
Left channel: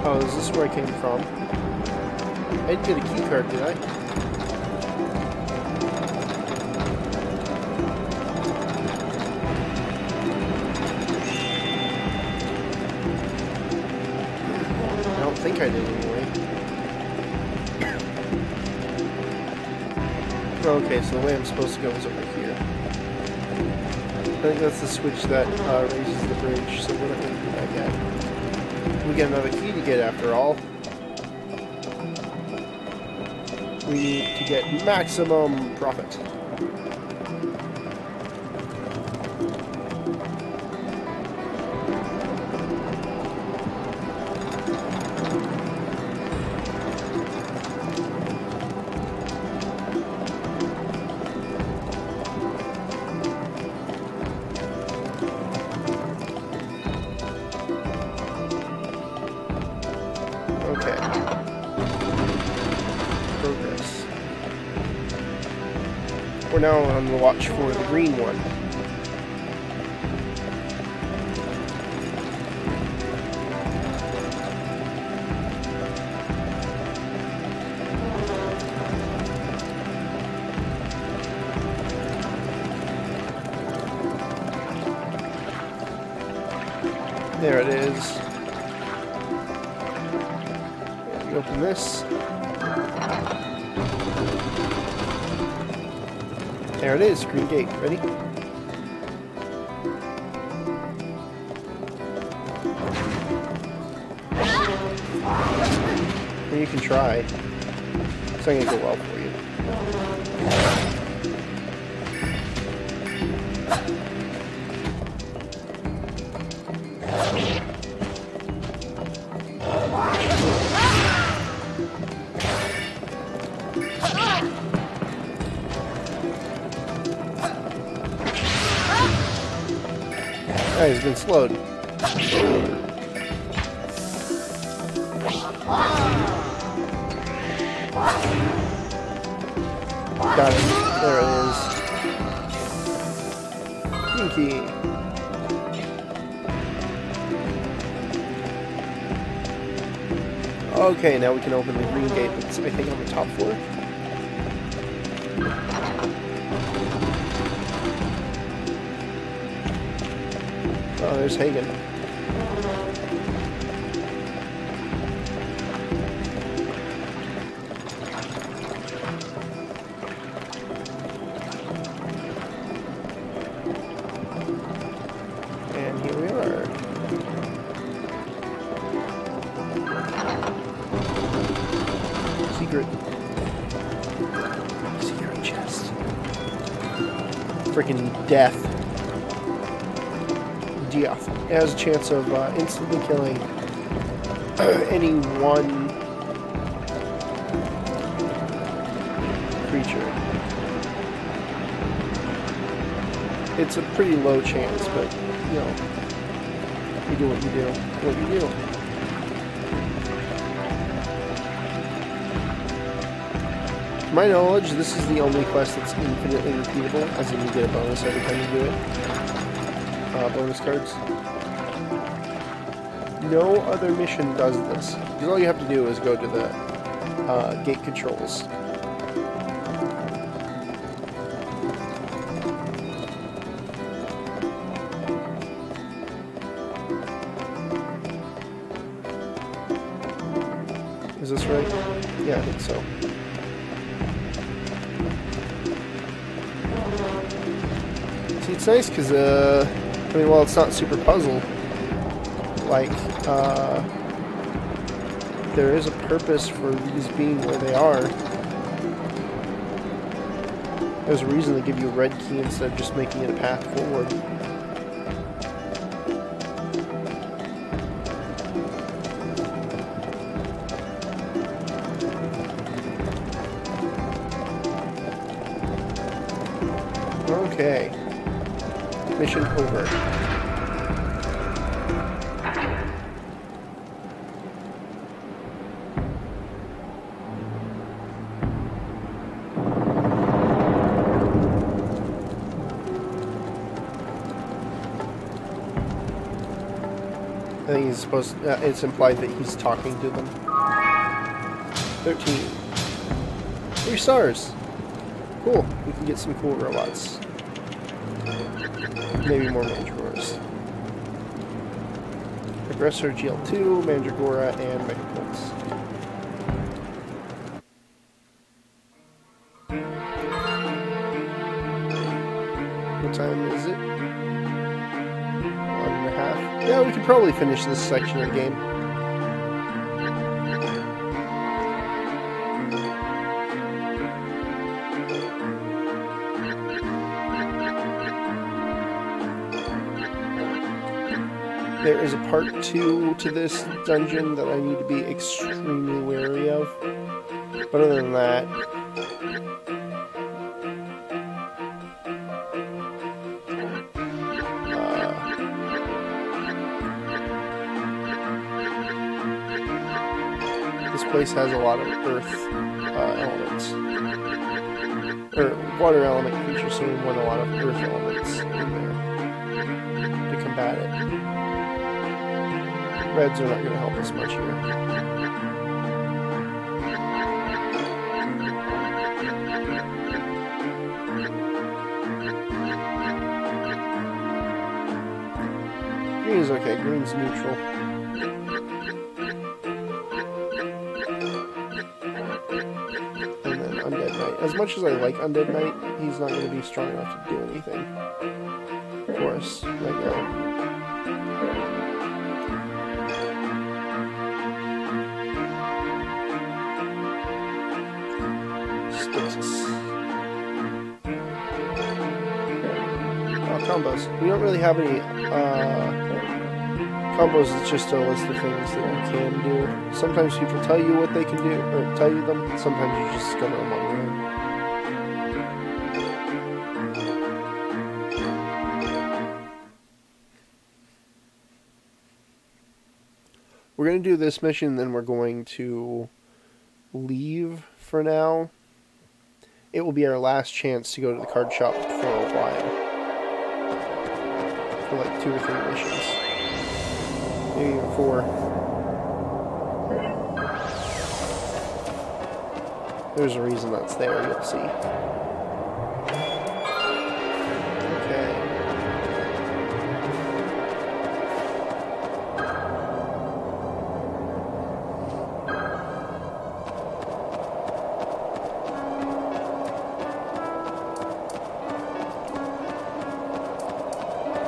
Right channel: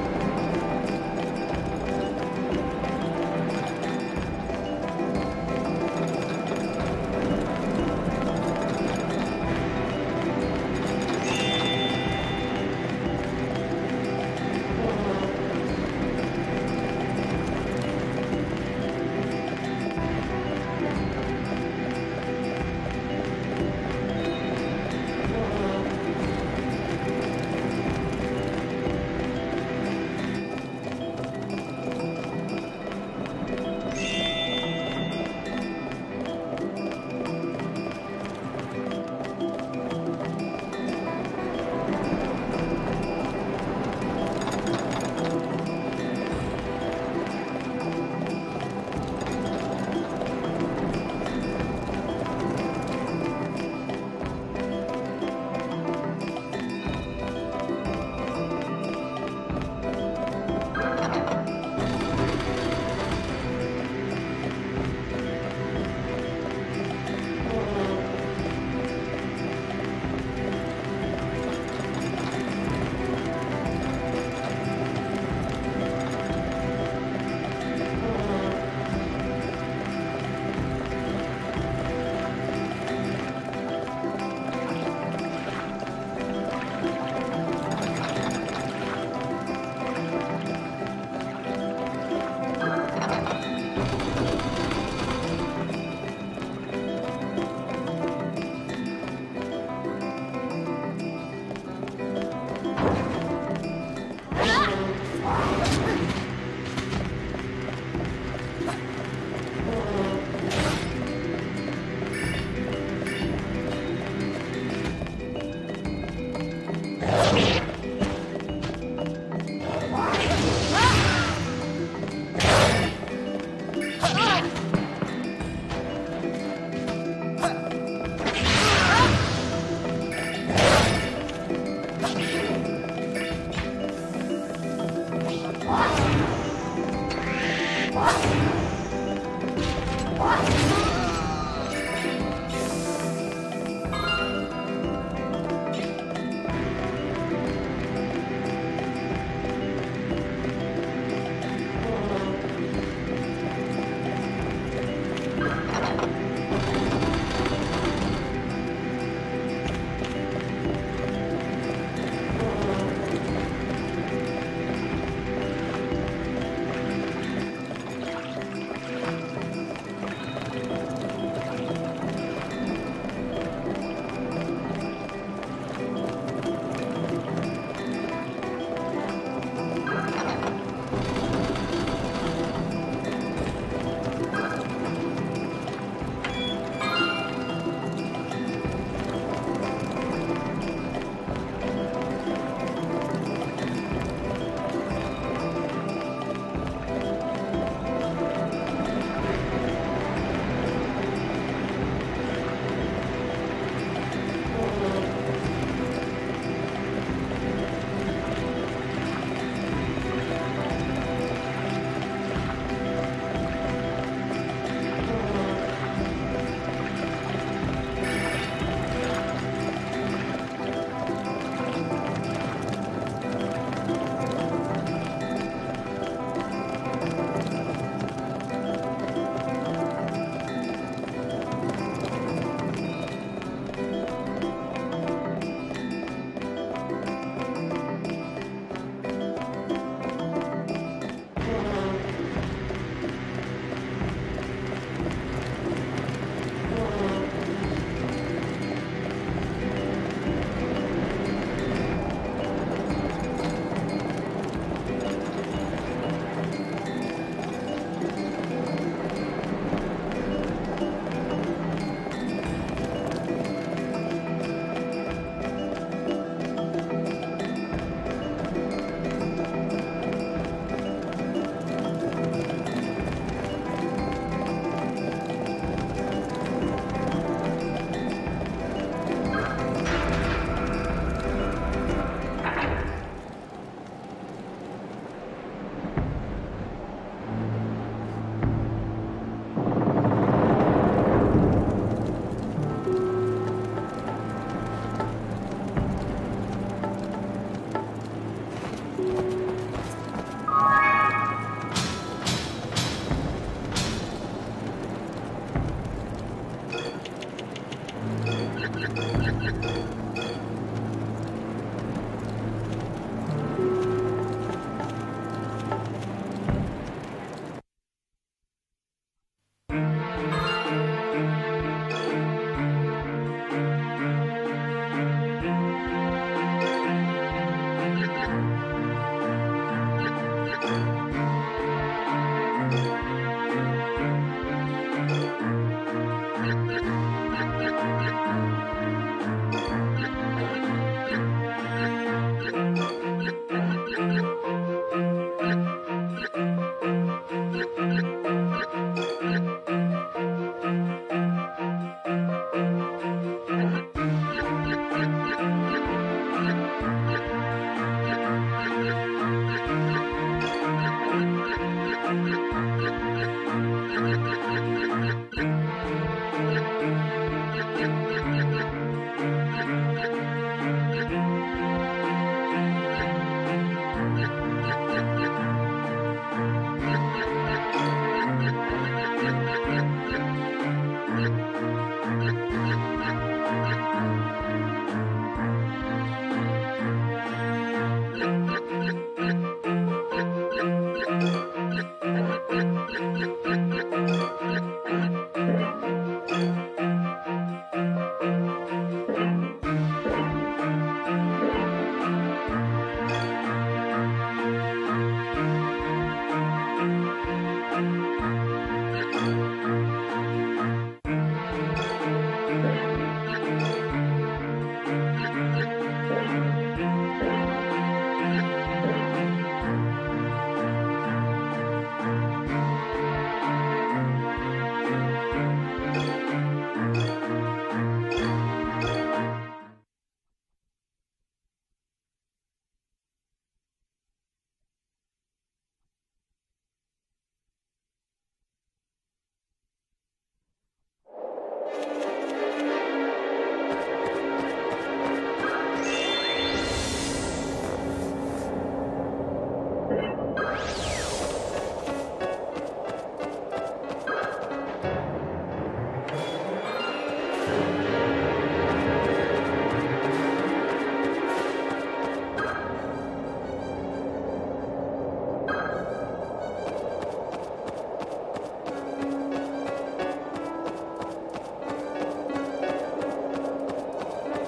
Oh, is this where I came from? I did a key card, did I? Okay, so the way it's supposed to go is over here. That's the switch that is the bridge. So we get another key to get after all. We need to get maximum profit. We're now on the watch for the green one. There it is. Open this. There it is, green gate. Ready? Well, you can try. It's not going to go well for you. explode. Got it. There it is. Pinky. Okay, now we can open the green gate that's I think on the top floor. Oh, there's Hagen. And here we are. Secret chest. Freaking death. Geoff. It has a chance of instantly killing any one creature. It's a pretty low chance, but you know, what do you do? To my knowledge, this is the only quest that's infinitely repeatable, as in you get a bonus every time you do it. Bonus cards. No other mission does this. All you have to do is go to the gate controls. Is this right? Yeah, I think so. See, it's nice because, I mean, well, it's not super puzzle. Like, there is a purpose for these being where they are. There's a reason to give you a red key instead of just making it a path forward. Okay. Mission over. It's implied that he's talking to them. 13. 3 stars. Cool. We can get some cool robots. Maybe more Mandragoras. Aggressor GL2, Mandragora, and Megapulse. What time is it? 1.5. Yeah, we can probably finish this section of the game. There is a part 2 to this dungeon that I need to be extremely wary of. But other than that, this place has a lot of earth elements. Or water element creatures, so you want a lot of earth elements in there to combat it. Reds are not going to help us much here. Green is okay, green's neutral. And then Undead Knight. As much as I like Undead Knight, he's not going to be strong enough to do anything for us like that. Combos. We don't really have any combos, it's just a list of things that we can do. Sometimes people tell you what they can do, or tell you them, and sometimes you just discover them on your own. We're going to do this mission, then we're going to leave for now. It will be our last chance to go to the card shop for a while. For like 2 or 3 missions. Maybe 4. There's a reason that's there, you'll see.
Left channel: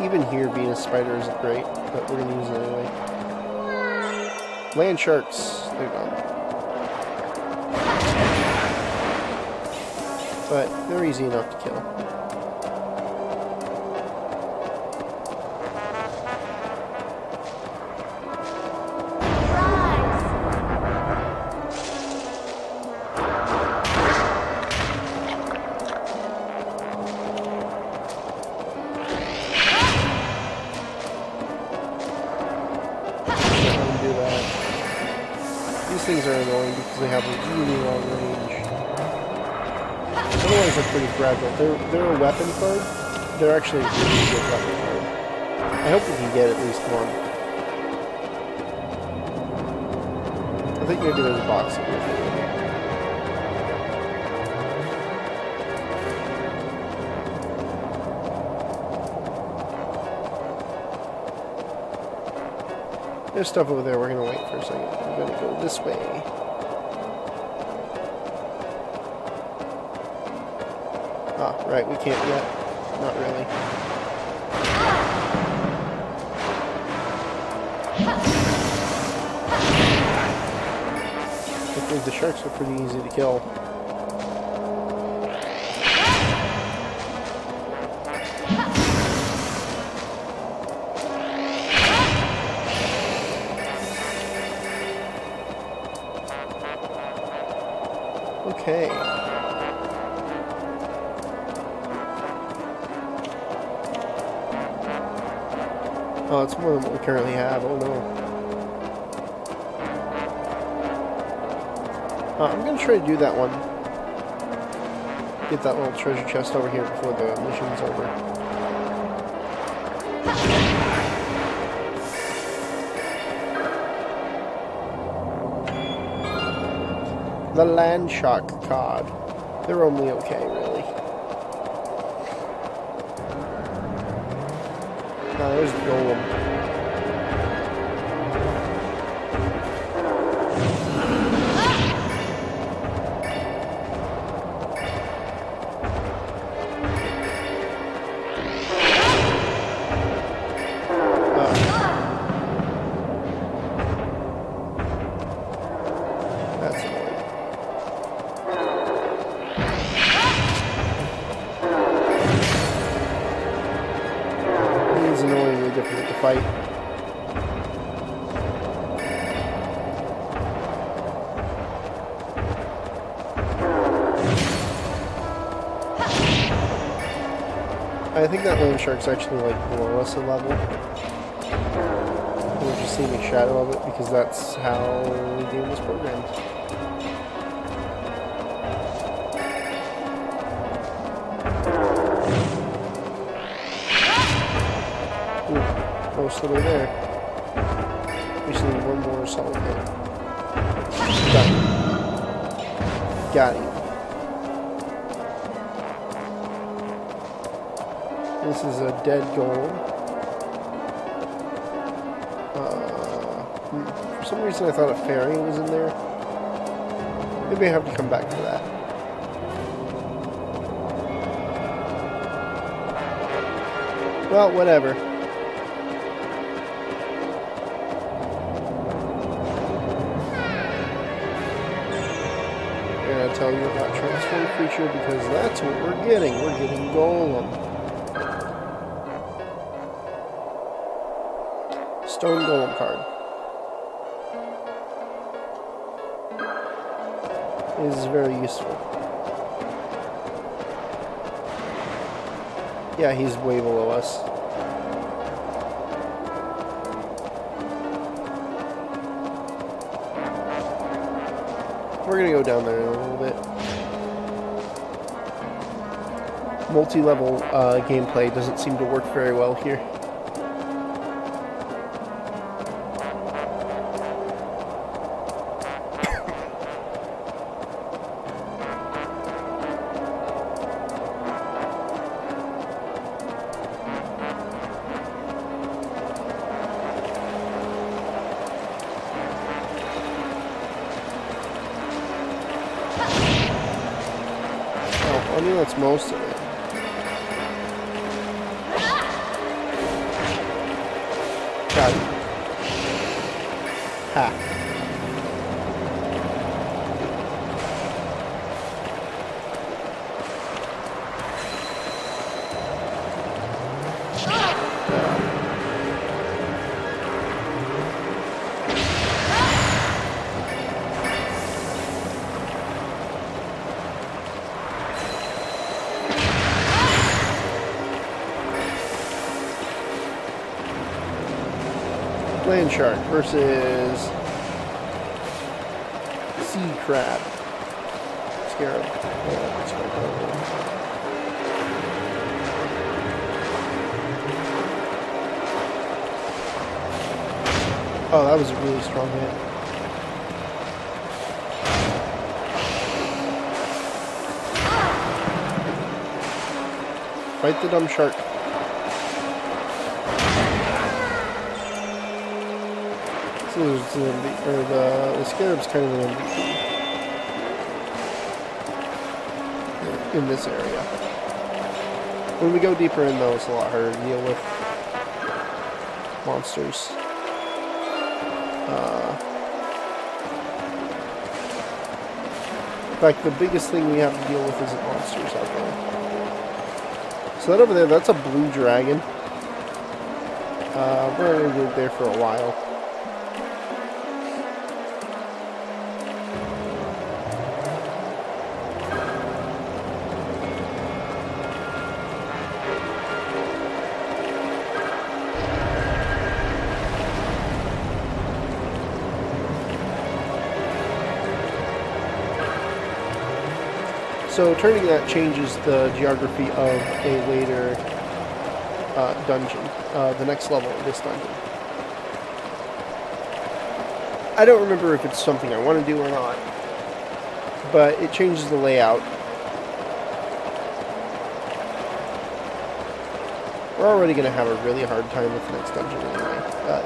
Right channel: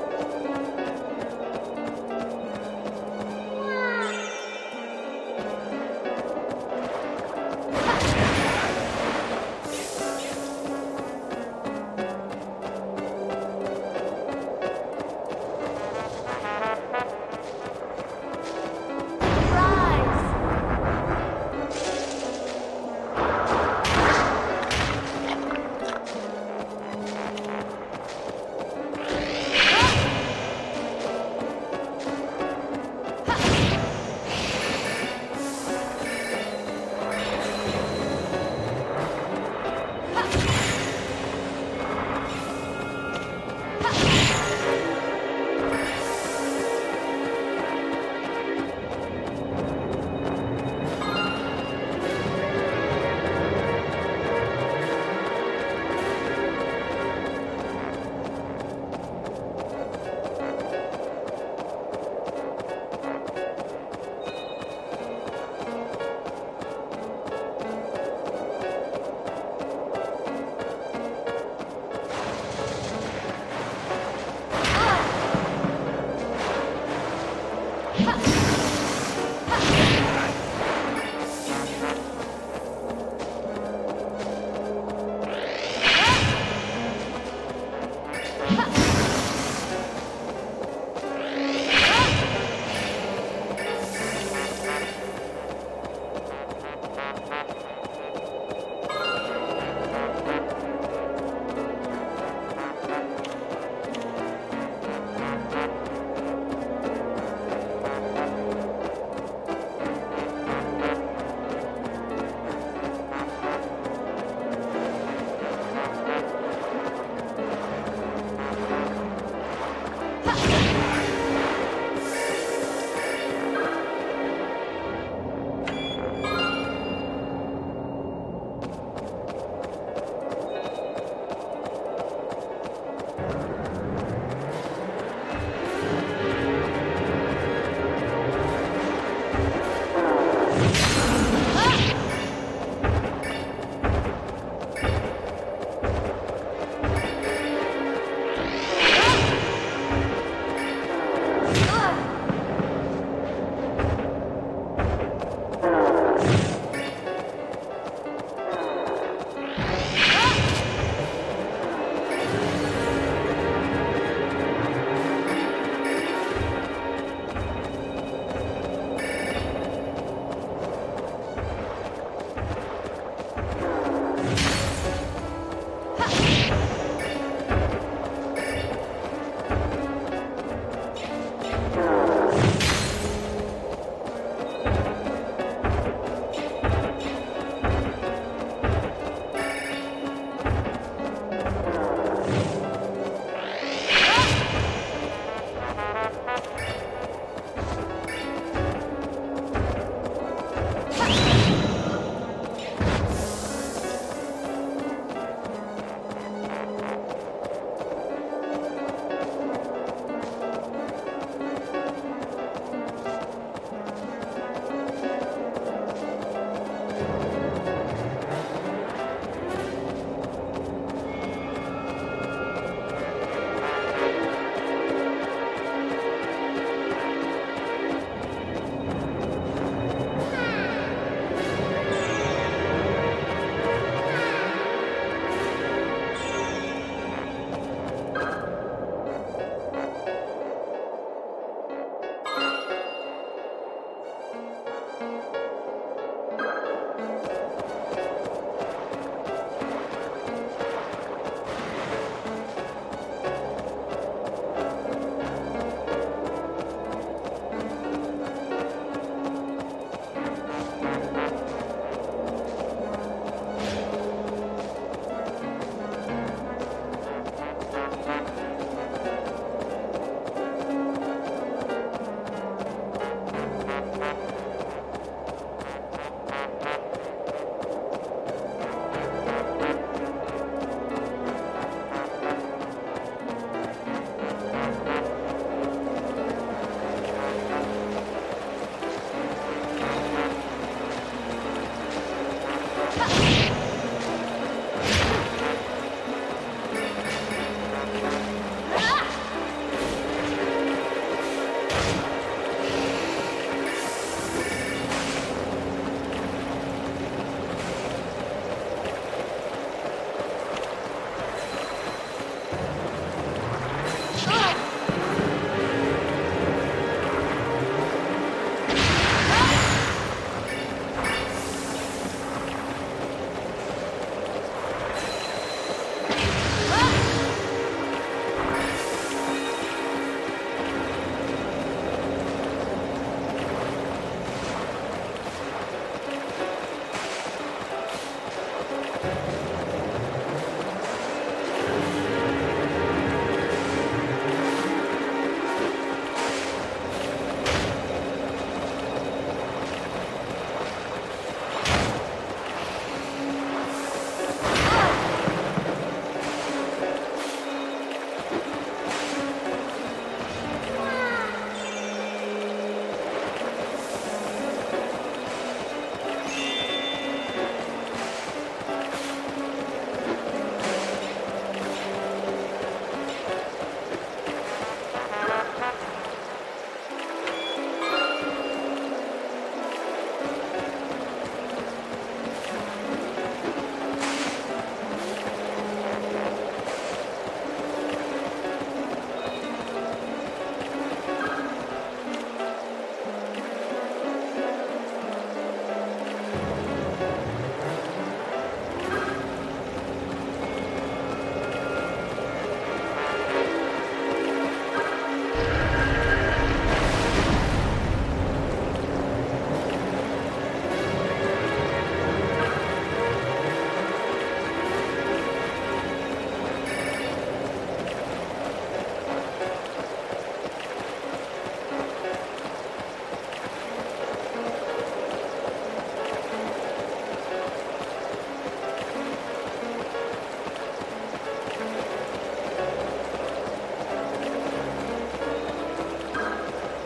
Even here, being a spider is great, but we're gonna use it anyway. Land sharks. But they're easy enough to kill. These things are annoying because they have really long range. Otherwise they're pretty fragile. They're a weapon card. They're actually a pretty good weapon. I hope we can get at least one. I think maybe there's a box. There's stuff over there. We're gonna wait for a second. We're gonna go this way. Ah, right. We can't yet. Not really. Because the sharks are pretty easy to kill. Okay. Oh, it's more than what we currently have. I'm gonna try to do that one. Get that little treasure chest over here before the mission's over. The land shark card. They're only okay, really. Now there's the golem. I think that land shark's actually like below us in level. You can see the shadow of it because that's how we do its equipment. Ooh, close little there. We just need one more solid. Got it. This is a dead gold. For some reason I thought a fairy was in there. Maybe I have to come back to that. Well, whatever. I'm gonna tell you about Transform Creature because that's what we're getting. We're getting golem. Stone golem card. This is very useful. Yeah, he's way below us. multi-level gameplay doesn't seem to work very well here. Most of it. Land shark versus sea crab. Scarab. Oh, that was a really strong hit. Fight the dumb shark. The scarab's kind of in this area. When we go deeper in though, it's a lot harder to deal with monsters. In fact, the biggest thing we have to deal with is the monsters. So that over there, that's a blue dragon. We're going to live there for a while. So turning that changes the geography of a later dungeon, the next level of this dungeon. I don't remember if it's something I want to do or not, but it changes the layout. We're already going to have a really hard time with this dungeon.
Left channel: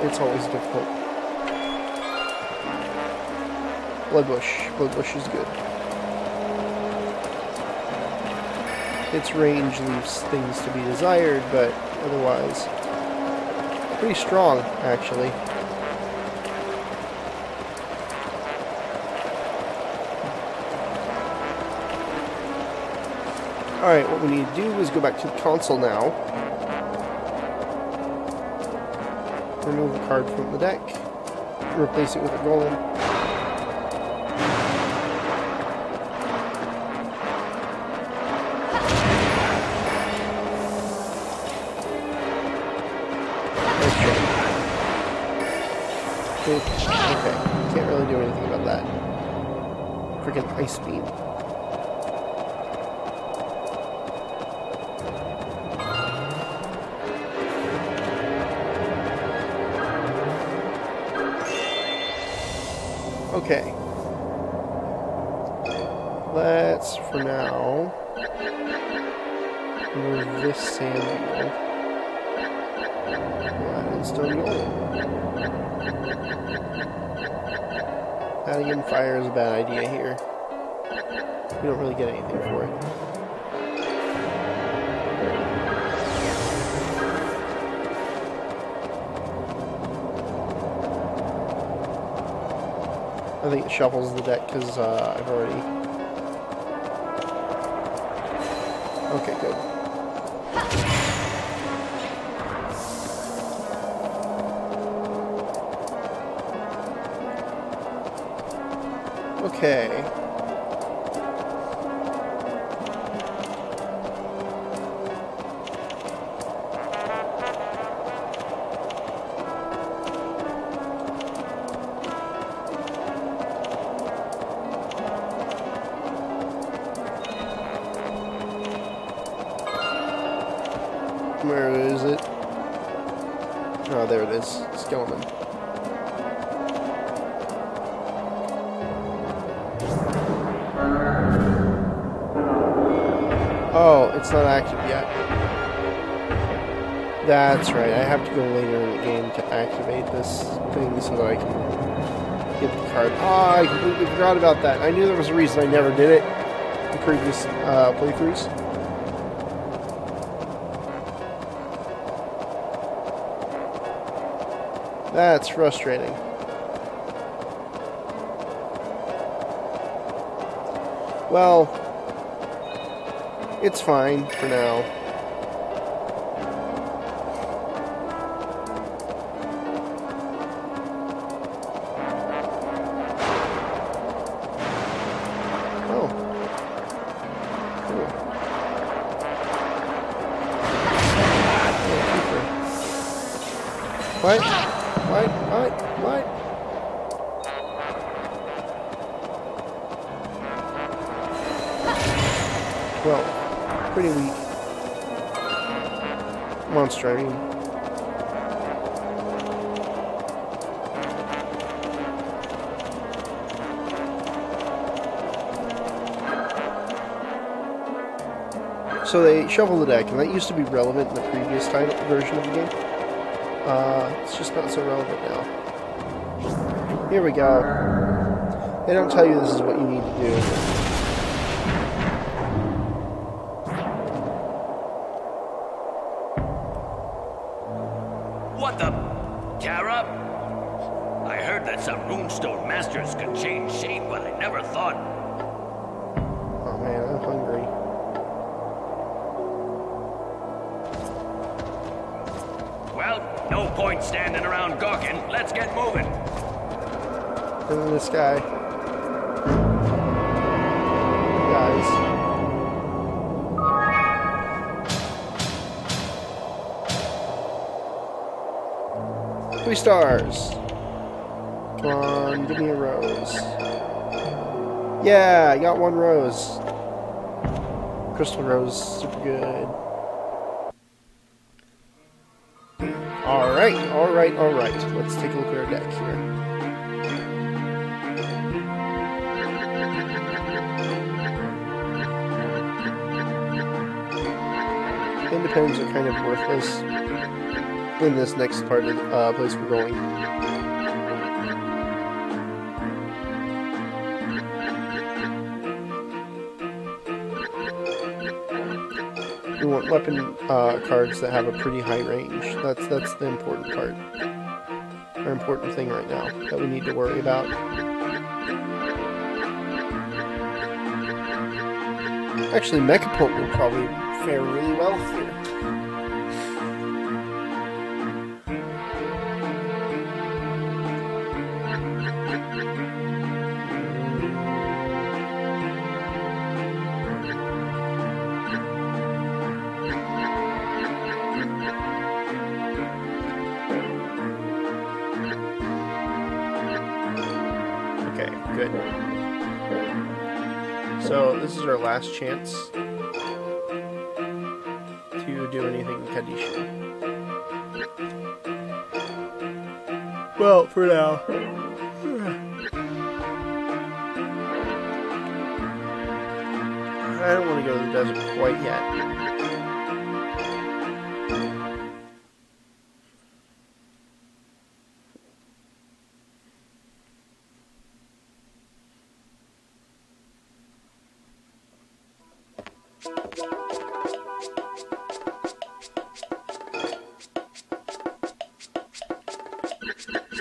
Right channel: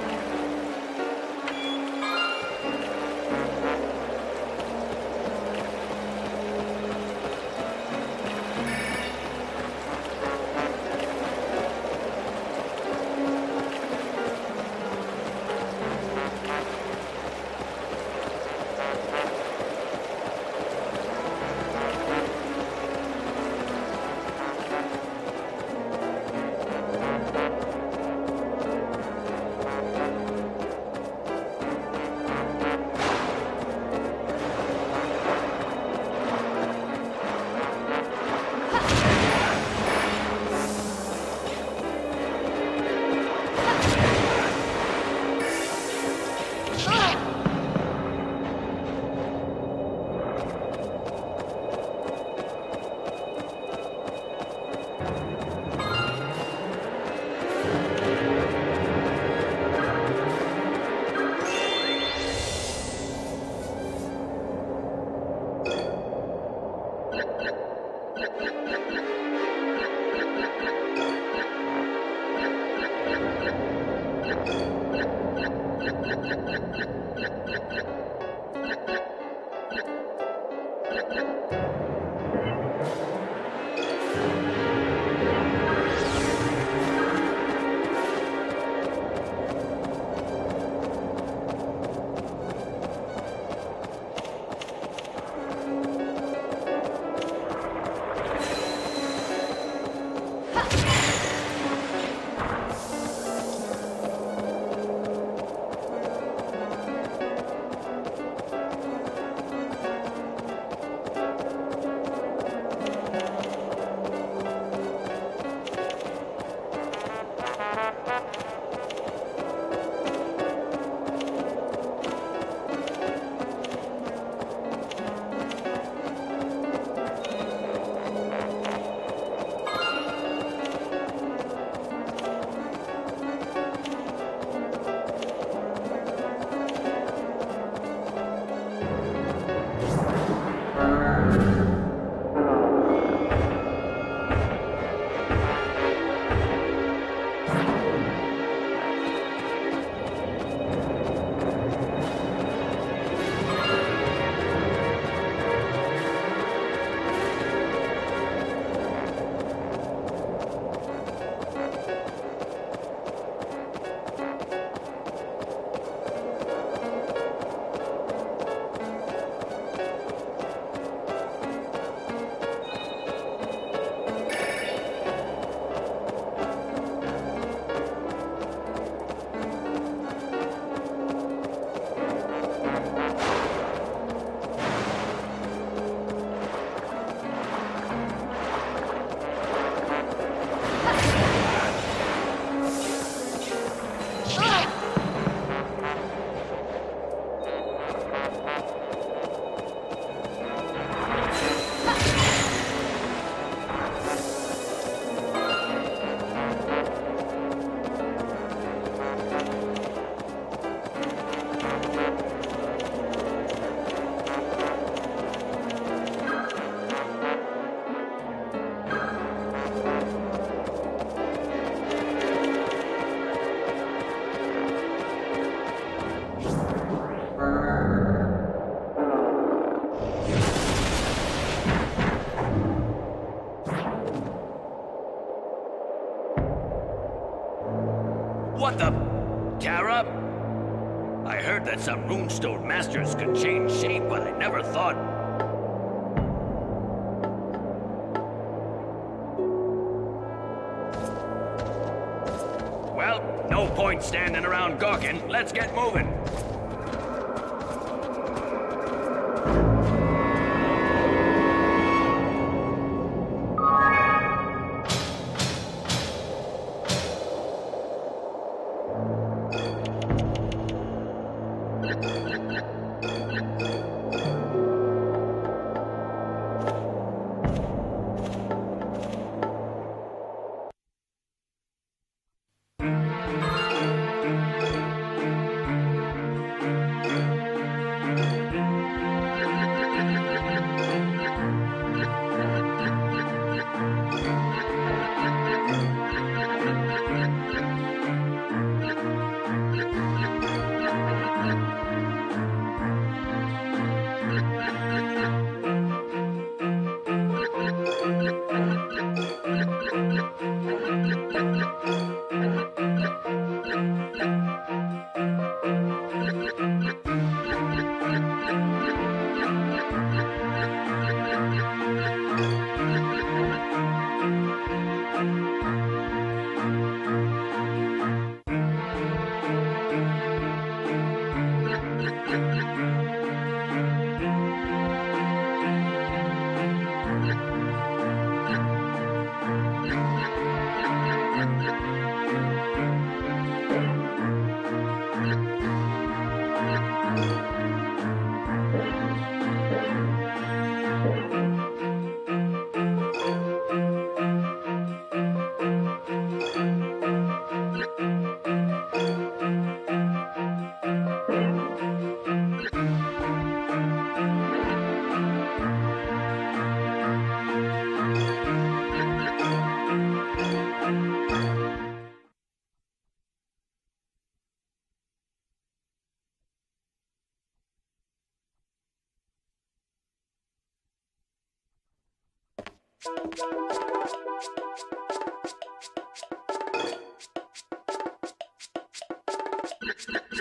It's always difficult. Bloodbush is good. Its range leaves things to be desired, but otherwise pretty strong, actually. Alright, what we need to do is go back to the console now. Remove the card from the deck. Replace it with the roll. Can't really do anything about that. Forget ice speed. Okay. Let's, for now, move this sand now. Still adding in fire is a bad idea here. We don't really get anything for it. I think it shuffles the deck because I've already... Okay, good. Okay. is. It's going on. Oh, it's not active yet. That's right, I have to go later in the game to activate this thing so that I can get the card. Oh, I completely forgot about that. I knew there was a reason I never did it in previous playthroughs. That's frustrating. Well, it's fine for now. What? Well, pretty monster. So they shuffle the deck, and that used to be relevant in the previous version of the game. It's just not so relevant now. Here we go. They don't tell you this is what you need to do. What the? Tara? I heard that some runestone masters could change shape, but I never thought... Oh man, I'm hungry. Well, no point standing around gawking. Let's get moving. Look at this guy. Guys. 3 stars. Come on, give me a rose. Yeah, I got 1 rose. Crystal rose, super good. Alright. Let's take a look at our deck here. Independents are kind of worthless in this next part of place we're going. We want weapon cards that have a pretty high range. That's the important part. The important thing right now that we need to worry about. Actually, Mechapult will probably fare really well for it. So this is our last chance to do anything Kadish. Well, for now. I don't want to go to the desert quite yet.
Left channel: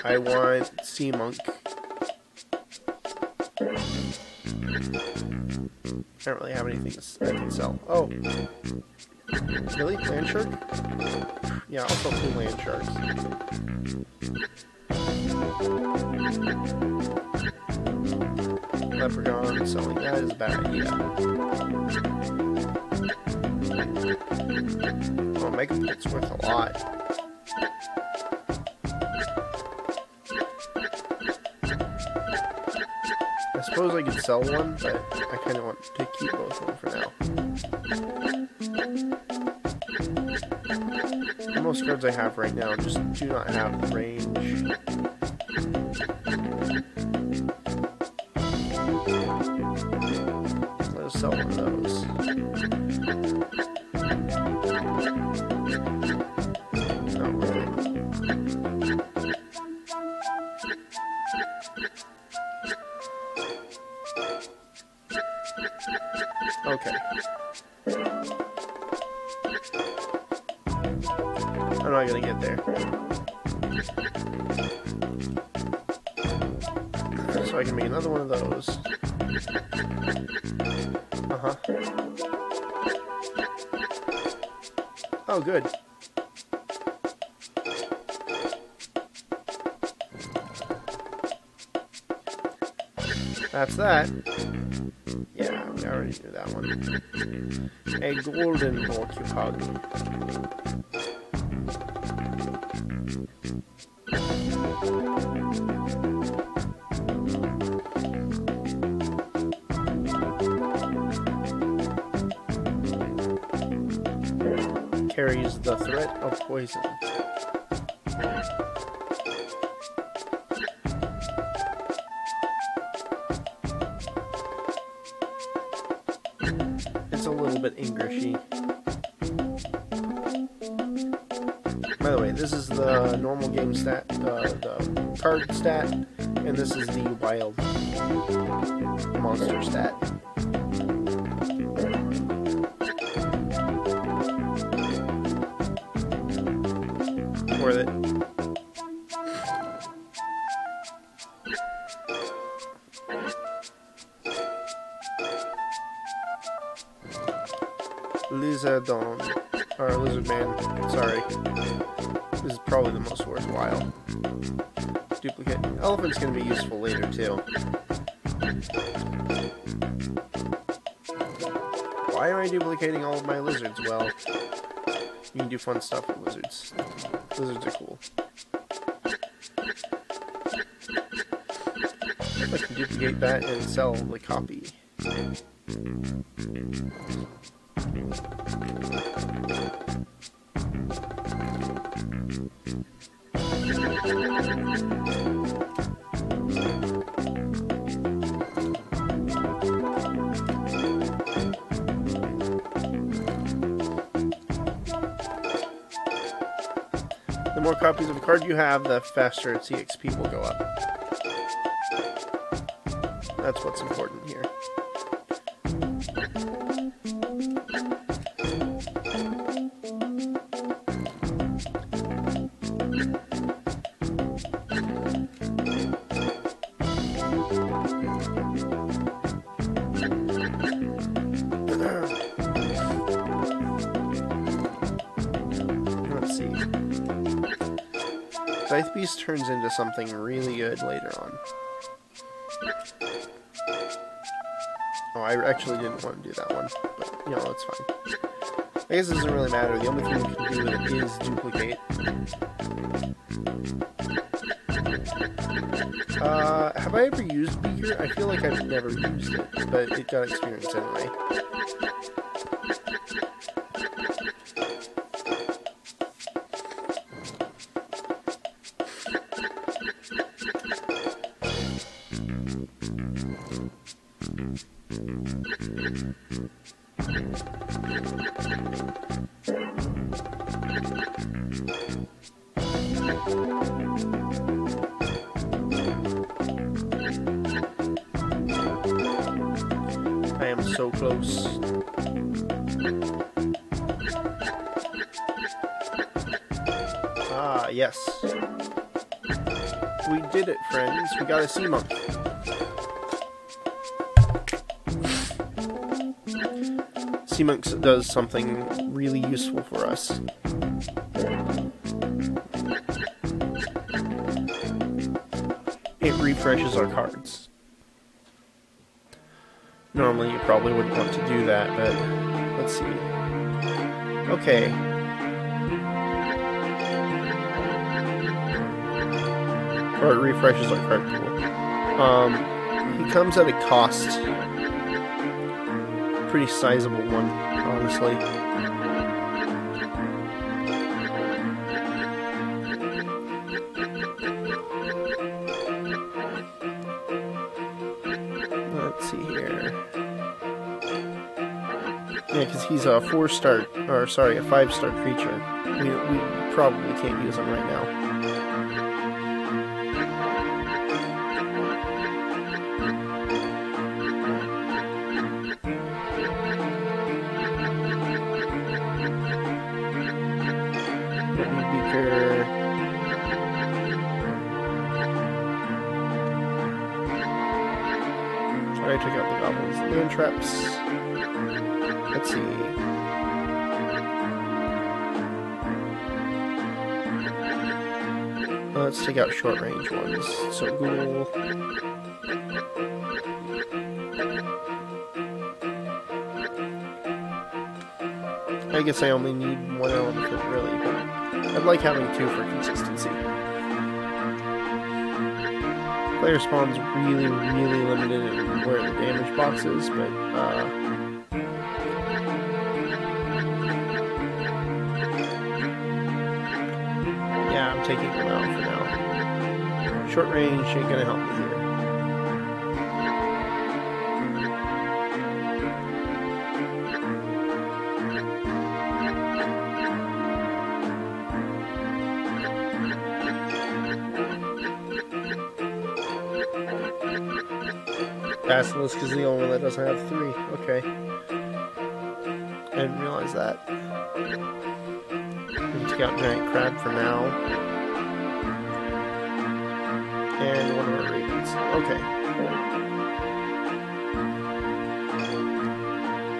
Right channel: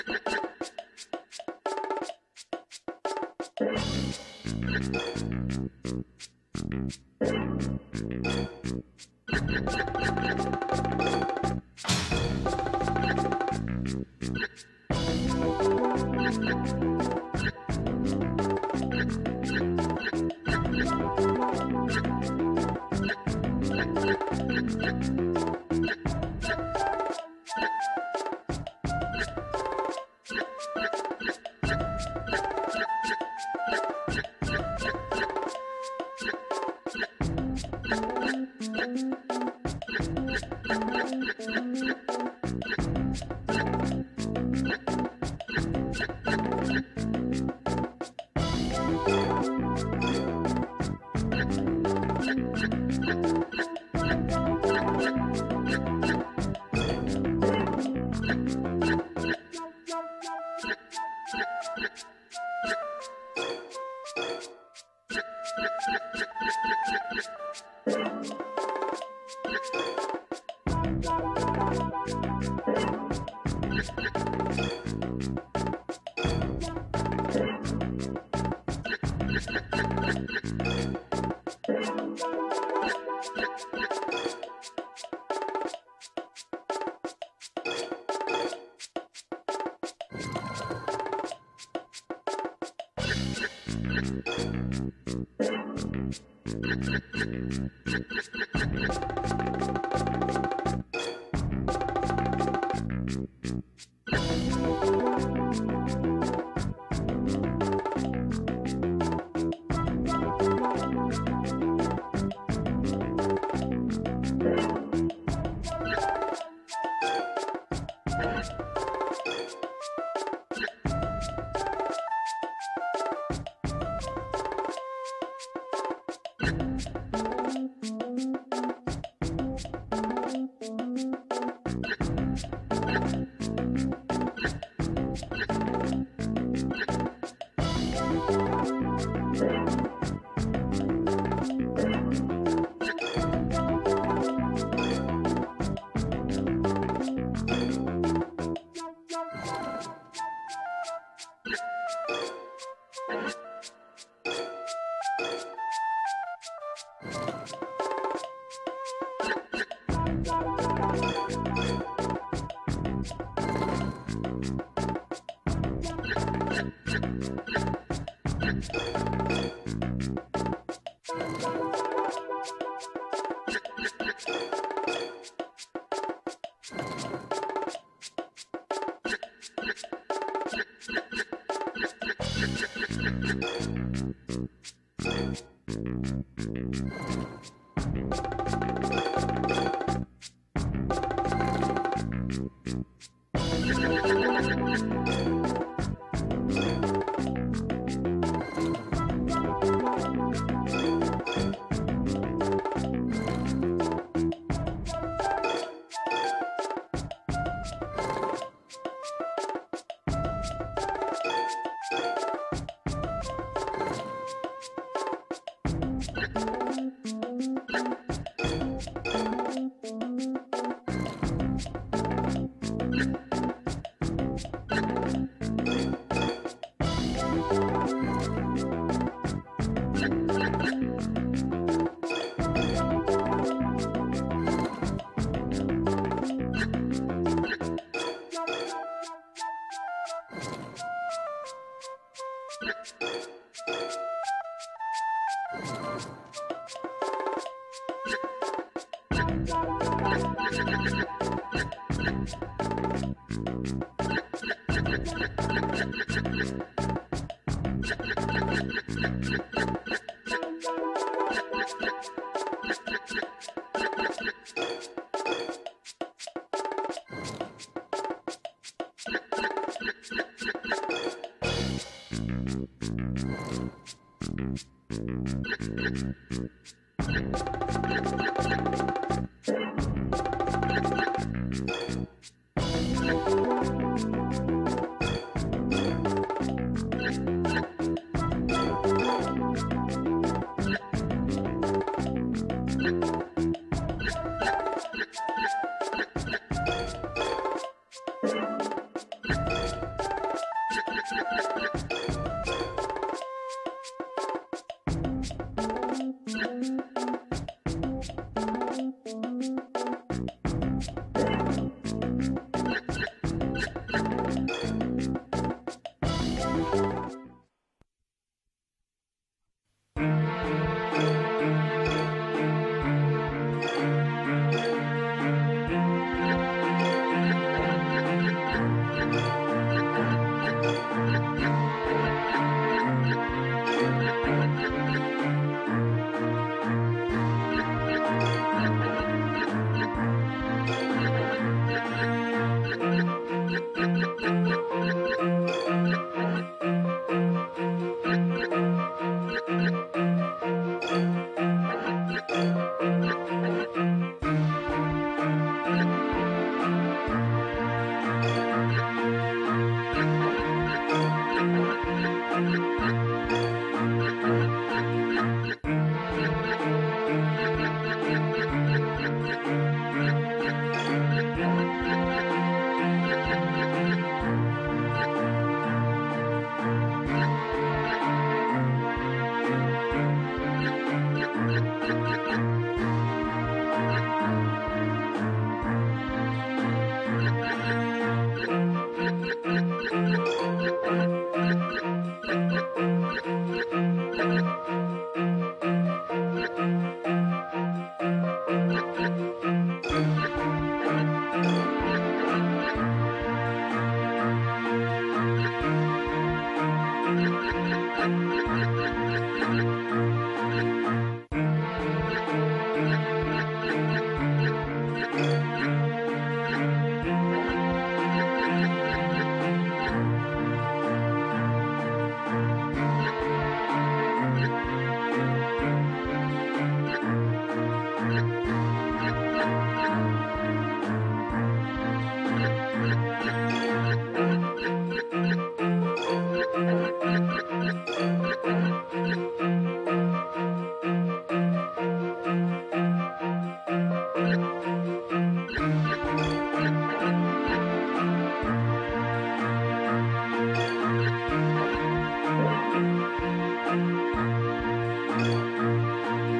I want Sea Monk. I don't really have anything I can sell. Oh. Really? Land shark? Yeah, I'll sell 2 land sharks. Leprechaun, something like that is bad. Oh, Megapult's worth a lot. I suppose I could sell one, but I kind of want to keep both of them for now. Come most cards I have right now just do not have range. Let's sell those. Okay. How do I gotta get there? Okay, so I can make another one of those. Oh, good. That's that. Yeah, I already knew that one. A golden multi-hug. Carries the threat of poison. It's a little bit Englishy. By the way, this is the normal game stat, the card stat, and this is the wild monster stat. Worth it. Lizardon, or Lizard Man, sorry. This is probably the most worthwhile. Duplicate. Elephants can be useful later too. Why am I duplicating all of my lizards? Well, you can do fun stuff with lizards. Lizards are cool. I can duplicate that and sell the copy. The more copies of the card you have, the faster its EXP will go up. That's what's important here. Scythe Beast turns into something really good later on. Oh, I actually didn't want to do that one, but no, that's fine. I guess it doesn't really matter. The only thing I can do is duplicate. Have I ever used Beaker? I feel like I've never used it, but it got experience anyway. I am so close. Ah, yes. We did it, friends. We got a sea monkey. Sea monks does something really useful for us. It refreshes our cards. Normally you probably wouldn't want to do that, but let's see. Okay. Or it refreshes our card pool. It comes at a cost. Pretty sizable one, honestly. 4-star, or sorry, a 5-star creature. You probably can't use them right now. Alright, check out the goblins. No traps. Let's see. Let's take out short range ones. So ghoul. I guess I only need one element, really. I like having two for consistency. Player spawns really limited in where the damage box is, but yeah, I'm taking them out for now. Short range ain't gonna help me here. Basilisk is the only one that doesn't have 3. Okay. I didn't realize that. Take out Giant Crab for now. And one more Radiance. Okay.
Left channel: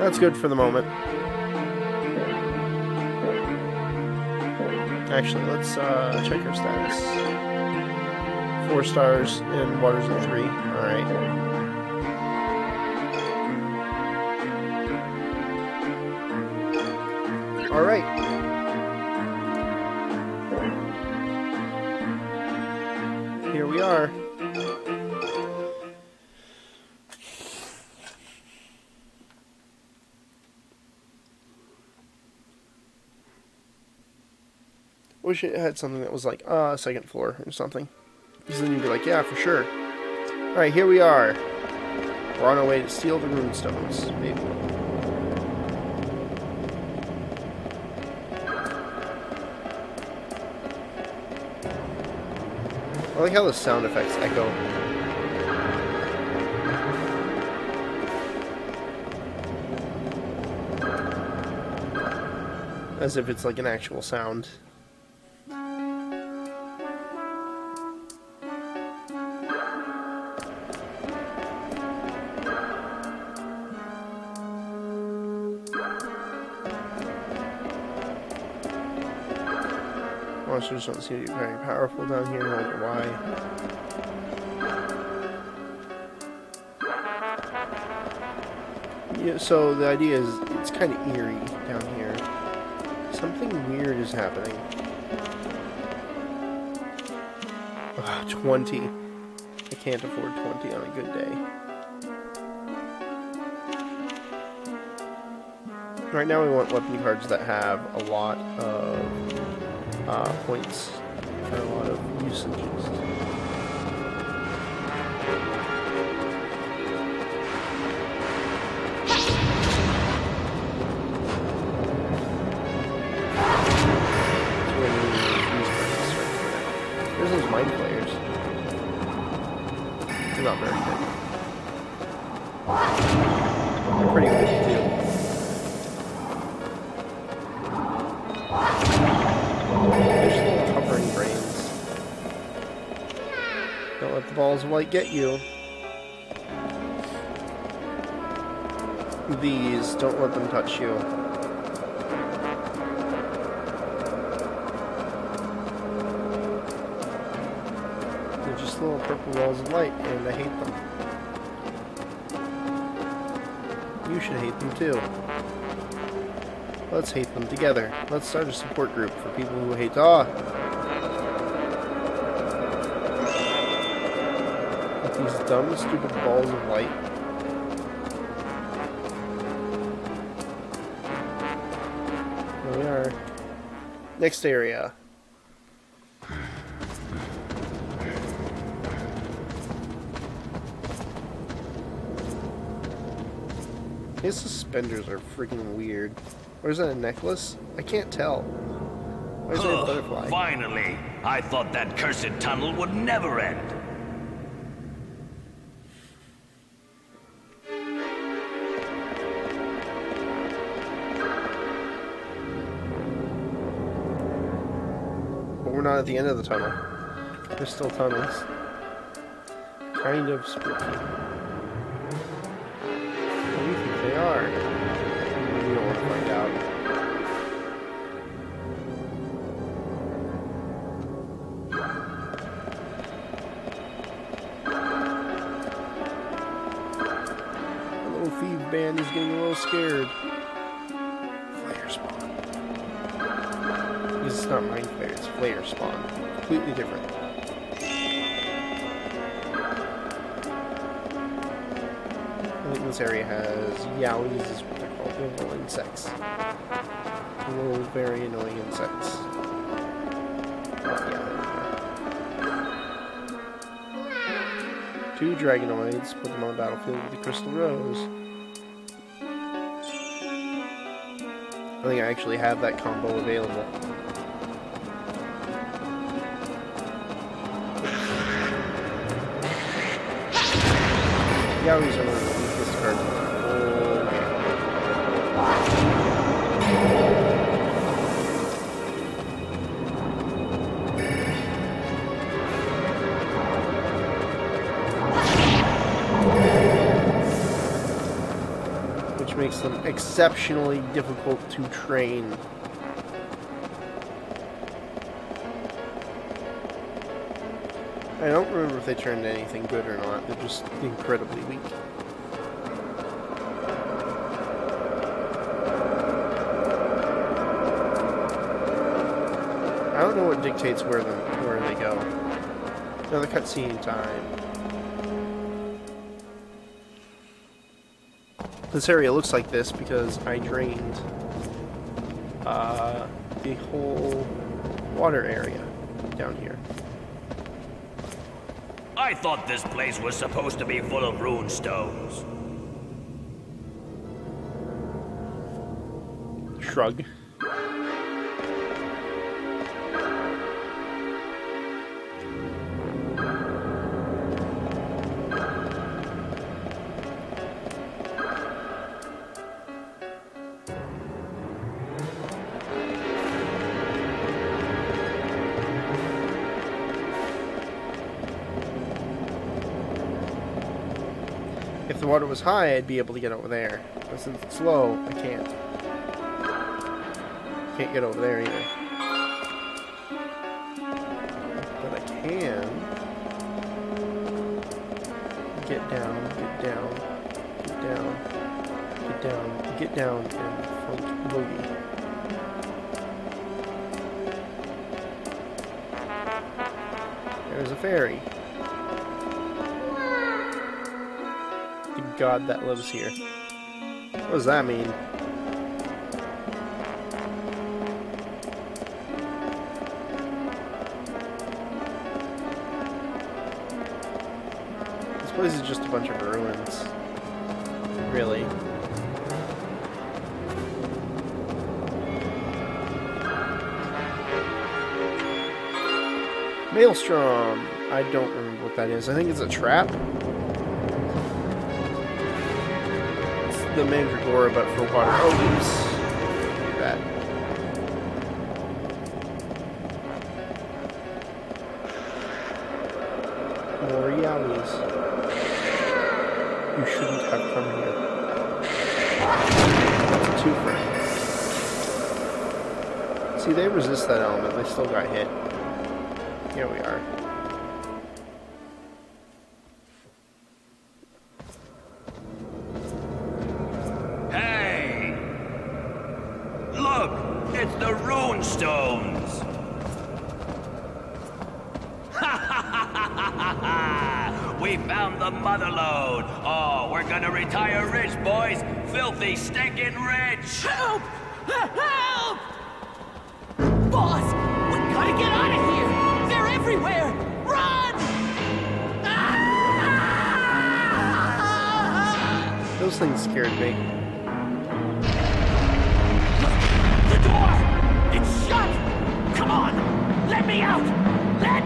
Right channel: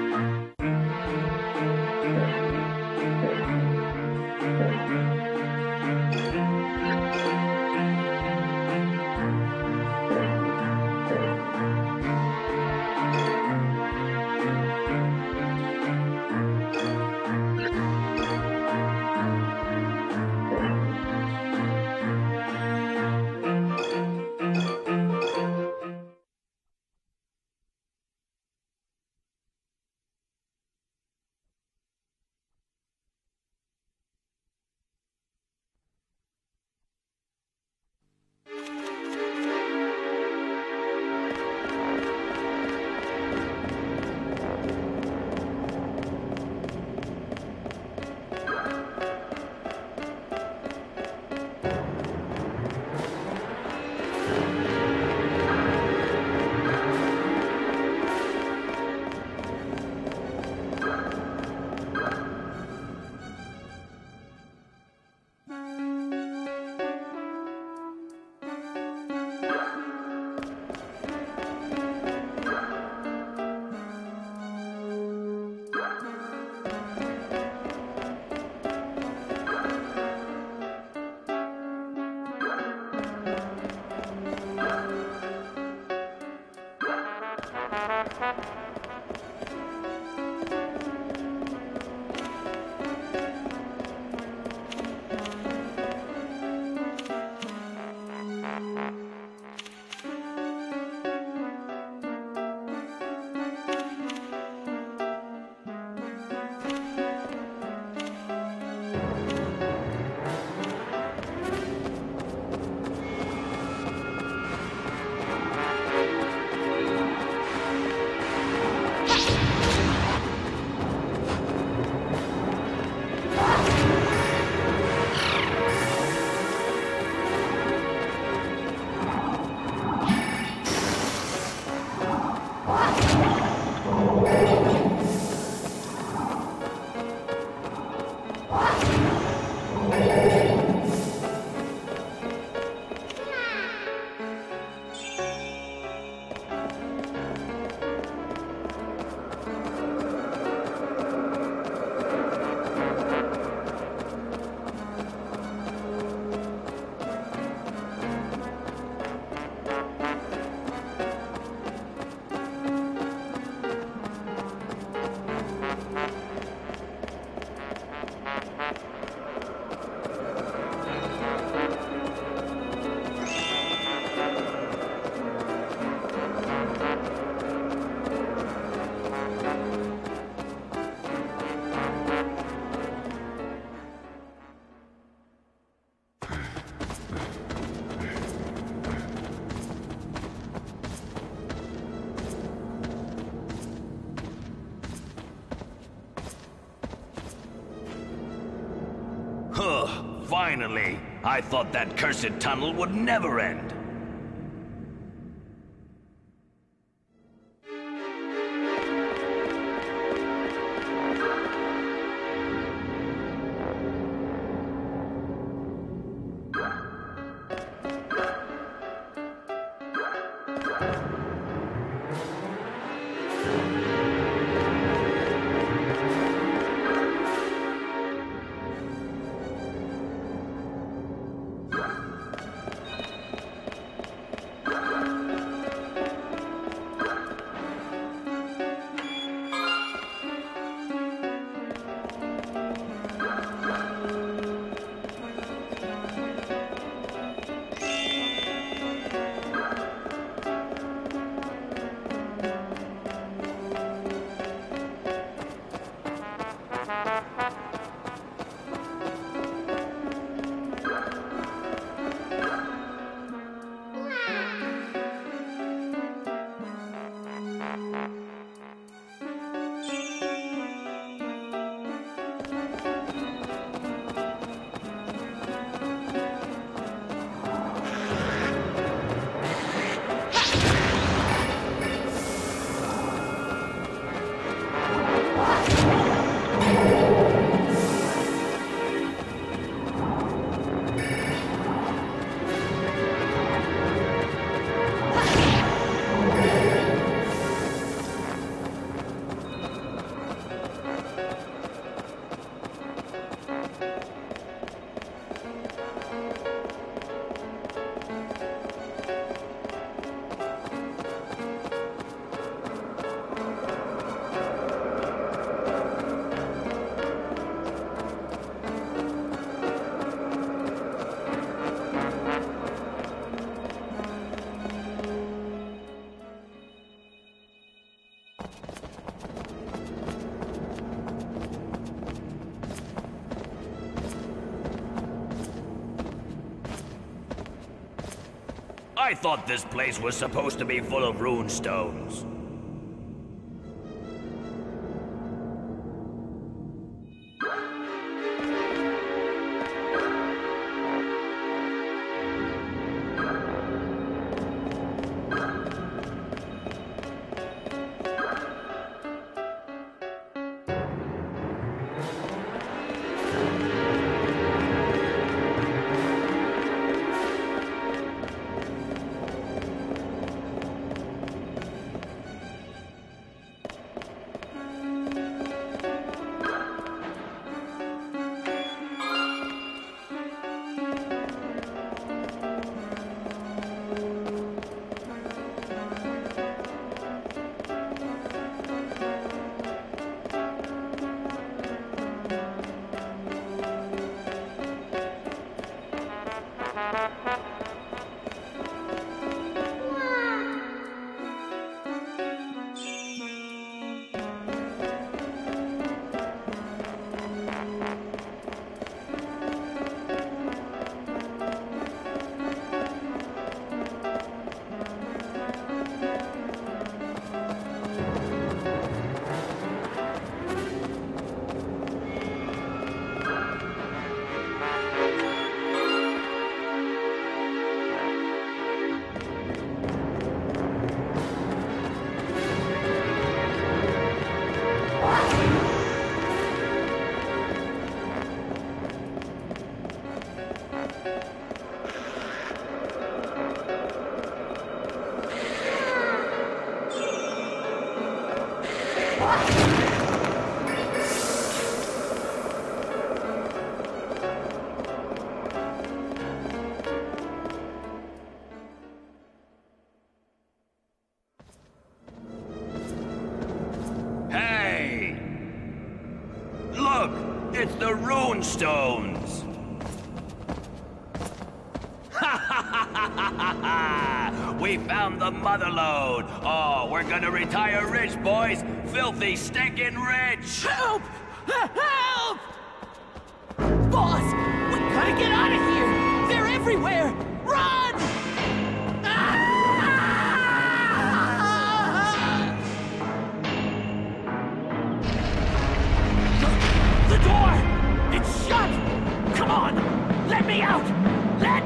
That's good for the moment. Actually, let's check our status. 4 stars and waters of 3. Alright. Alright. Here we are. Wish it had something that was like, second floor or something. Because then you'd be like, yeah, for sure. Alright, here we are. We're on our way to steal the moonstones. Maybe. I like how the sound effects echo. As if it's like an actual sound. Monsters don't seem to be very powerful down here, I don't know why. Yeah, so the idea is it's kind of eerie down here. Something weird is happening. 20. I can't afford 20 on a good day. Right now we want weapon cards that have a lot of points for a lot of usages. Not very good. Pretty good. Balls of light get you. These, don't let them touch you. They're just little purple balls of light, and I hate them. You should hate them too. Let's hate them together. Let's start a support group for people who hate dumb, stupid balls of light. There we are. Next area. His suspenders are freaking weird. Or is that a necklace? I can't tell. Or is it a Huh, butterfly? finally! I thought that cursed tunnel would never end. But we're not at the end of the tunnel. There's still tunnels. Kind of spooky. They are. Little thief band is getting a little scared. Flare spawn. This is not ring flare, it's flare spawn. Completely different. I think this area has yowies, as what they're called, little insects. Little very annoying insects. Two dragonoids, put them on the battlefield with the crystal rose. I think I actually have that combo available. Yowies are makes them exceptionally difficult to train. I don't remember if they turned anything good or not. They're just incredibly weak. I don't know what dictates where they go. Another cutscene time. This area looks like this because I drained the whole water area down here. I thought this place was supposed to be full of rune stones. Shrug. If the water was high, I'd be able to get over there. But since it's low, I can't. Can't get over there either. But I can get down, get down, get down, get down, get down, and float over. There's a ferry. God that lives here. What does that mean? This place is just a bunch of ruins. Really. Maelstrom. I don't remember what that is. I think it's a trap. But for water buildings, like that. Realities. You shouldn't have come here. See, they resist that element. They still got hit. Here we are. Look! It's the rune stones! We found the mother lode! Oh, we're gonna retire rich, boys! Filthy, stinking rich! Help! Help! Boss, we gotta get out of here! They're everywhere! Run! Those things scared me.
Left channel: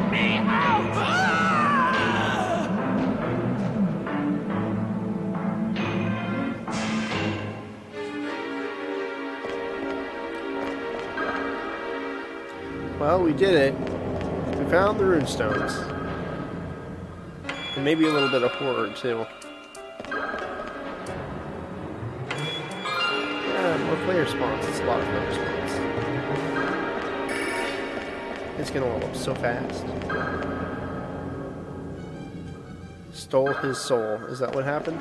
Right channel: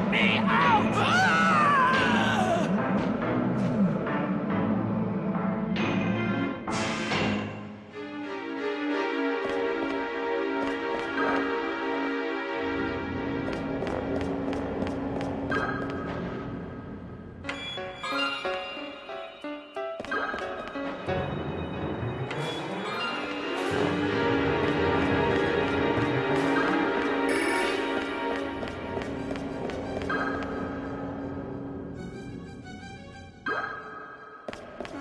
Let me out! Well, we did it. We found the rune stones. And maybe a little bit of horror, too. It's gonna warm so fast. Stole his soul. Is that what happened?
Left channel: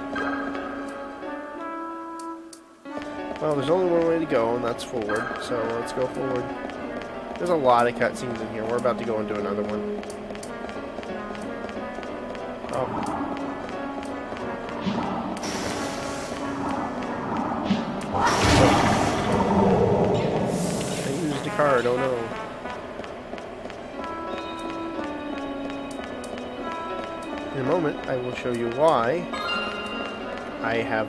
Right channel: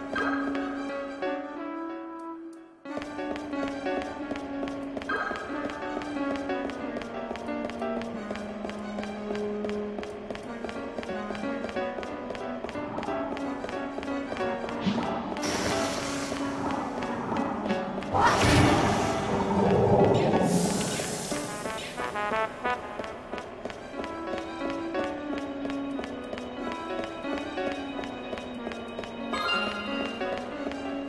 Well, there's only one way to go, and that's forward. So let's go forward. There's a lot of cutscenes in here. We're about to go into another one. Oh no. In a moment, I will show you why I have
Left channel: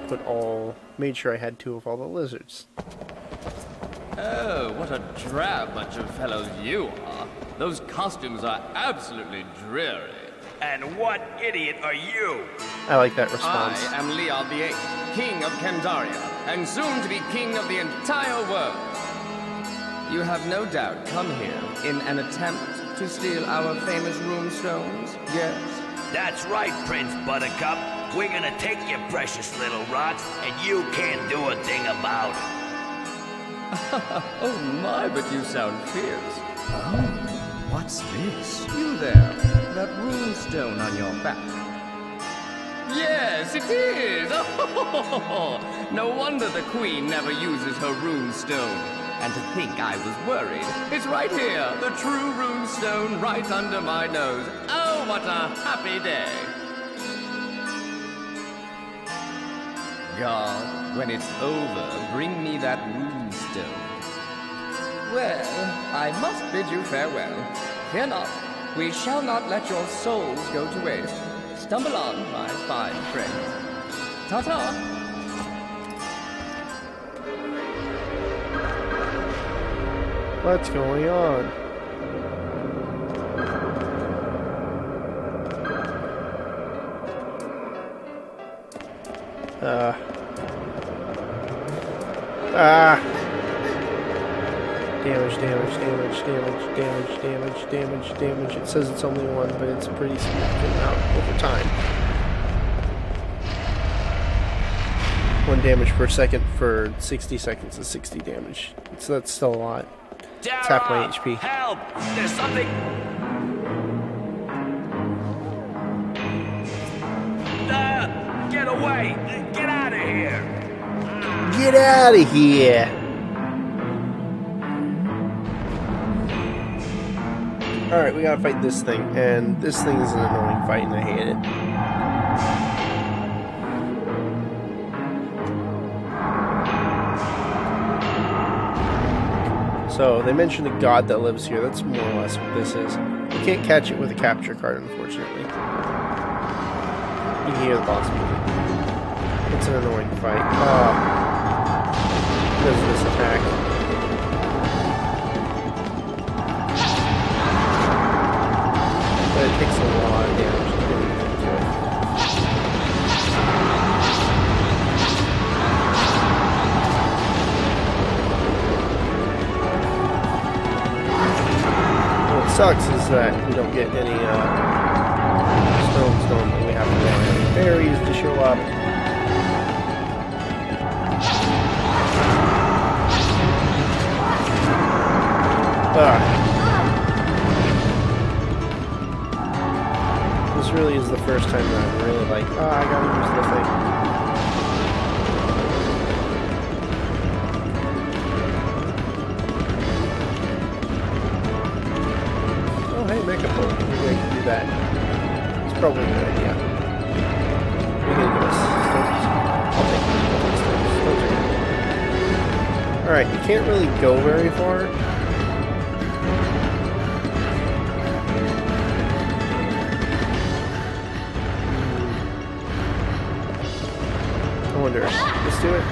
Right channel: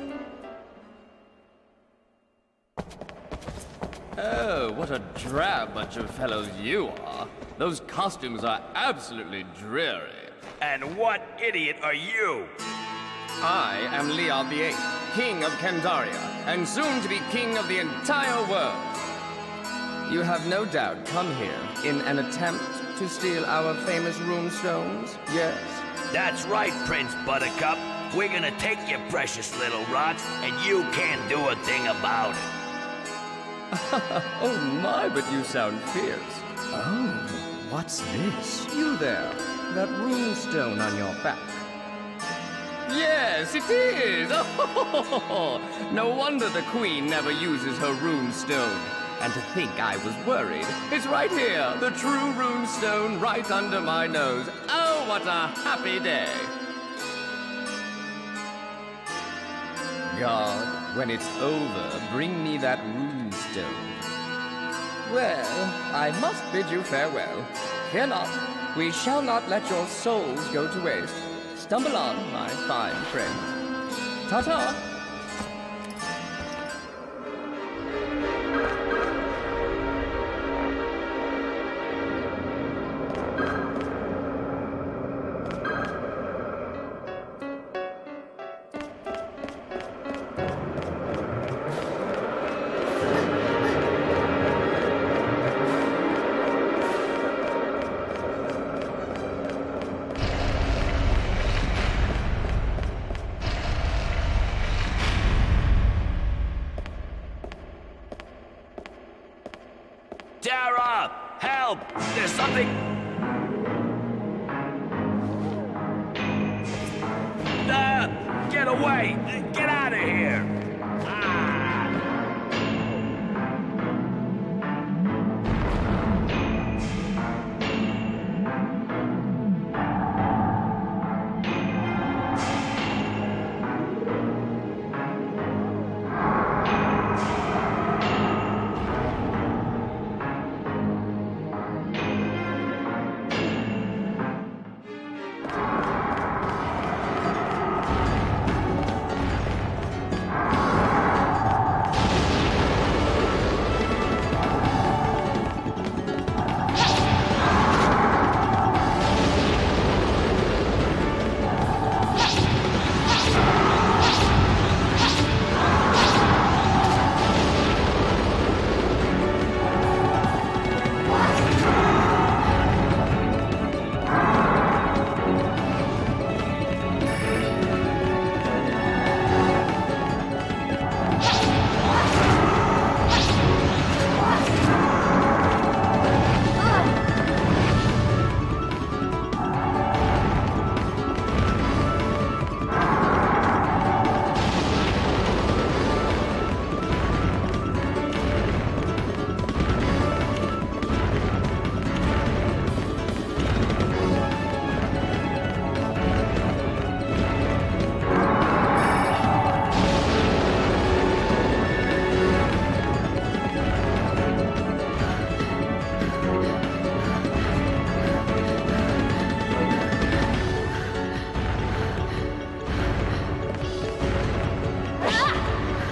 made sure I had 2 of all the lizards. Oh, what a drab bunch of fellows you are. Those costumes are absolutely dreary. And what idiot are you? I like that response. I am Leon VIII, King of Candaria, and soon to be King of the entire world. You have no doubt come here in an attempt to steal our famous rune stones, yes? That's right, Prince Buttercup. We're gonna take your precious little rocks, and you can't do a thing about it. Oh my, but you sound fierce. Oh, what's this? You there, that rune stone on your back. Yes, it is! Oh, no wonder the Queen never uses her rune stone. And to think I was worried. It's right here, the true rune stone right under my nose. Oh, what a happy day. God, when it's over, bring me that rune stone. Well, I must bid you farewell. Fear not, we shall not let your souls go to waste. Stumble on, my fine friend. Ta-ta! What's going on? Damage. It says it's only 1, but it's a pretty significant amount over time. 1 damage per second for 60 seconds is 60 damage. So that's still a lot. Tap my HP. Help! There's something... Get away! Get out of here! Get out of here! Alright, we gotta fight this thing, and this thing is an annoying fight, and I hate it. So, they mentioned a god that lives here. That's more or less what this is. You can't catch it with a capture card, unfortunately. You can hear the boss. It's an annoying fight. Does this attack? That takes a lot of damage. What sucks is that we don't get any stones when we have to wait for the fairies to show up. This really is the first time that I'm really like, Alright, you can't really go very far. I wonder. Let's do it.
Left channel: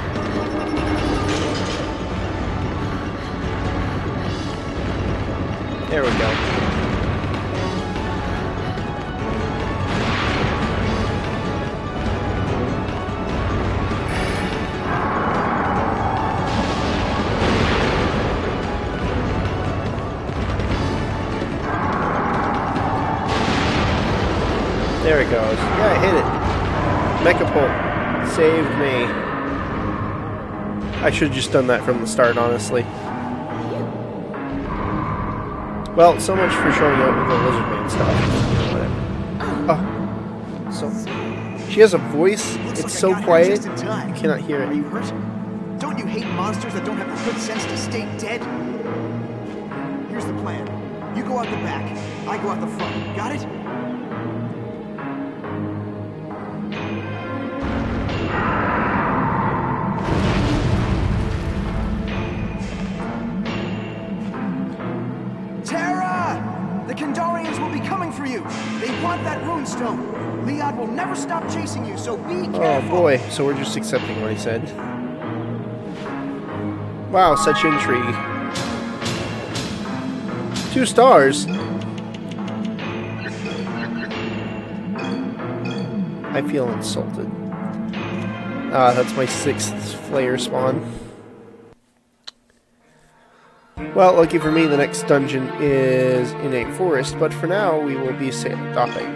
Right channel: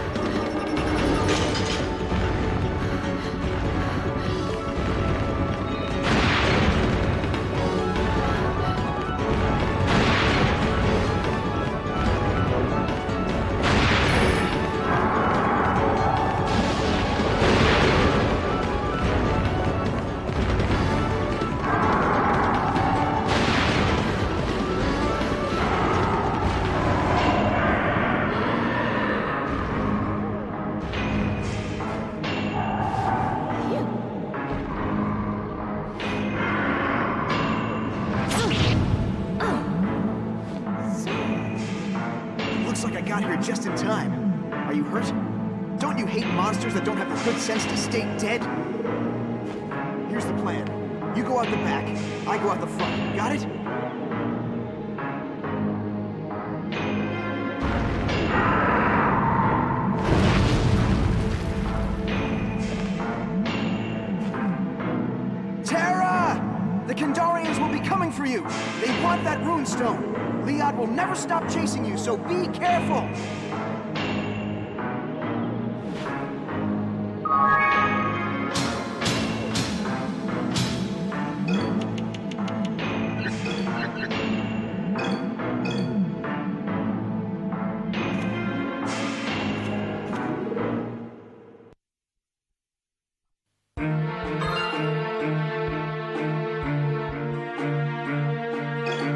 There we go. should have just done that from the start, honestly. Well, so much for showing up with the lizard and stuff. So, she has a voice. Looks It's like so I got quiet. here just in time. I cannot hear Are it. you hurt? Don't you hate monsters that don't have the good sense to stay dead? Here's the plan. You go out the back. I go out the front. Got it? Terra! The Kandarians will be coming for you. They want that runestone. Leon will never stop chasing you, so be careful. Oh boy, so we're just accepting what he said. Wow, such intrigue. 2 stars. I feel insulted. That's my 6th player spawn. Well, lucky for me, the next dungeon is in a forest, but for now, we will be docking.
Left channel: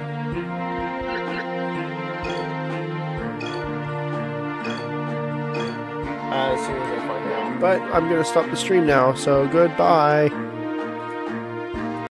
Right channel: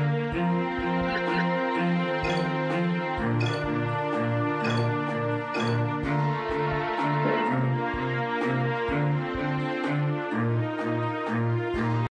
But I'm going to stop the stream now, so goodbye.